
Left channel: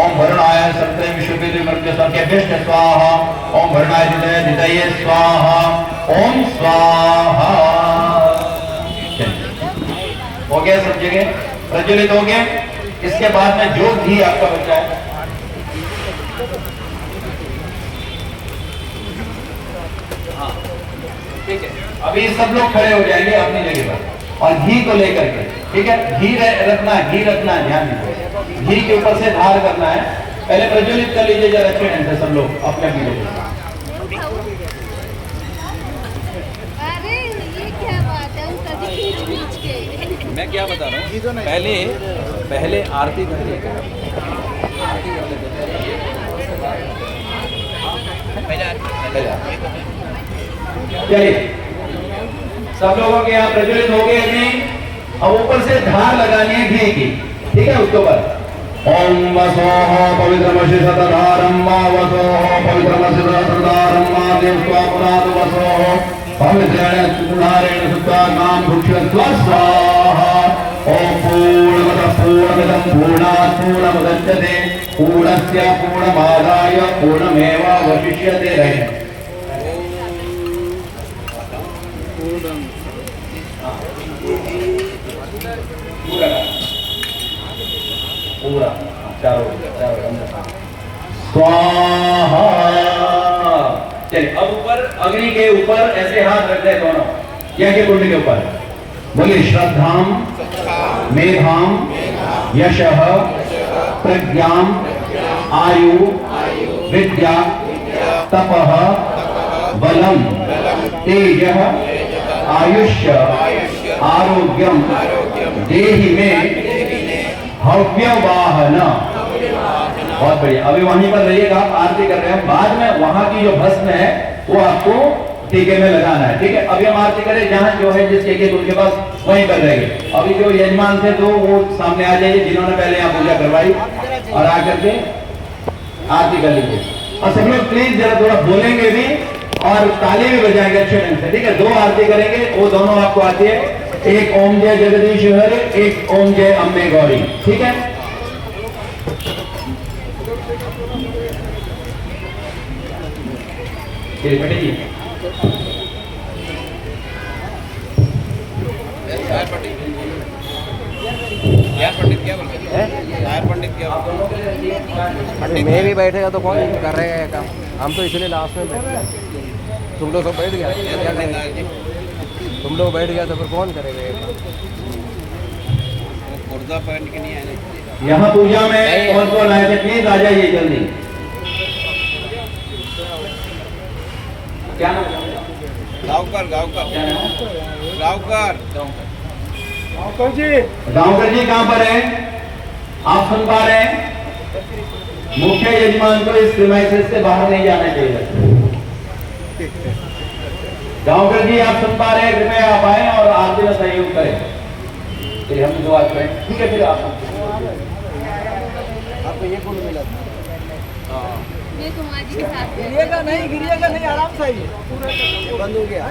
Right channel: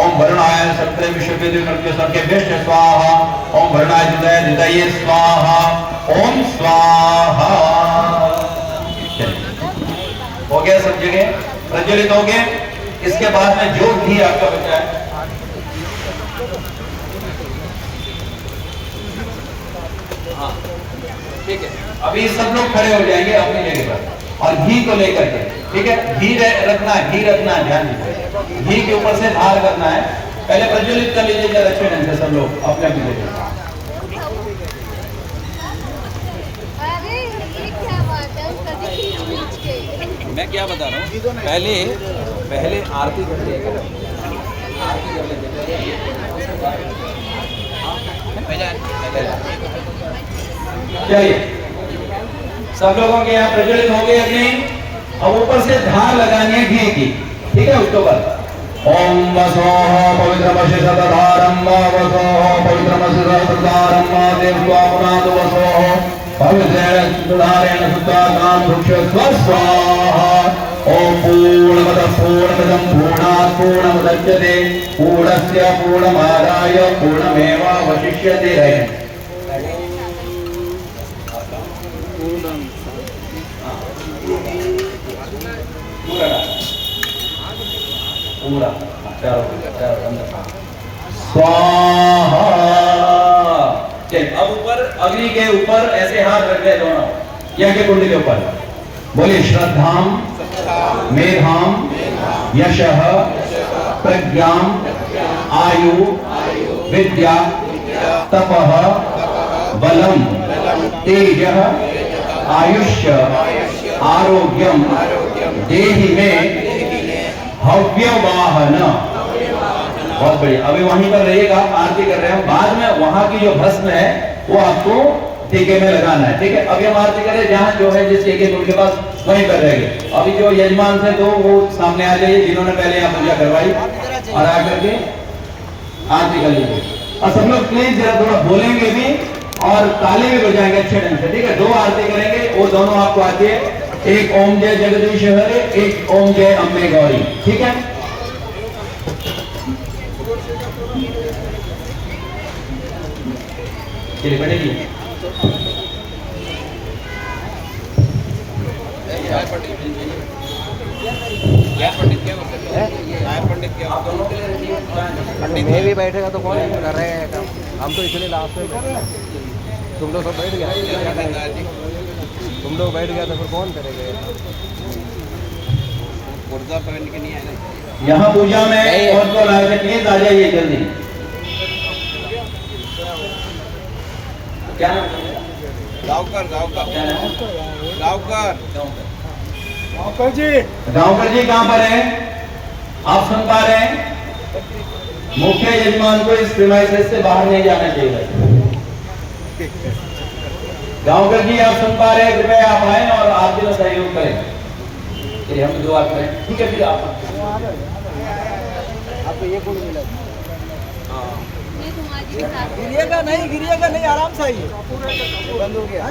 ओम वर्णाय सत्य विश्वविद्य मृत्यु सर्गेभ्यश्च स्वाहा, ओम वर्णाय हृदये स्वाहा, ओम स्वाहा। हो गया सब जगह प्रज्वलित हो गए। इसके बाद में जो घी आपका बचा है, हाँ ठीक है, अभी सब लोग खड़े हो जाएंगे अपनी जगह पर और घी को लेकर के, ठीक है, घी रखना है, ध्यान दीजिए, घी के ऊपर से धार करना है। पहले प्रज्वलित कर लीजिए जरा अच्छे ढंग से सब लोग अपने अपनी जगह। मैं क्या बता रहा हूँ, पहले आरती कर लेगा, आरती कर लेते चलिए सब लोगों के यहाँ प्रज्वलित हो गए अग्नि। अब ऊपर से धार लगानी है घी की, ठीक है, उसके ऊपर ओम वसोह पवित्रमसि सतधारं वा वसोह पवित्रमसि सतधारं वा देवत्वामनाद वसोह पवित्रेण सुधारेण सुधानां भुक्ष्व स्वाहा। ओम पूर्णमदः पूर्णमिदं पूर्णात् पूर्णमुदच्यते पूर्णस्य पूर्णमादाय पूर्णमेवावशिष्यते। पूरा स्वाहा। चलिए अब ऊपर अग्नि के ऊपर ऐसे हाथ रख दे दोनों, यज्ञ कुंड के ऊपर। बोलिए श्रद्धाम मेधाम यशः प्रज्ञां आयु विद्या तपः बलम तेजः आयुष्य आरोग्यम देहि में हव्यवाहन। बहुत बढ़िया, अभी वहीं पर रहिएगा, आप आरती कर रहे हैं, बाद में वहां की जो भस्म है वो आपको टीके में लगाना है, ठीक है। अभी हम आरती करें जहां जो है जिस टीके उनके पास वहीं कर रहेंगे। अभी जो यजमान थे तो वो सामने आ जाइए, जिन्होंने पहले यहाँ पूजा करवाई, और आकर के आरती कर लीजिए। और सब लोग प्लीज जरा थोड़ा बोलेंगे भी और ताली भी बजाएंगे अच्छे ढंग से, ठीक है। दो आरती करेंगे, वो दोनों आपको आती है, एक ओम जय जगदीश हरे, एक ओम जय अम्बे गौरी, ठीक है। चलिए बैठिए। पंडित में भी बैठेगा तो कौन करेगा, हम तो इसलिए लास्ट में बैठे। तुम लोग सब बैठ गया, तुम लोग बैठ गया तो फिर कौन करेगा? पुर्जा पहन के नहीं आए। यहाँ पूजा में कौन कौन आए थे? प्लीज आ जाइए जल्दी। क्या नाम? गाँवकर क्या नाम? गाँवकर गाँवकर जी कहाँ पर है? आप सुन पा रहे हैं? मुख्य यजमान को इस प्रीमाइसेस से बाहर नहीं जाना चाहिए। गाँवकर जी आप सुन पा रहे हैं? कृपया आप आए और आरती का सहयोग करें। फिर हम दुआ करें, ठीक है? फिर आपको ये कौन मिला? ये तुम्हारी के साथ गिरिएगा नहीं, आराम से आइए। बंद हो गया।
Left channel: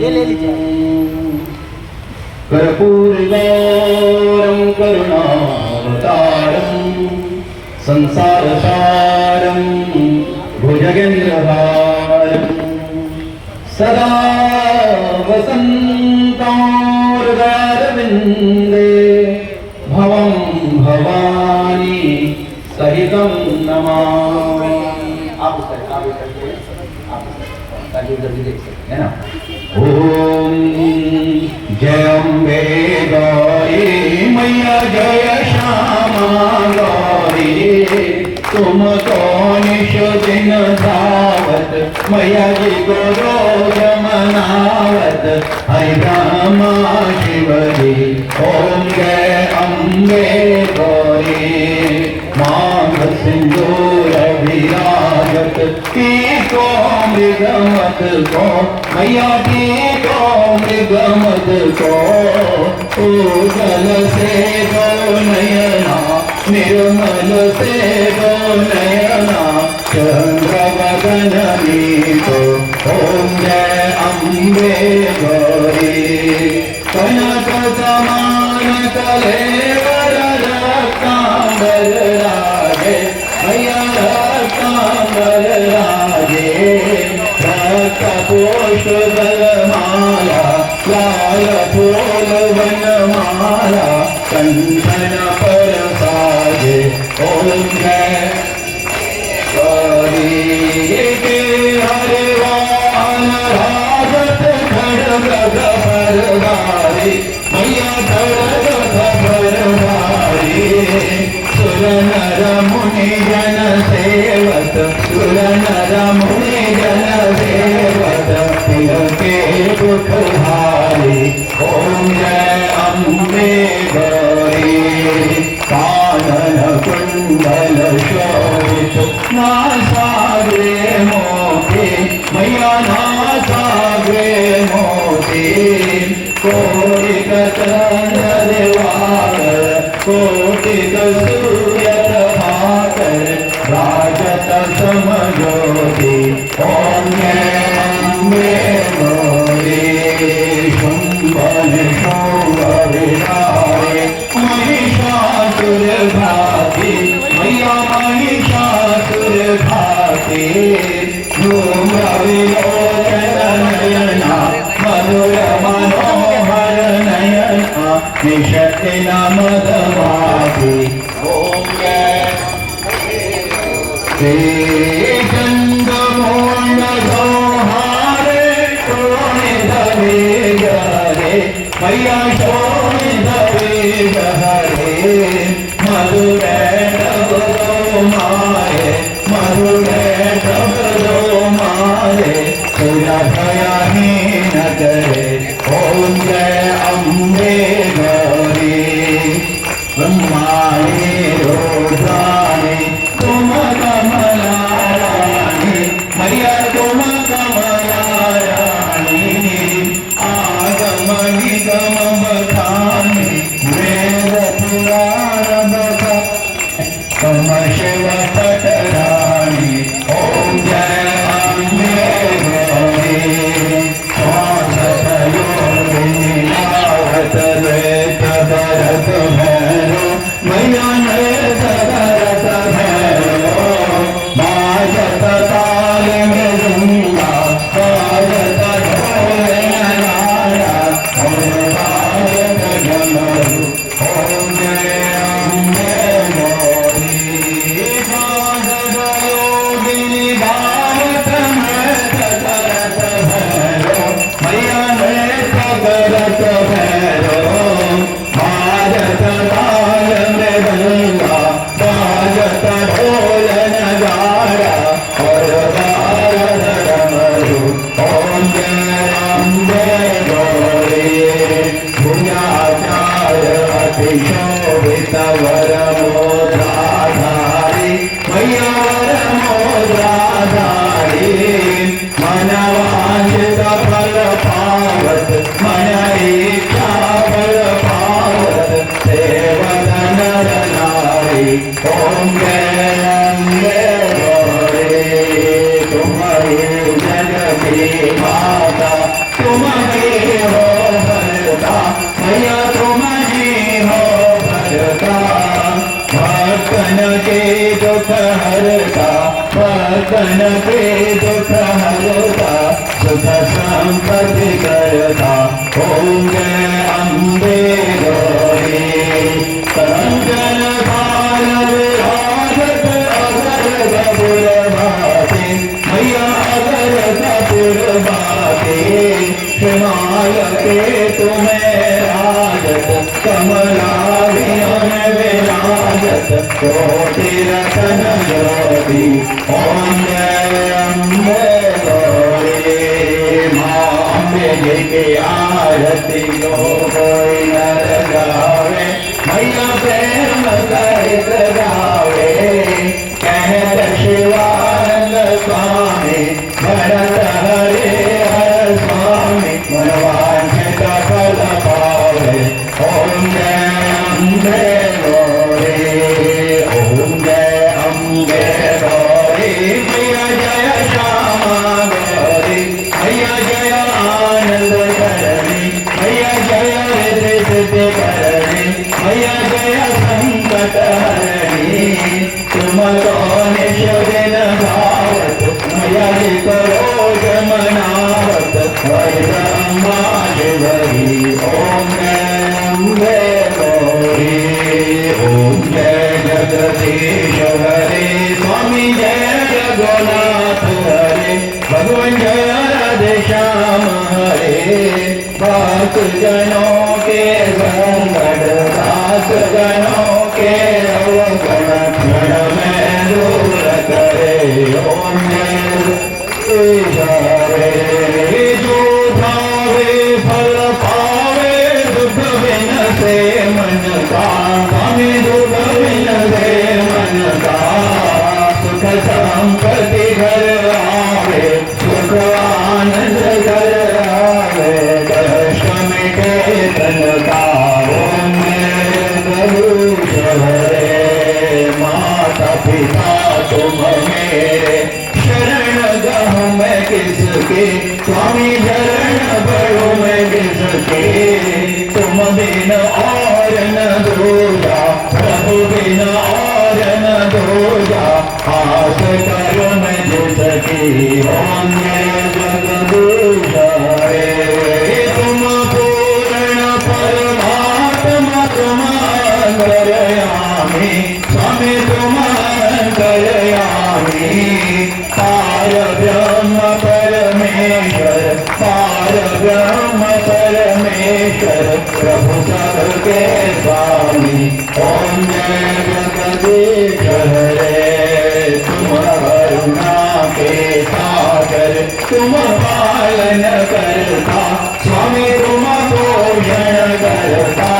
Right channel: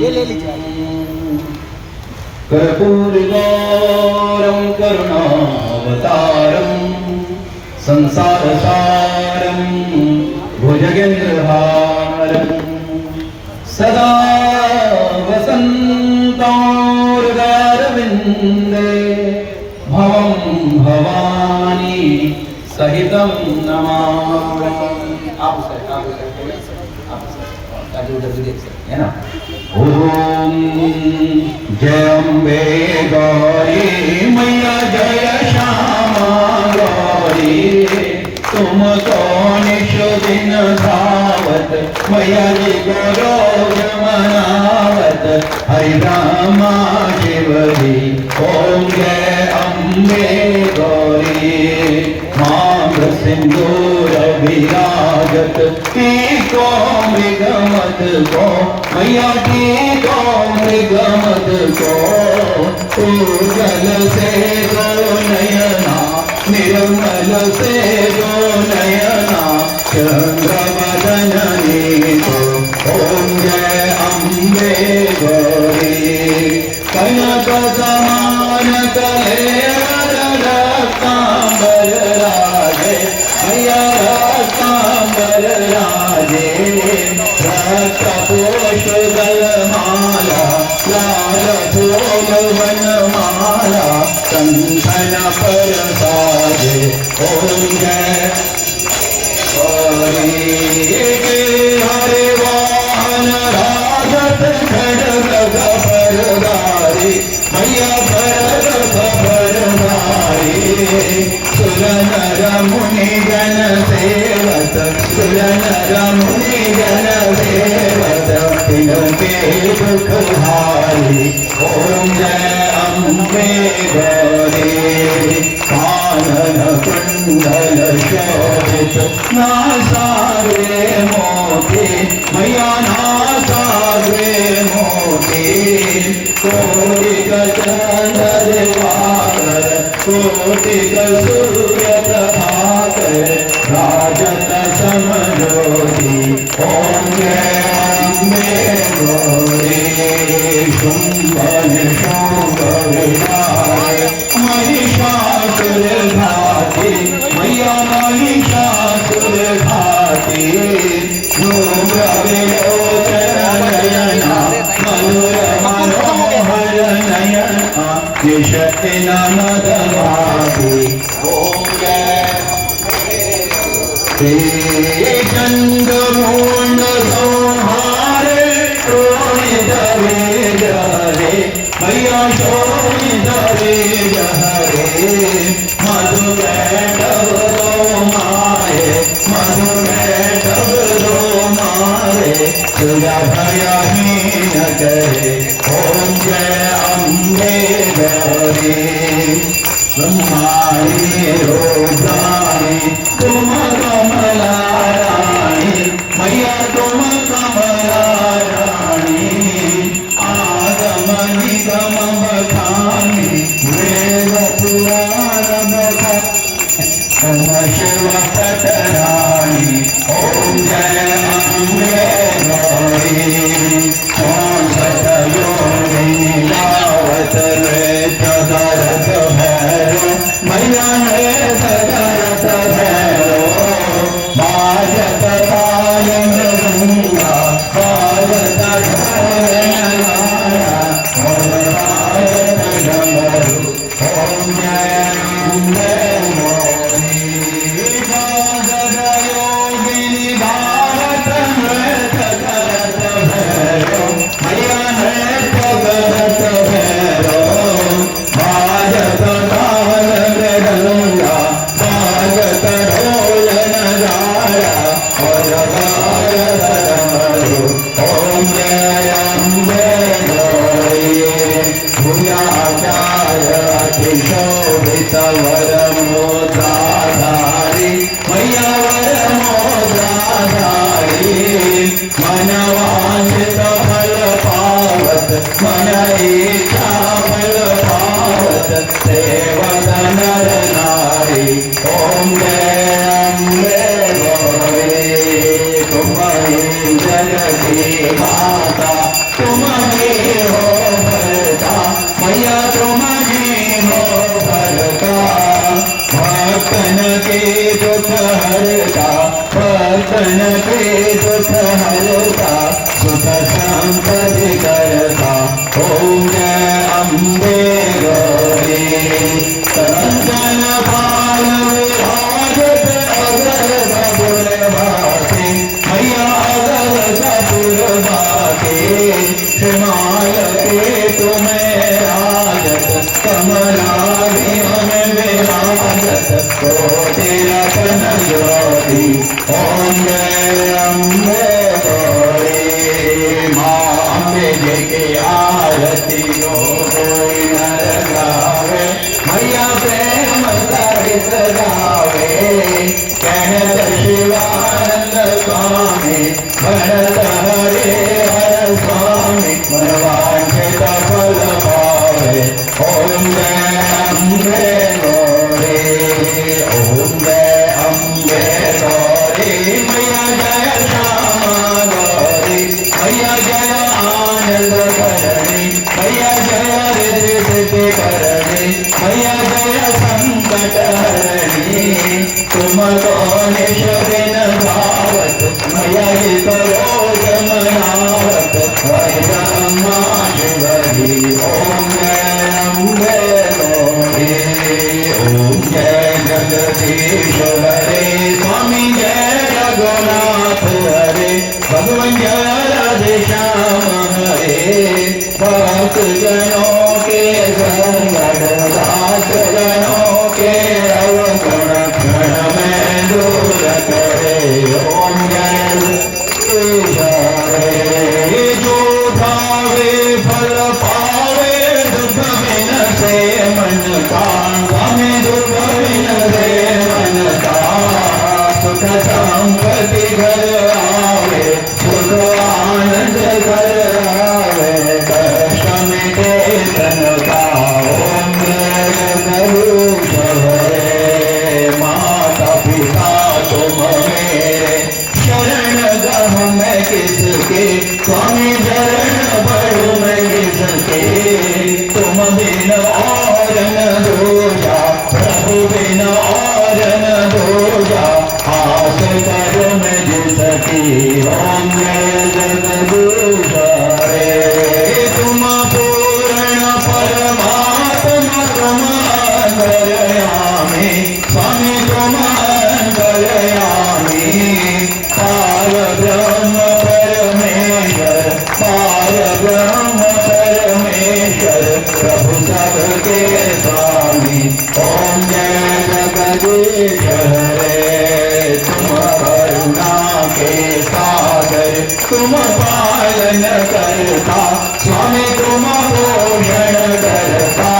ये ले लीजिए। कर्पूरगौरं करुणावतारं संसारसारं भुजगेन्द्रहारं सदा वसन्तं हृदयारविन्दे भवं भवानी सहितं नमामि। आप ताकि उधर भी देख सकते हैं ना। ओम जय अम्बे गौरी मैया जय श्यामा गौरी तुम कौन दिन धावत मैया जी को रोज मनावत हरि रामा शिवरी। ओम जय अम्बे गौरी मांग सिंदूर विराजत को मृगमत को मैया की को मृगमत को तो जल से दो नयना निर्मल से दो नयना चंद्रवदनी को। ओम जय अम्बे गौरी कनक समान कलेवर रत्नांबर राजे मैया रत्नांबर राजे रक्त पोष बलमाला लाल फूल वनमाला कंठन पर साजे। ओम जय गौरी के हरे वाहन राजत खड्ग परदारी मैया खड्ग परदारी सुर नर मुनि जन सेवक सुर नर मुनि जन सेवक तिनके दुख हारी। ओम जय अम्बे गौरी कानन कुंडल शोभित नासाग्रे मोती मैया नासाग्रे मोती कोटिक चंद्र दिवाकर कोटिक सूर्य प्रभाकर राजत समज्योति। ओम जय अम्बे गौरी शुंभन शोभ विनारे महिषासुर घाती मैया महिषासुर घाती धूम्र विलोचन नयना मधुर मनोहर नयना निशक्ति मधुमाती। ओम जय चंद्रमोण संहारे शोणित वेग हरे मैया शोणित वेग हरे मधु कैटव मारे मधु कैटव मारे तुझा भयहीन करे। ओम जय अम्बे गौरी ब्रह्माणी रुद्राणी तुम कमला रानी मैया तुम कमला रानी आगम निगम बखानी वेद पुराण बखानी शिव पटरानी। ओम जय अम्बे गौरी कौन सतयोगिनी लावत रेत भरत भैरो मैया ने भरत भैरो बाजत ताल मृदंगा बाजत ढोल नगाड़ा बाजत करत भैरो भाजत ताल मृदंगा बाजत ढोल नगारा और बाजत डमरू ओम जय अम्बे गौरी भुजाचार्य अतिशोभित वरमोद्राधारी मैया वरमोद्राधारी मनवांछित फल पावत मन इच्छा फल पावत सेवत नर नारी ओम जय अम्बे गौरी तुम्हारी जगती माता तुम्हारी हो भरता मैया तुम्हारी हो भरता भक्तन के दुख हरता भक्तन के दुख हरता सुख संपत्ति करता ओम जय अम्बे गौरी कंचन भाल विराजत अगर कपूर बाटे मैया अगर कपूर बाटे हिमाल के तुम्हें राजत कमलाभियन विराजत कोटि रतन ज्योति ओम जय अम्बे गौरी माँ अम्बे जी की आरती लो कोई नर गावे मैया प्रेम सहित गावे कहत शिवानंद स्वामी भरत हरे हर स्वामी मनवांछित फल पावे ओम जय अम्बे गौरी ओम जय अम्बे गौरी मैया जय श्यामा गौरी मैया जय आनंद करणी मैया जय रिद्धि सिद्धि करणी मैया जय संकट हरणी तुम को निश दिन धावत मैया जी करो जमनावत हरि ब्रह्मा शिवरी ओम जय अम्बे गौरी ओम जय जगदीश हरे स्वामी जय रघुनाथ हरे भगवान जय राधे श्याम हरे भक्त जनों के संगत दास जनों के अवगण क्षण में दूर करे ओम जय जगदीश हरे जो भावे फल पावे दुख बिन से मन का स्वामी दुख बिन से मन का सुख संपत्ति घर आवे सुख आनंद घर आवे कष्ट मिटे तन का ओम जय जगदीश हरे माता पिता तुम मेरे शरण गहूँ मैं किसके स्वामी शरण पढ़ूँ मैं किसके तुम बिन और न दूजा प्रभु बिन और न दूजा आस करो मैं जिसकी ओम जय जगदीश हरे तुम पूर्ण परमात्मा तुम अंतर्यामी स्वामी तुम अंतर्यामी पार ब्रह्म परमेश्वर पार ब्रह्म परमेश्वर प्रभु सबके स्वामी ओम जय जगदीश हरे तुम करुणा के सागर तुम पालन करता स्वामी तुम पोषण करता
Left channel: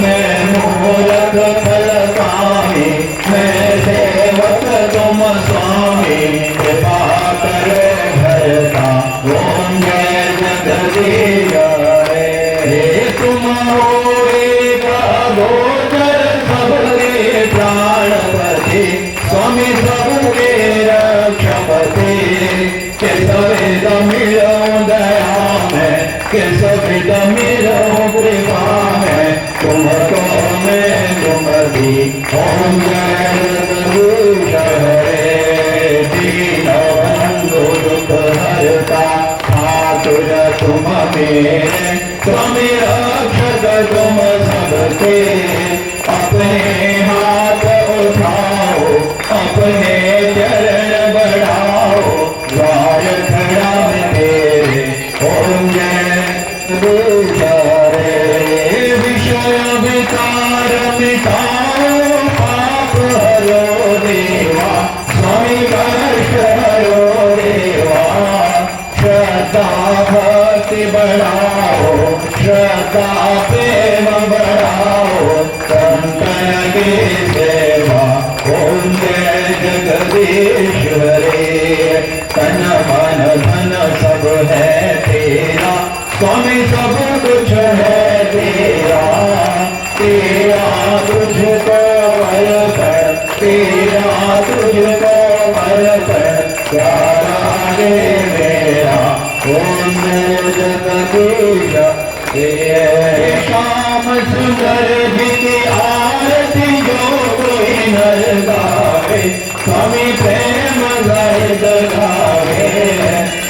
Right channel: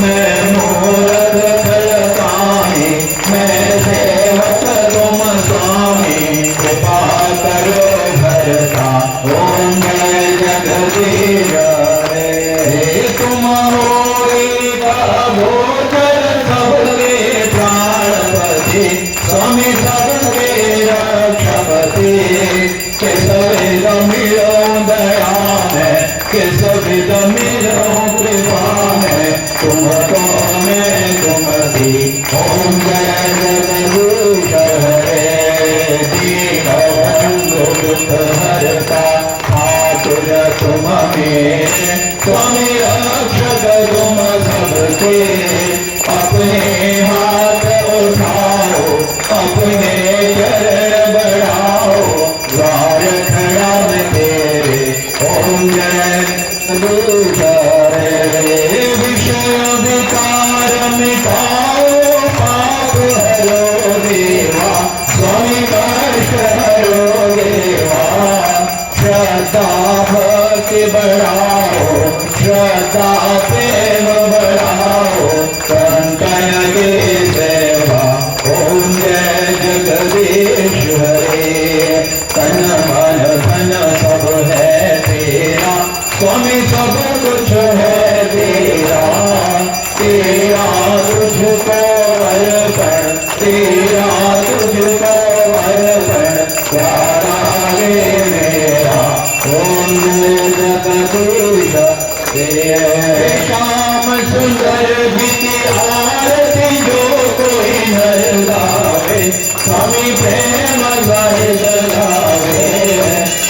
मैं मूर्ख फलकामी मैं सेवक तुम स्वामी कृपा करो भरता ओम जय जगदीश हरे तुम होई गोचर सबके प्राणपति स्वामी सबके रक्षपति किस विध मिलो दया में किस विध मिलो कृपा में तुम तो मैं तुम दी ओम जय जगदीश हरे दीन बंधु दुख हरता ठाकुर तुम मेरे स्वामी रक्षक तुम सबके अपने हाथ उठाओ अपने चरण बढ़ाओ द्वार खड़ा मेरे ओम जय जगदीश रे विषय विकार मिटाओ पाप हरो देवा स्वामी कष्ट हरो देवा श्रद्धा भक्ति बढ़ाओ श्रद्धा प्रेम बढ़ाओ संतन की सेवा ओम जय जगदीश रे तन मन धन सब है तेरा स्वामी सब कुछ है तेरा तेरा तुझको अर्पण तेरा तुझको अर्पण प्यारा गे मेरा ओम जगदीश श्याम सुंदर जी की आरती जो कोई नर गावे स्वामी प्रेम गाए गावे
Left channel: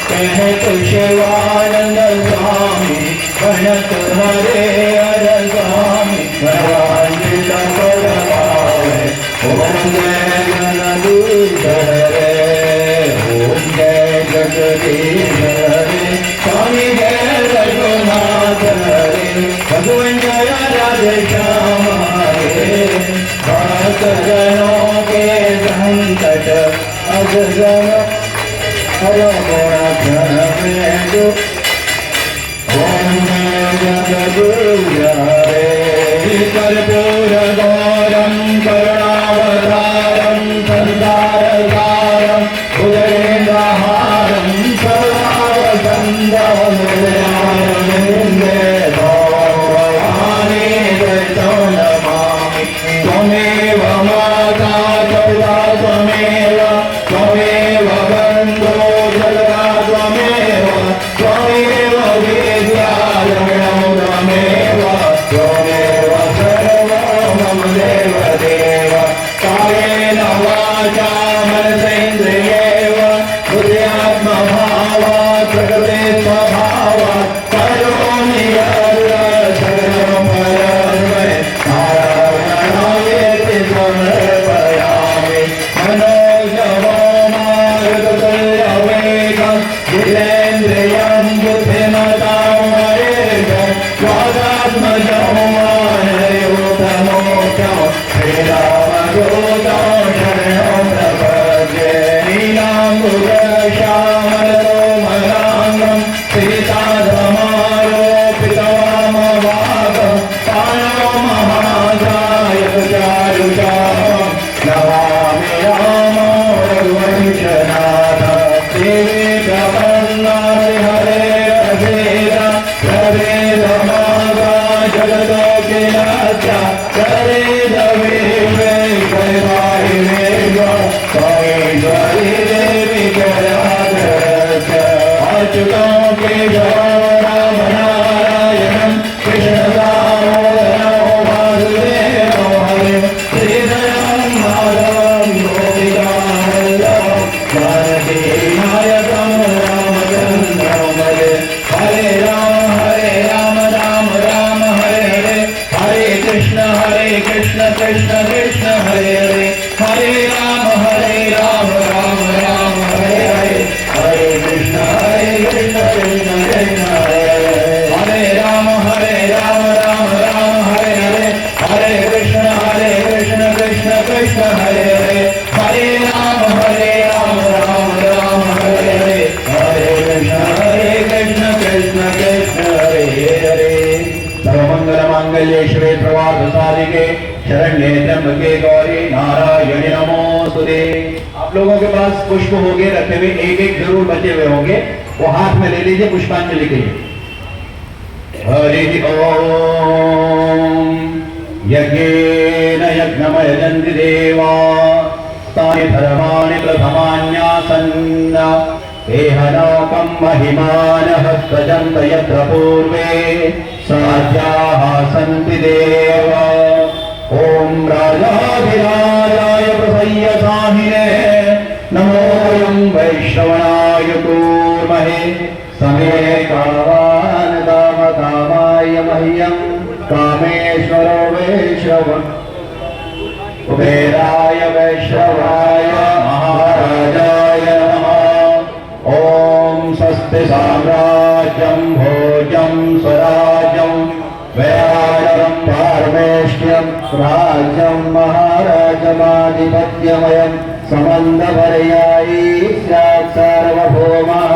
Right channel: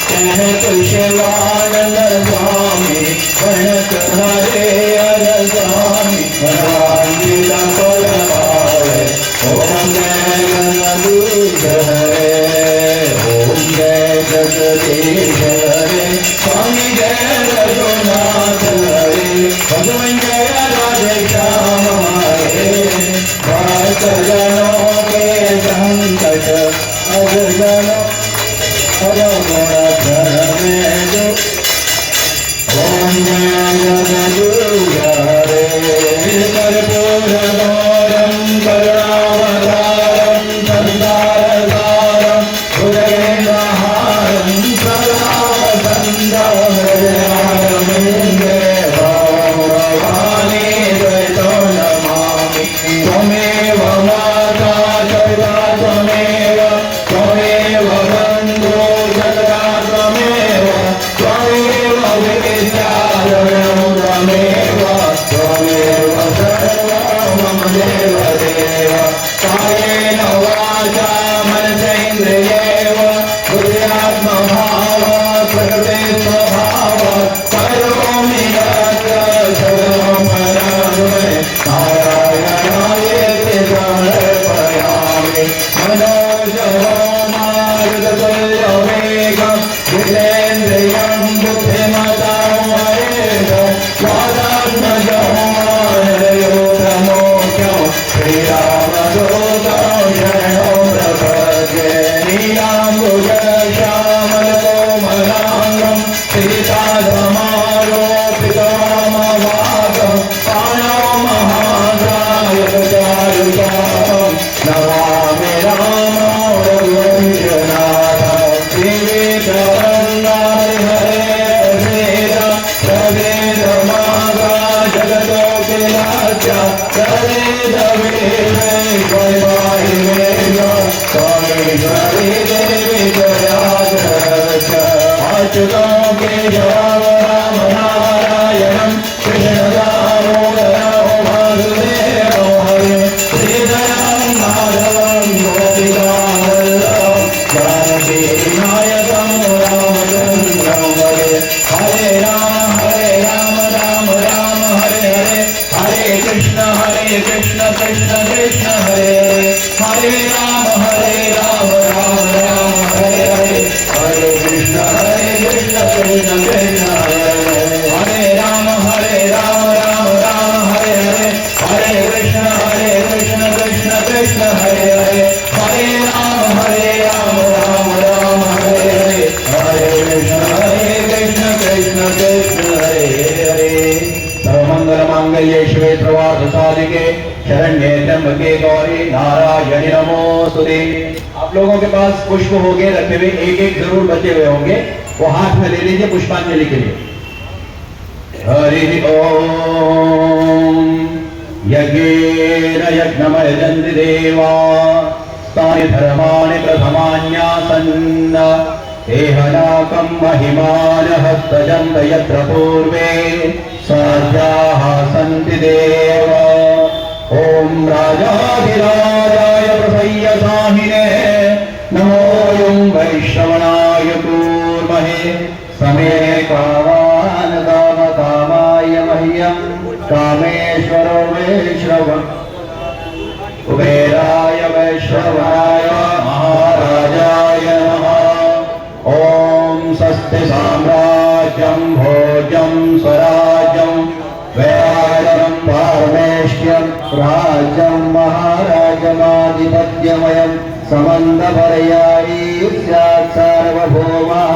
कह कुशवानंद स्वामी गणत हरे हर स्वामी मनवांचित फल पावे ओम जय जगदीश हरे ओम जय जगदीश हरे स्वामी जय रघुनाथ हरे भगवान जय राधे श्याम हरे भक्त जनों के संकट अब जनों हर मोर में जो ओम जय जगदीश हरे कर्पूर गौरम करुणावतारम संसारसारम भुजगेन्द्रहारम सदा वसंतम हृदयारविन्दे भवं भवानी द्वैतो नमामि त्वमेव माता सर्वा त्वमेव त्वमेव बन्धो जगदा त्वमेव त्वमेव विद्यालयं त्वमेव त्वमेव सर्वं मम देवदेव कायेन वाचा मनसेन्द्रियेव बुद्ध्यात्मभावात् प्रकृते स्वभावात् करोमि यत् सकलं परस्मै नारायणायेति समर्पयामि मनोजवमारुततुल्यवेगं जितेन्द्रियं बुद्धिमतां वरेगं स्वादात्मजं मानयोतमोक्षं श्रीरामदूतं शरणं प्रपद्ये नीलाम्बुजश्यामलकोमलाङ्गं सीताधमारोपितवामवागं पाणौ महाकायचारुचापं नमामि रामो रघुवंशनाथं श्रीवेङ्कटरमणाय हरे प्रभेद मागा जगदोऽखिलाख्या स्वामीश्वरी देवी अच्युतों के जो राम नारायणं कृष्ण दामोदरं वासुदेवं हरिं श्रीधरं माधवं गोपिका वल्लभं जानकी नायकं रामचन्द्रं भजे हरे राम राम राम हरे हरे हरे कृष्ण कृष्ण कृष्ण हरे हरे हरे राम राम राम हरे हरे हरे कृष्ण कृष्ण कृष्ण हरे हरे राम राम राम हरे हरे हरे कृष्ण कृष्ण कृष्ण हरे हरे हरे राम राम राम हरे हरे हरे कृष्ण कृष्ण कृष्ण हरे हरे सर्वमंगल मांगल्ये शिवे सर्वार्थ साधिके शरण्ये त्र्यंबके गौरी नारायणी नमोस्तुते। आप लोगों के पास पुष्प होंगे रखे हुए, एक एक जरूर बचे हुए होंगे, वो हाथ में ले लीजिए पुष्पांजलि के लिए। हरि ओम यज्ञेन यज्ञमयजन्ति देवा तानि धर्माणि प्रथमान्यासन् एहनाकं महिमानः सजन्त यत्र पूर्वे साध्याः सन्ति देव। ओम राजाधिराजाय प्रसय्यसाहिने नमोऽयं वैश्रवणाय कूर्महे समे कामान् कामकामाय मह्यं कामेश्वरो वैश्रवण कुबेराय वैश्रवाय महाराजाय नमः। ओम स्वस्ति साम्राज्यं भोजं स्वराज्यं समन्दपर्यायी स्यात् सार्वभौमः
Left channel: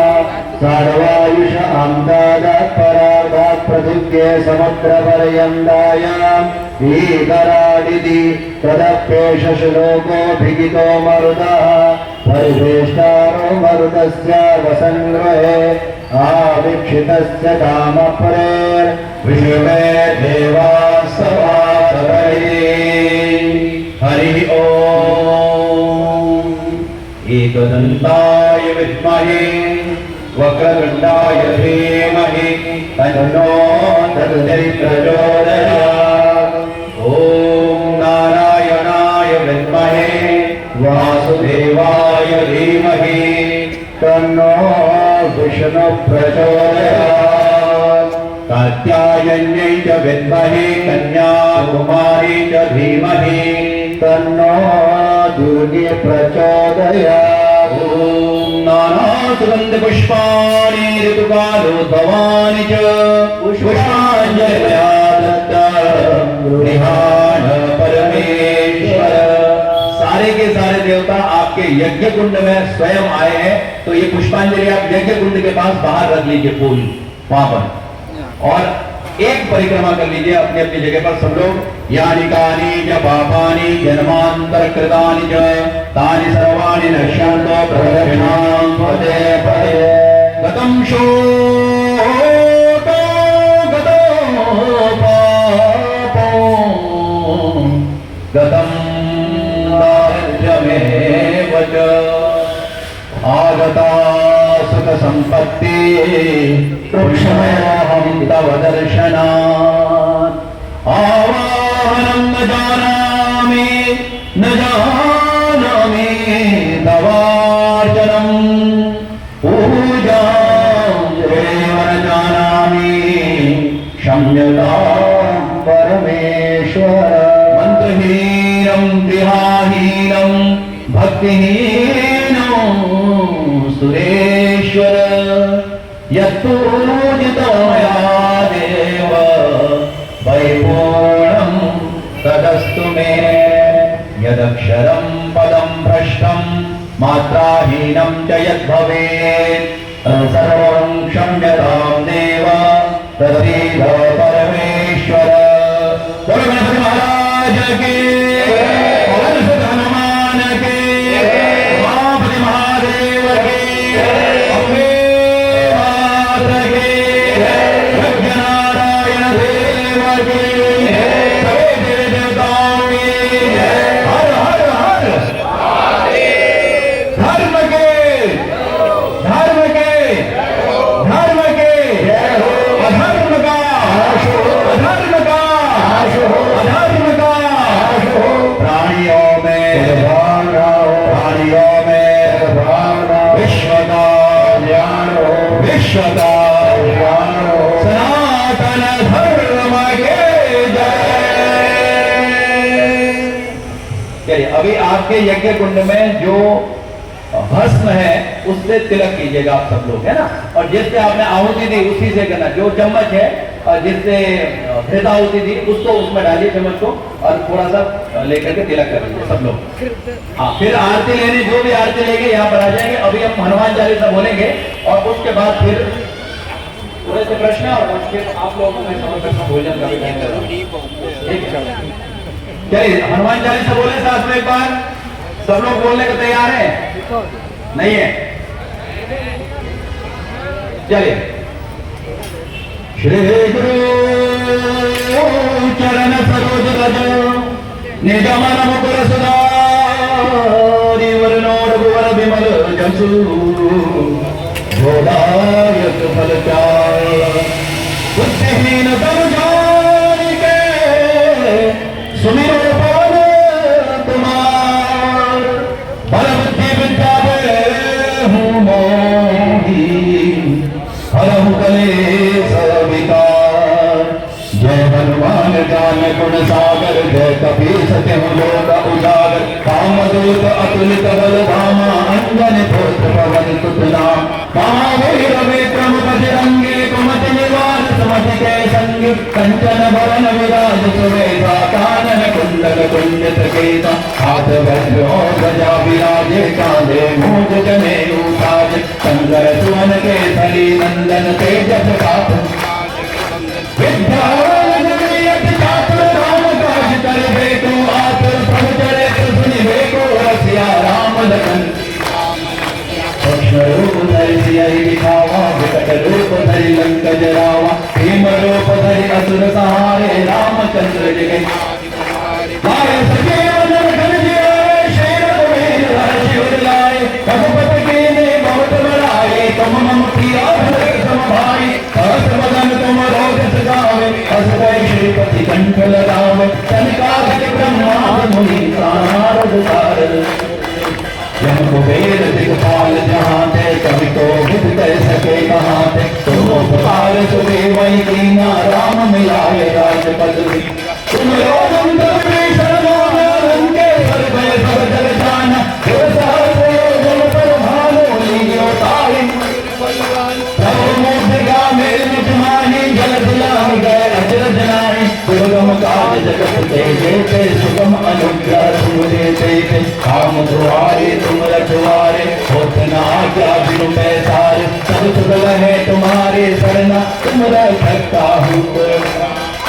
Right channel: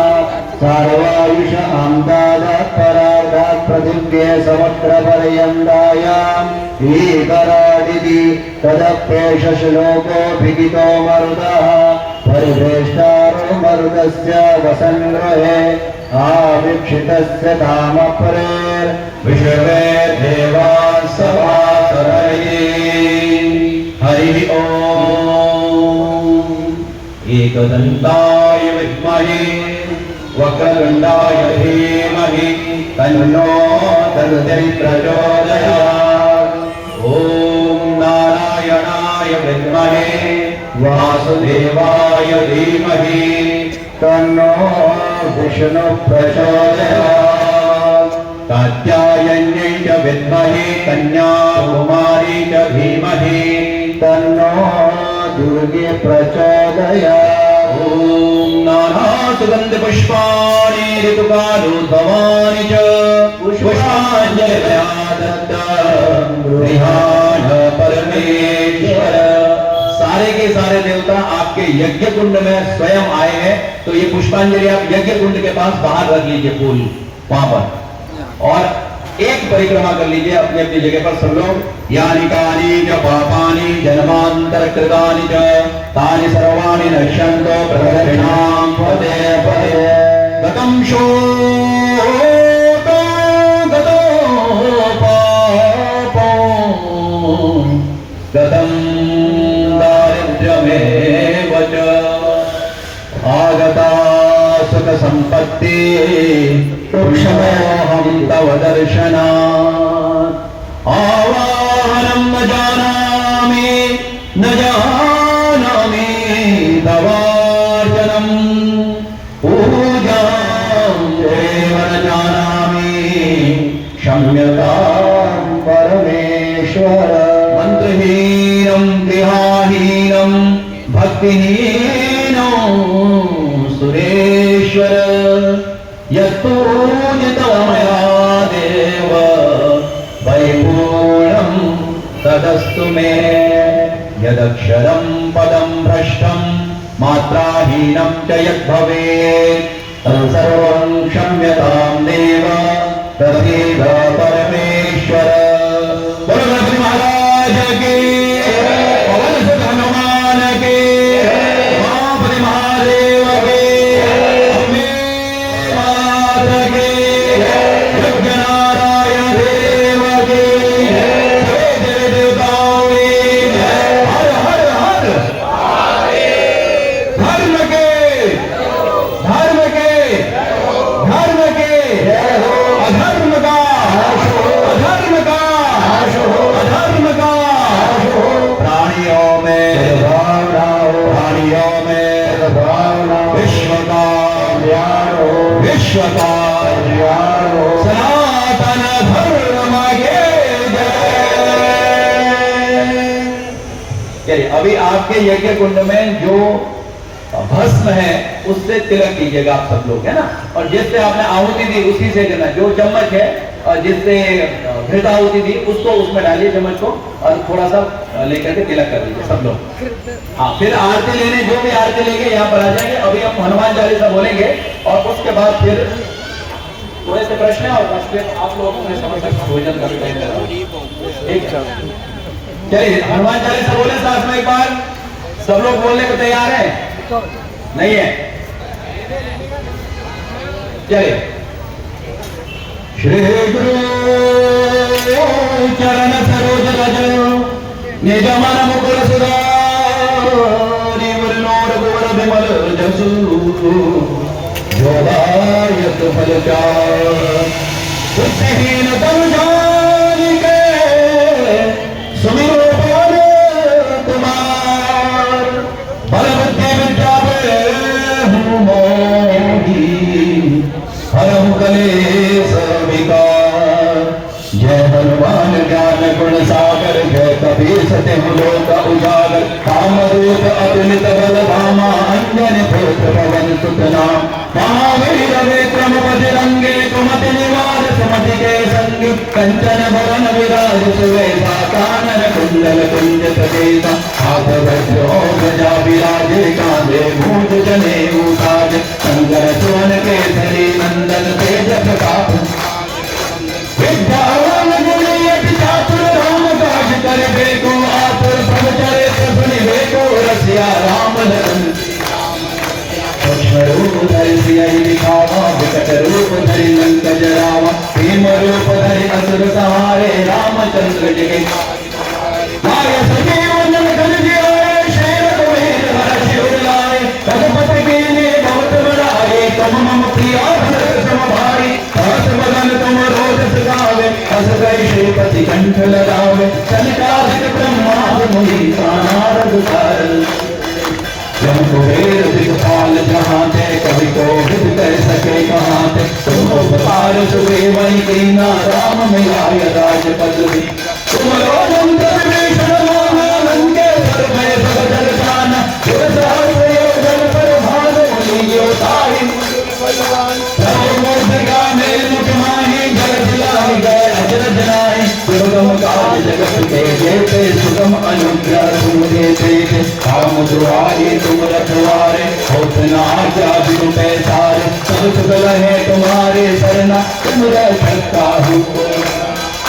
सार्वायुष आम्दादात् परार्धात् पृथिव्ये समुद्रपर्यन्तायाम् ईतरादिति तदप्येष श्लोकोऽभिहितो मरुतः परिवेष्टारो मरुतस्य वसन्गृहे आवीक्षितस्य कामपरेर्विषमे देवाः सभासदैः। हरिः ओम्। एकदन्ताय विद्महे वक्रतुण्डाय धीमहि तन्नो दन्ति प्रचोदयात्। ॐ नारायणाय विद्महे वासुदेवाय धीमहि तन्नो विष्णु प्रचोदयात्। कात्यायन्यै च विद्महे कन्याकुमारी च धीमहि तन्नो दुर्गे प्रचोदयात्। ॐ नानासुगन्धपुष्पाणि ऋतुकालोद्भवानि च पुष्पाञ्जलिर्मया दत्तं गृहाण परमेश्वर। सारे के सारे देवता आपके यज्ञ कुंड में स्वयं आए हैं, तो ये पुष्पांजलि आप यज्ञ कुंड के पास बाहर रख लीजिए फूल वहां पर, और एक परिक्रमा कर लीजिए अपनी अपनी जगह पर सब लोग। यानि कानि च पापानि जन्मांतर कृतानि च तानि सर्वाणि नश्यन्तो प्रदक्षिणां पदे पदे। गतं शोको गतो पापो गतं दारिद्र्यमेव च आगता सुख संपत्ति कृष्णोऽहं तव दर्शनात्। आवाहनं न जानामि तवार्चनं पूजां देव न जानामि क्षम्यतां परमेश्वर। मंत्रहीनं गृहाहीनं भक्तिहीनं सुरेश्वर यत्पूजितं मया देव परिपूर्णं तदस्तु मे। यदक्षरं पदं भ्रष्टं मात्राहीनं च यद्भवेत् तत्सर्वं क्षम्यतां देव तदेव परमेश्वर। बोलो गणपति महाराज के, पवन सुत हनुमान के, उमापति महादेव के, अम्बे माता के, यज्ञनारायण देव के, सभी देवी देवताओं की जय। हर हर हर धर्म के अधर्म का प्राणियों में विश्व का सनातन धर्म के जय। अभी आपके यज्ञ कुंड में जो भस्म है उससे तिलक कीजिएगा आप सब लोग, है ना। और जिससे आपने आहुति दी उसी से करना। जो चम्मच है और जिससे घृत आहुति दी उसको उसमें डालिए चम्मच को, और थोड़ा सा लेकर के तिलक कर लीजिए सब लोग। हाँ, फिर आरती लेने जो भी आरती लेंगे यहाँ पर आ जाएंगे। अभी हम हनुमान चालीसा बोलेंगे और उसके बाद फिर थोड़े से प्रश्न है और बस फिर आप लोगों को मैं समझ सकता हूँ भोजन का भी टाइम कर रहा हूँ। चलिए हनुमान चालीसा बोले साथ में एक बार। सब लोग बोलने को तैयार है? नहीं है? चलिए। श्री गुरु चरण सरोज रज निज मन मुकुर सुधारि वरनोर कुवर विमल जसु गोदायत फल चार बुद्धिहीन तनु जानिके सुमिर पवन कुमार बल बुद्धि विद्या हूँ मोही हरहु कलेश विकार। जय हनुमान ज्ञान गुण सागर जय कपीस तिहु लोक उजागर। कामरूप अतुलित बल धामा अंजन पुत्र पवन सुत नाम। महावीर विक्रम बजरंगी कुमति निवार समझ के संग की कंचन भरण विराज सुवेशा कानन कुंडल कुंडित केसा हाथ वज्र और ध्वजा विराजे कांधे मूंज जनेऊ साज शंकर सुवन केसरी नंदन तेज प्रताप विद्यावान गुणी अति चातुर राम काज करिबे को आतुर प्रभु चरित सुनिबे को रसिया राम लखन रूप धरि सियहि दिखावा विकट रूप धरि लंक जरावा भीम रूप धरि असुर सहारे रामचंद्र जय लाए सजीवन घन जियाए शेर वीर हर्षि उर लाए रघुपति कीन्हे बहुत बड़ाई तुम मम प्रिय सम भाई हस बदन तुम रोज सगावे हस गए श्रीपति कंठ लगावे संकालिक ब्रह्मांड मुनि नारद सारद जन कुबेर दिगपाल जहाँ थे कभी को विद कर सके कहाँ थे तुम उपकार सुग्रीवहि कीना राम मिलाय राजपद तुम लोग भीषण मोहा लंकेश्वर भय सब जल जाना जन पर भालो लियो ताहि प्रभु मूर्तिका मेल मुख माहि जल दिलाहि गए अजरज नाहि दुर्गम काज जगत के जेते सुगम अनुग्रह तुम देते काम द्वारे तुम रखवारे होत न आज्ञा बिनु पैसारे सब सुख रहे तुम्हारे शरणा तुम रखता हूँ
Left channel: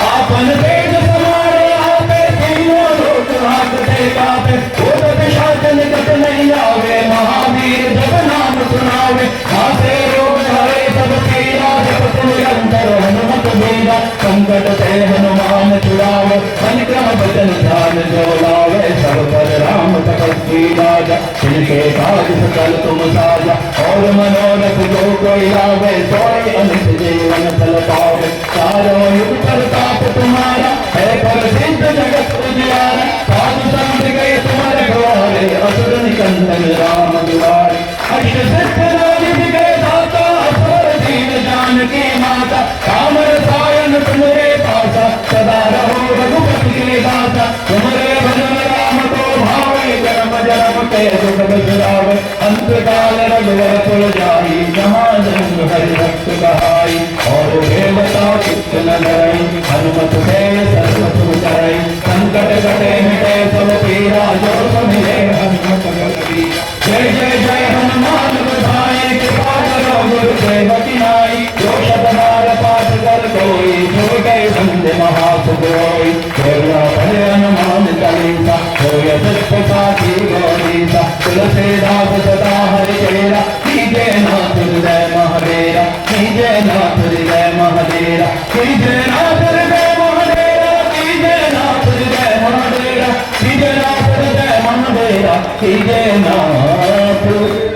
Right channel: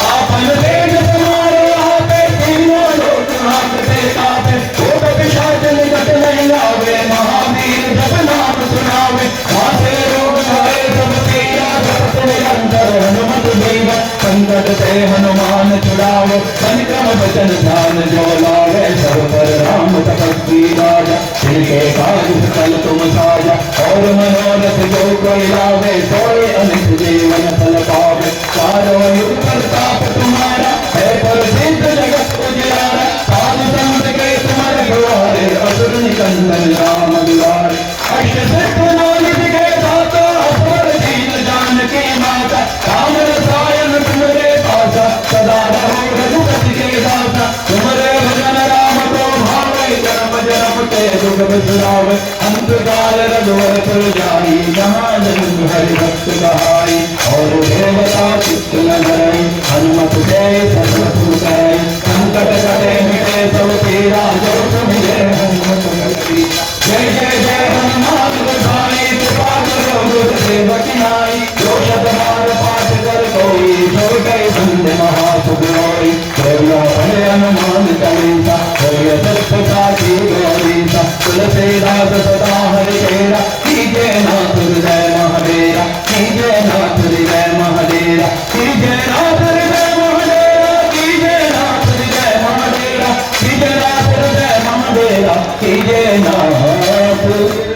आपन तेज तुम्हारे आपे तीनों लोक हाथते कापे भूत पिशाच निकट नहीं आवे महावीर जब नाम सुनावे हाथे रोग हरे सब पीरा जपत निरंतर हनुमत बीरा संकट से हनुमान छुड़ावे संक्रम बचन ध्यान जो लावे सब पर राम तपस्वी राजा तिनके काज सकल तुम साजा और मनोरथ जो कोई लावे सोए अमित जीवन फल पावे चारों युग प्रताप तुम्हारा है प्रसिद्ध जगत उजियारा साधु संत के तुम रखवारे असुर निकंदन राम दुलारे अष्ट सिद्ध नवनिधि के दाता असुर दीन जानकी माता राम रसायन तुम्हारे पासा सदा रहो रघुपति के दाता तुम्हारे भजन राम को भावे जन्म जन्म के दुख बिसरावे अंत काल रघुवर पुर जाई जहाँ जन्म हरि भक्त कहाई और देवता चित्त न धरई हनुमत से सर्व सुख करई संकट कटे मिटे सब पीरा जो समिले हनुमत गति जय जय जय हनुमान गोसाई कृपा करो गुरु सेवक नाई जो शतबार पाठ कर कोई छोटे बंद महासुख रोई छोड़ो पढ़े हनुमान चालीसा होय सत्य साखी गौरीसा तुलसीदास सदा हरि केरा कीजे नाथ हृदय महादेरा कीजे नाथ हृदय महादेरा कीजे नाथ हृदय महादेरा कीजे नाथ हृदय महादेरा कीजे नाथ हृदय महादेरा कीजे नाथ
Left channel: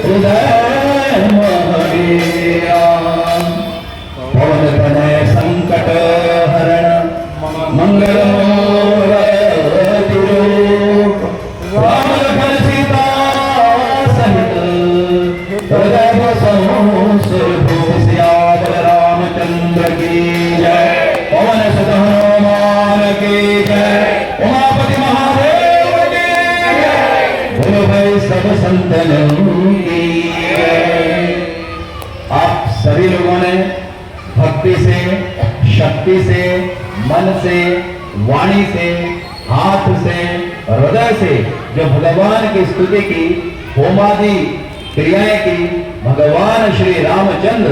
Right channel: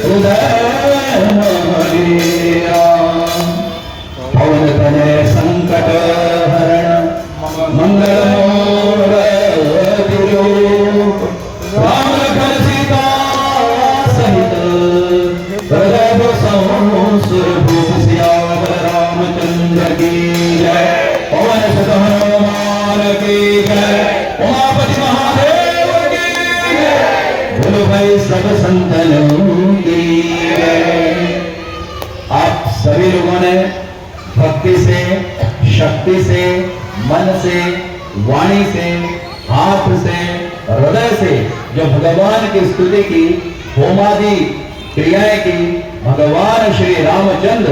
हृदय महादेरा पवन तनय संकट हरण मंगल मूर्ति रूप राम लखन सीता सहित भरत श्याम रामचंद्र की जय पवन सुत हनुमान की जय उमापति महादेव की जय गुरु भाई सब संतन की जय। आप सभी लोगों ने भक्ति से शक्ति से मन से वाणी से हाथ से हृदय से जो भगवान की स्तुति की होमादि क्रियाएं की भगवान श्री रामचंद्र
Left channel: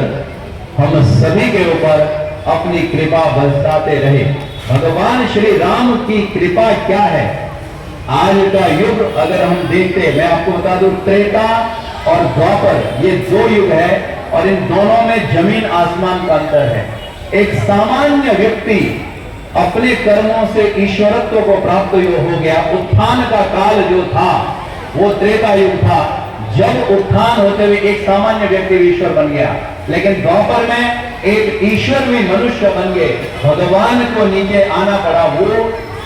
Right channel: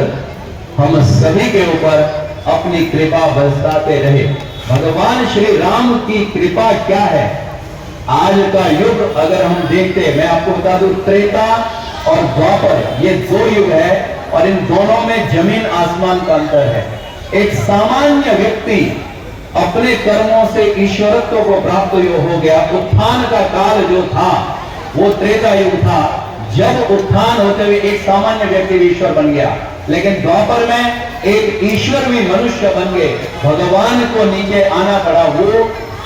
हम सभी के ऊपर अपनी कृपा बरसाते रहे। भगवान श्री राम की कृपा क्या है? आज का युग अगर हम देखते, मैं आपको बता दूं, त्रेता और द्वापर ये दो युग है और इन दोनों में जमीन आसमान का अंतर है। एक सामान्य व्यक्ति अपने कर्मों से ईश्वरत्व को प्राप्त हो गया। उत्थान का काल जो था वो त्रेता युग था, जब उत्थान होते हुए एक सामान्य व्यक्ति ईश्वर बन गया। लेकिन द्वापर में एक ईश्वर भी मनुष्य बन गए, भगवान को नीचे आना पड़ा, वो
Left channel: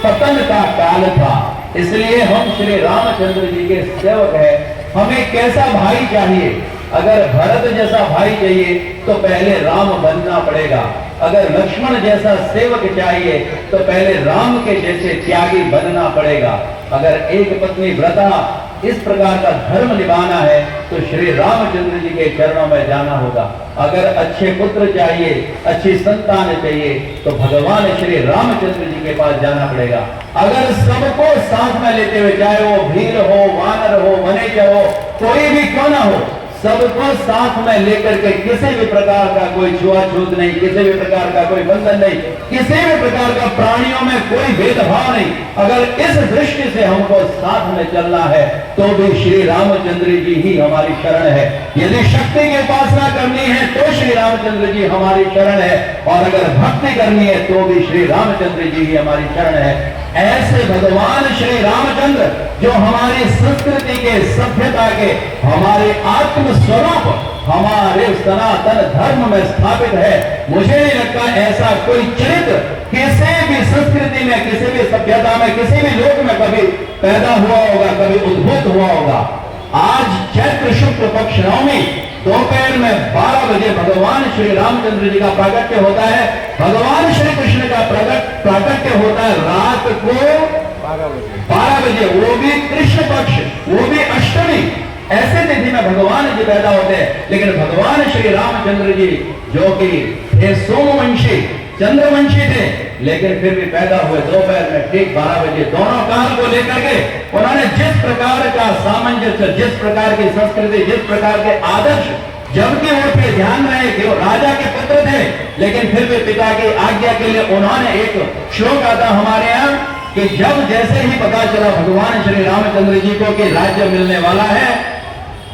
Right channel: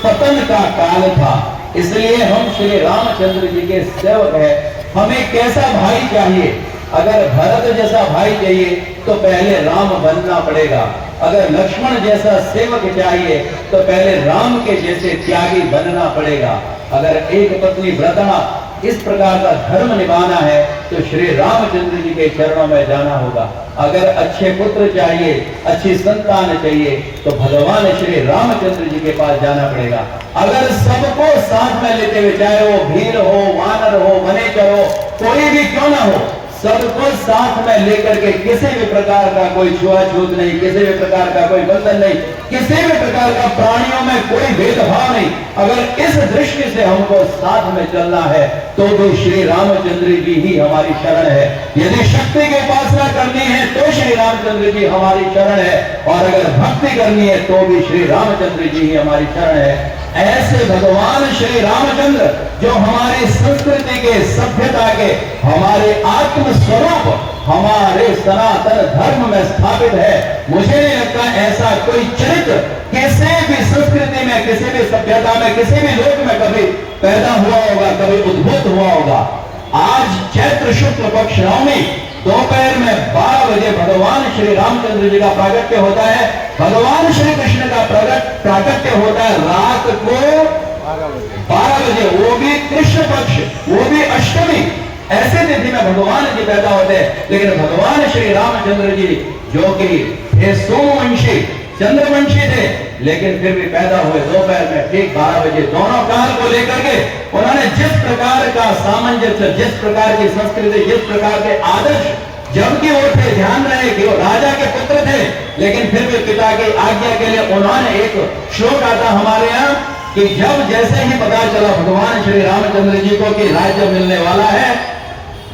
पतन का काल था। इसलिए हम श्री रामचंद्र जी के सेवक हैं। हमें कैसा भाई चाहिए? अगर भरत जैसा भाई चाहिए तो पहले राम बनना पड़ेगा। अगर लक्ष्मण जैसा सेवक चाहिए तो पहले राम के जैसे त्यागी बनना पड़ेगा। अगर एक पत्नी व्रता इस प्रकार का धर्म निभाना है तो श्री रामचंद्र जी के चरणों में जाना होगा। अगर अच्छे पुत्र चाहिए, अच्छी संतान चाहिए तो भगवान श्री रामचंद्र जी के पास जाना पड़ेगा। अगर सबको साथ में लेते हुए, चाहे वो भील हो, वानर हो, वनेचर हो, कोई भी क्यों ना हो, सबको साथ में लेकर के किसी भी प्रकार का कोई छुआछूत नहीं, किसी भी प्रकार का कोई बंधन नहीं, किसी भी प्रकार का प्राणियों में कोई भेदभाव नहीं, अगर इस दृष्टि से हमको साथ में चलना है तो भी श्री रामचंद्र जी ही हमारी शरण है। यदि शक्ति की उपासना करनी है तो श्री रामचंद्र जी हमारी शरण है, और अगर भक्ति करनी है तो भी श्री रामचंद्र जी ही हमारी शरण है। ऐसे भगवान श्री रामचंद्र जो हमारी संस्कृति के, सभ्यता के, हमारे आत्म स्वरूप, हमारे सनातन धर्म में स्थापित है। मुझे नहीं लगता ऐसा कोई चरित्र किसी भी संस्कृति में, किसी भी सभ्यता में, किसी भी लोक में कभी पैदा हुआ होगा, कभी उद्भूत हुआ होगा। आज चैत्र शुक्ल पक्ष नवमी दोपहर में 12 बजे भगवान श्री रामचंद्र जी का प्राकट्य होता है। भगवान श्री कृष्ण का प्राकट्य होता है रात को 12 बजे, वो भी कृष्ण पक्ष, वो भी अष्टमी। ऐसे तिथि में भगवान जी पैदा होते हैं। लेकिन भगवान श्री रामचंद्र जी जो कि थे सोमवंशी, चंद्रवंशी थे, लेकिन फिर भी पैदा हुए दोपहर में ठीक 12 बजे। दोनों काल को लेकर के उन्होंने जिस प्रकार का सामंजस्य, जिस प्रकार की संस्कृति, जिस प्रकार के आदर्श, जबकि वो थे, ध्यान रहे कि वो राजा के पुत्र थे, लेकिन फिर भी पिता की आज्ञा के लिए उन्होंने, एक श्लोक आता हमारे यहाँ कि जब जैसे ही पता चला भगवान श्री रामचंद्र जी को कि राज्य मिलने वाला है,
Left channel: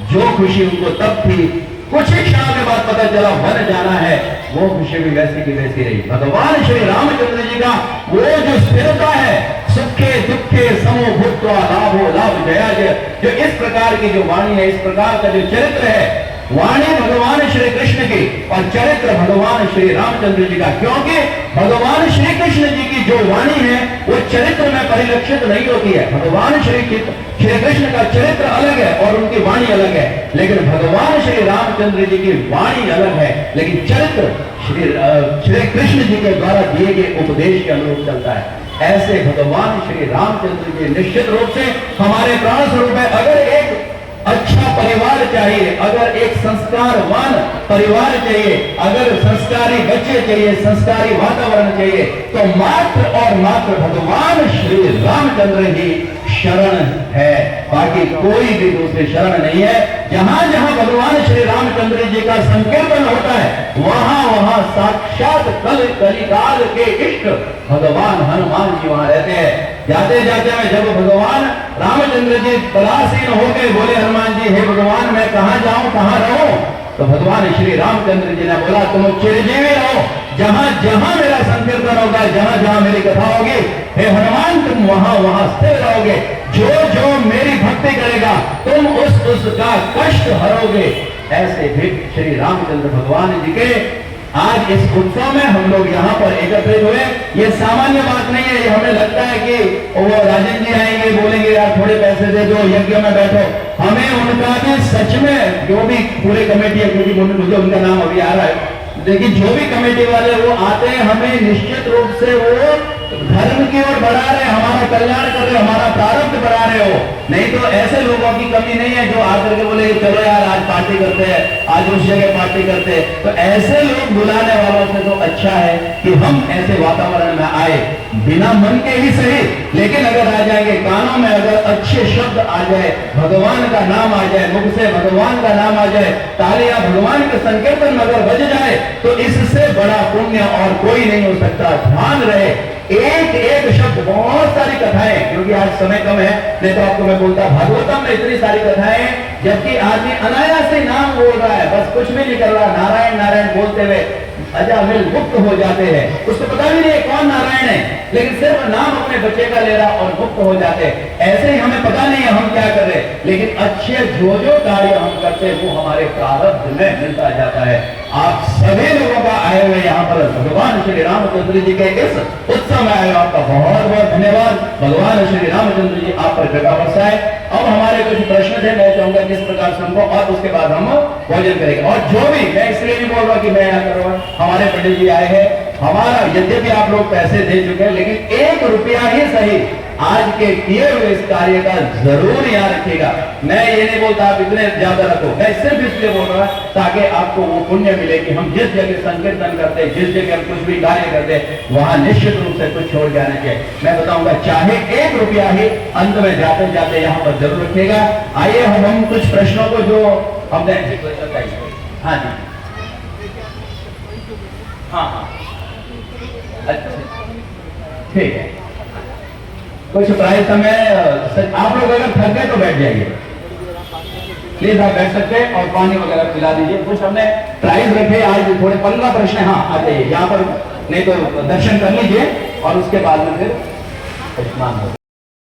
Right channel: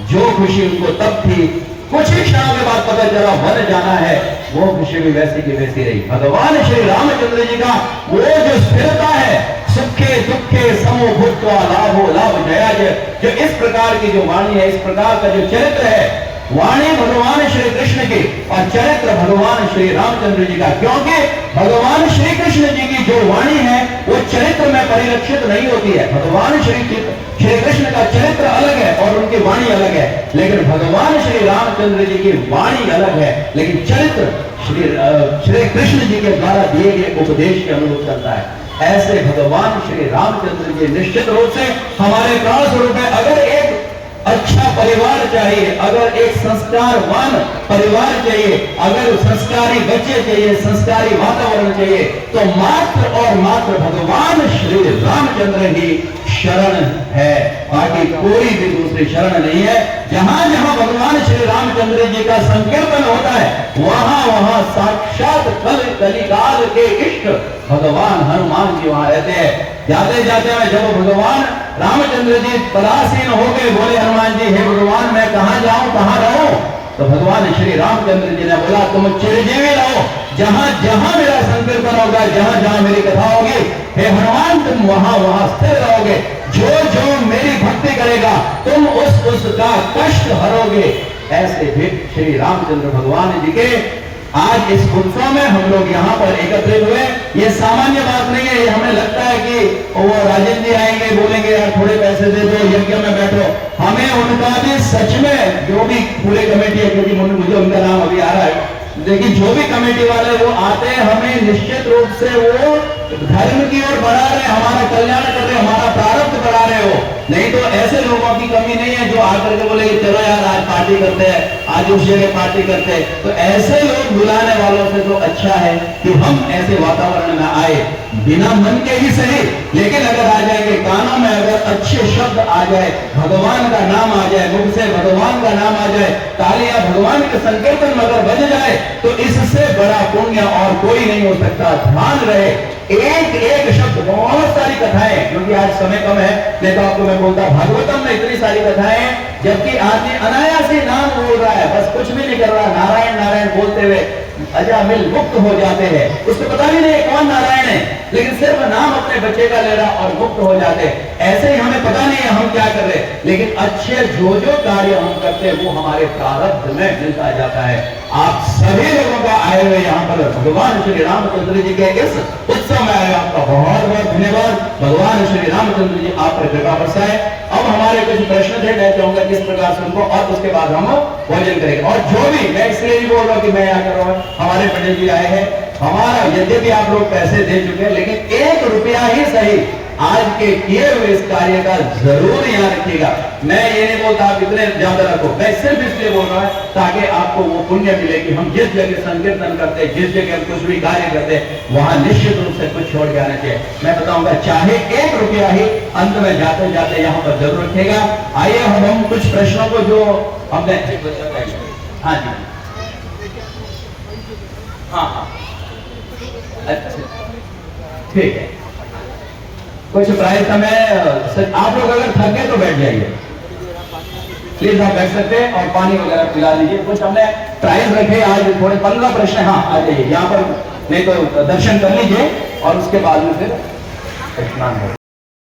जो खुशी उनको तब थी, कुछ ही क्षण के बाद पता चला वन जाना है, वो खुशी भी वैसी की वैसी रही। भगवान श्री रामचंद्र जी का वो जो स्थिरता है, सुखे दुखे समो भूत्वा लाभो लाभ जया जय, जो इस प्रकार की जो वाणी है, इस प्रकार का जो चरित्र है, वाणी भगवान श्री कृष्ण की और चरित्र भगवान श्री रामचंद्र जी का। क्योंकि भगवान श्री कृष्ण जी की जो वाणी है वो चरित्र में परिलक्षित नहीं होती है। भगवान श्री कृष्ण का चरित्र अलग है और उनकी वाणी अलग है, लेकिन भगवान श्री रामचंद्र जी की वाणी अलग है, लेकिन चरित्र श्री कृष्ण जी के द्वारा दिए गए उपदेश के अनुरूप चलता है। ऐसे भगवान श्री रामचंद्र जी निश्चित रूप से हमारे प्राण स्वरूप है। अगर एक अच्छा परिवार चाहिए, अगर एक संस्कारवान परिवार चाहिए, अगर संस्कारी बच्चे चाहिए, संस्कारी वातावरण चाहिए, तो मात्र और मात्र भगवान श्री रामचंद्र ही शरण है, बाकी कोई भी दूसरी शरण नहीं है। जहां जहां भगवान श्री रामचंद्र जी का संकीर्तन होता है, वहां वहां साक्षात कलिकाल के इष्ट भगवान हनुमान जी वहां रहते हैं। जाते जाते में जब भगवान रामचंद्र जी परासीन हो गए, बोले हनुमान जी, हे भगवान मैं कहां जाऊं, कहां रहूं? तो भगवान श्री रामचंद्र जी ने बोला, तुम चिरंजीवी रहो, जहां जहां मेरा संकीर्तन होगा, जहां जहां मेरी कथा होगी, हे हनुमान तुम वहां वहां स्थिर रहोगे। जो जो मेरी भक्ति करेगा तुम उसका कष्ट हरोगे। ऐसे भी श्री रामचंद्र भगवान जी के आज इस उत्सव में हम लोग यहाँ पर एकत्रित हुए। ये सामान्य बात नहीं है। ये हमें लगता है कि वो राजेंद्र जी आएंगे, बोलेंगे यार थोड़े पैसे दे दो, यज्ञ में बैठो। हमें उनका भी सच में, जो भी पूरी कमेटी है, क्योंकि मुझे उनका नाम अभी आ रहा है, लेकिन जो भी कमेटी वाले वो आते हैं, हमें निश्चित रूप से वो धर्म की ओर बढ़ा रहे, हमारा कल्याण कर रहे, हमारा प्रारब्ध बढ़ा रहे हो। नहीं तो ऐसे लोगों की कमी नहीं है जो आकर के बोले चलो यार आज पार्टी करते हैं, आज उस जगह पार्टी करते हैं। तो ऐसे लोग बुलाने वालों से तो अच्छा है कि हम ऐसे वातावरण में आए, बिना मन के ही सही, लेकिन अगर आ जाएंगे कानों में, अगर अच्छे शब्द आ जाए, भगवान का नाम आ जाए, मुख से भगवान का नाम आ जाए, तालियां भगवान के संकीर्तन में अगर बज जाए, तो इससे बड़ा पुण्य और कोई नहीं हो सकता। ध्यान रहे, एक एक शब्द, बहुत सारी कथाएं, क्योंकि आज समय कम है, नहीं तो आपको मैं बोलता भागवतम में इतनी सारी कथाएं, जबकि आदमी अनायास ही नाम बोल रहा है, बस कुछ भी नहीं कर रहा, नारायण नारायण बोलते हुए अजामिल मुक्त हो जाते हैं। उसको पता भी नहीं कौन नारायण है, लेकिन सिर्फ नाम अपने बच्चे का ले रहा और मुक्त हो जाते हैं। ऐसे ही हमें पता नहीं है हम क्या कर रहे, लेकिन अच्छे जो जो कार्य हम करते हैं वो हमारे प्रारब्ध में मिलता जाता है। आप सभी लोगों का आए हुए यहाँ पर भगवान श्री रामचंद्र जी के इस उत्सव में आए, आपका बहुत बहुत धन्यवाद। भगवान श्री रामचंद्र जी आप पर कृपा बरसाए। अब हमारे कुछ प्रश्न थे, मैं चाहूंगा किस प्रकार से उनको, और उसके बाद हम भोजन करेंगे। और जो भी, मैं इसलिए नहीं बोल रहा कि मैं यहाँ कर रहा हूँ, हमारे पंडित जी आए हैं, हमारा यद्यपि आप लोग पैसे दे चुके हैं, लेकिन 1 रुपया ही सही आज आज के किए हुए इस कार्य का जरूर याद रखिएगा। मैं ये नहीं बोलता आप इतने ज्यादा रखो, मैं सिर्फ इसलिए बोल रहा ताकि आपको वो पुण्य मिले कि हम जिस जगह संकीर्तन करते, जिस जगह कुछ भी कार्य करते, वहां निश्चित रूप से कुछ छोड़ के आना चाहिए। मैं बताऊंगा चाहे 1 रुपया ही अंत में जाते जाते यहाँ पर जरूर रखेगा। आइए हम कुछ प्रश्नों को जो हमने, हाँ जी, हाँ हाँ, अच्छा ठीक है। कुछ प्राइस हमें, आप लोग अगर थक गए तो बैठ जाइए, प्लीज आप बैठ सकते हैं और पानी वगैरह पिला दीजिए। कुछ हमने प्राइस रखे आज, थोड़े 15 प्रश्न। हाँ आ जाइए यहाँ पर, नहीं तो दर्शन कर लीजिए और उसके बाद में फिर स्नान करें।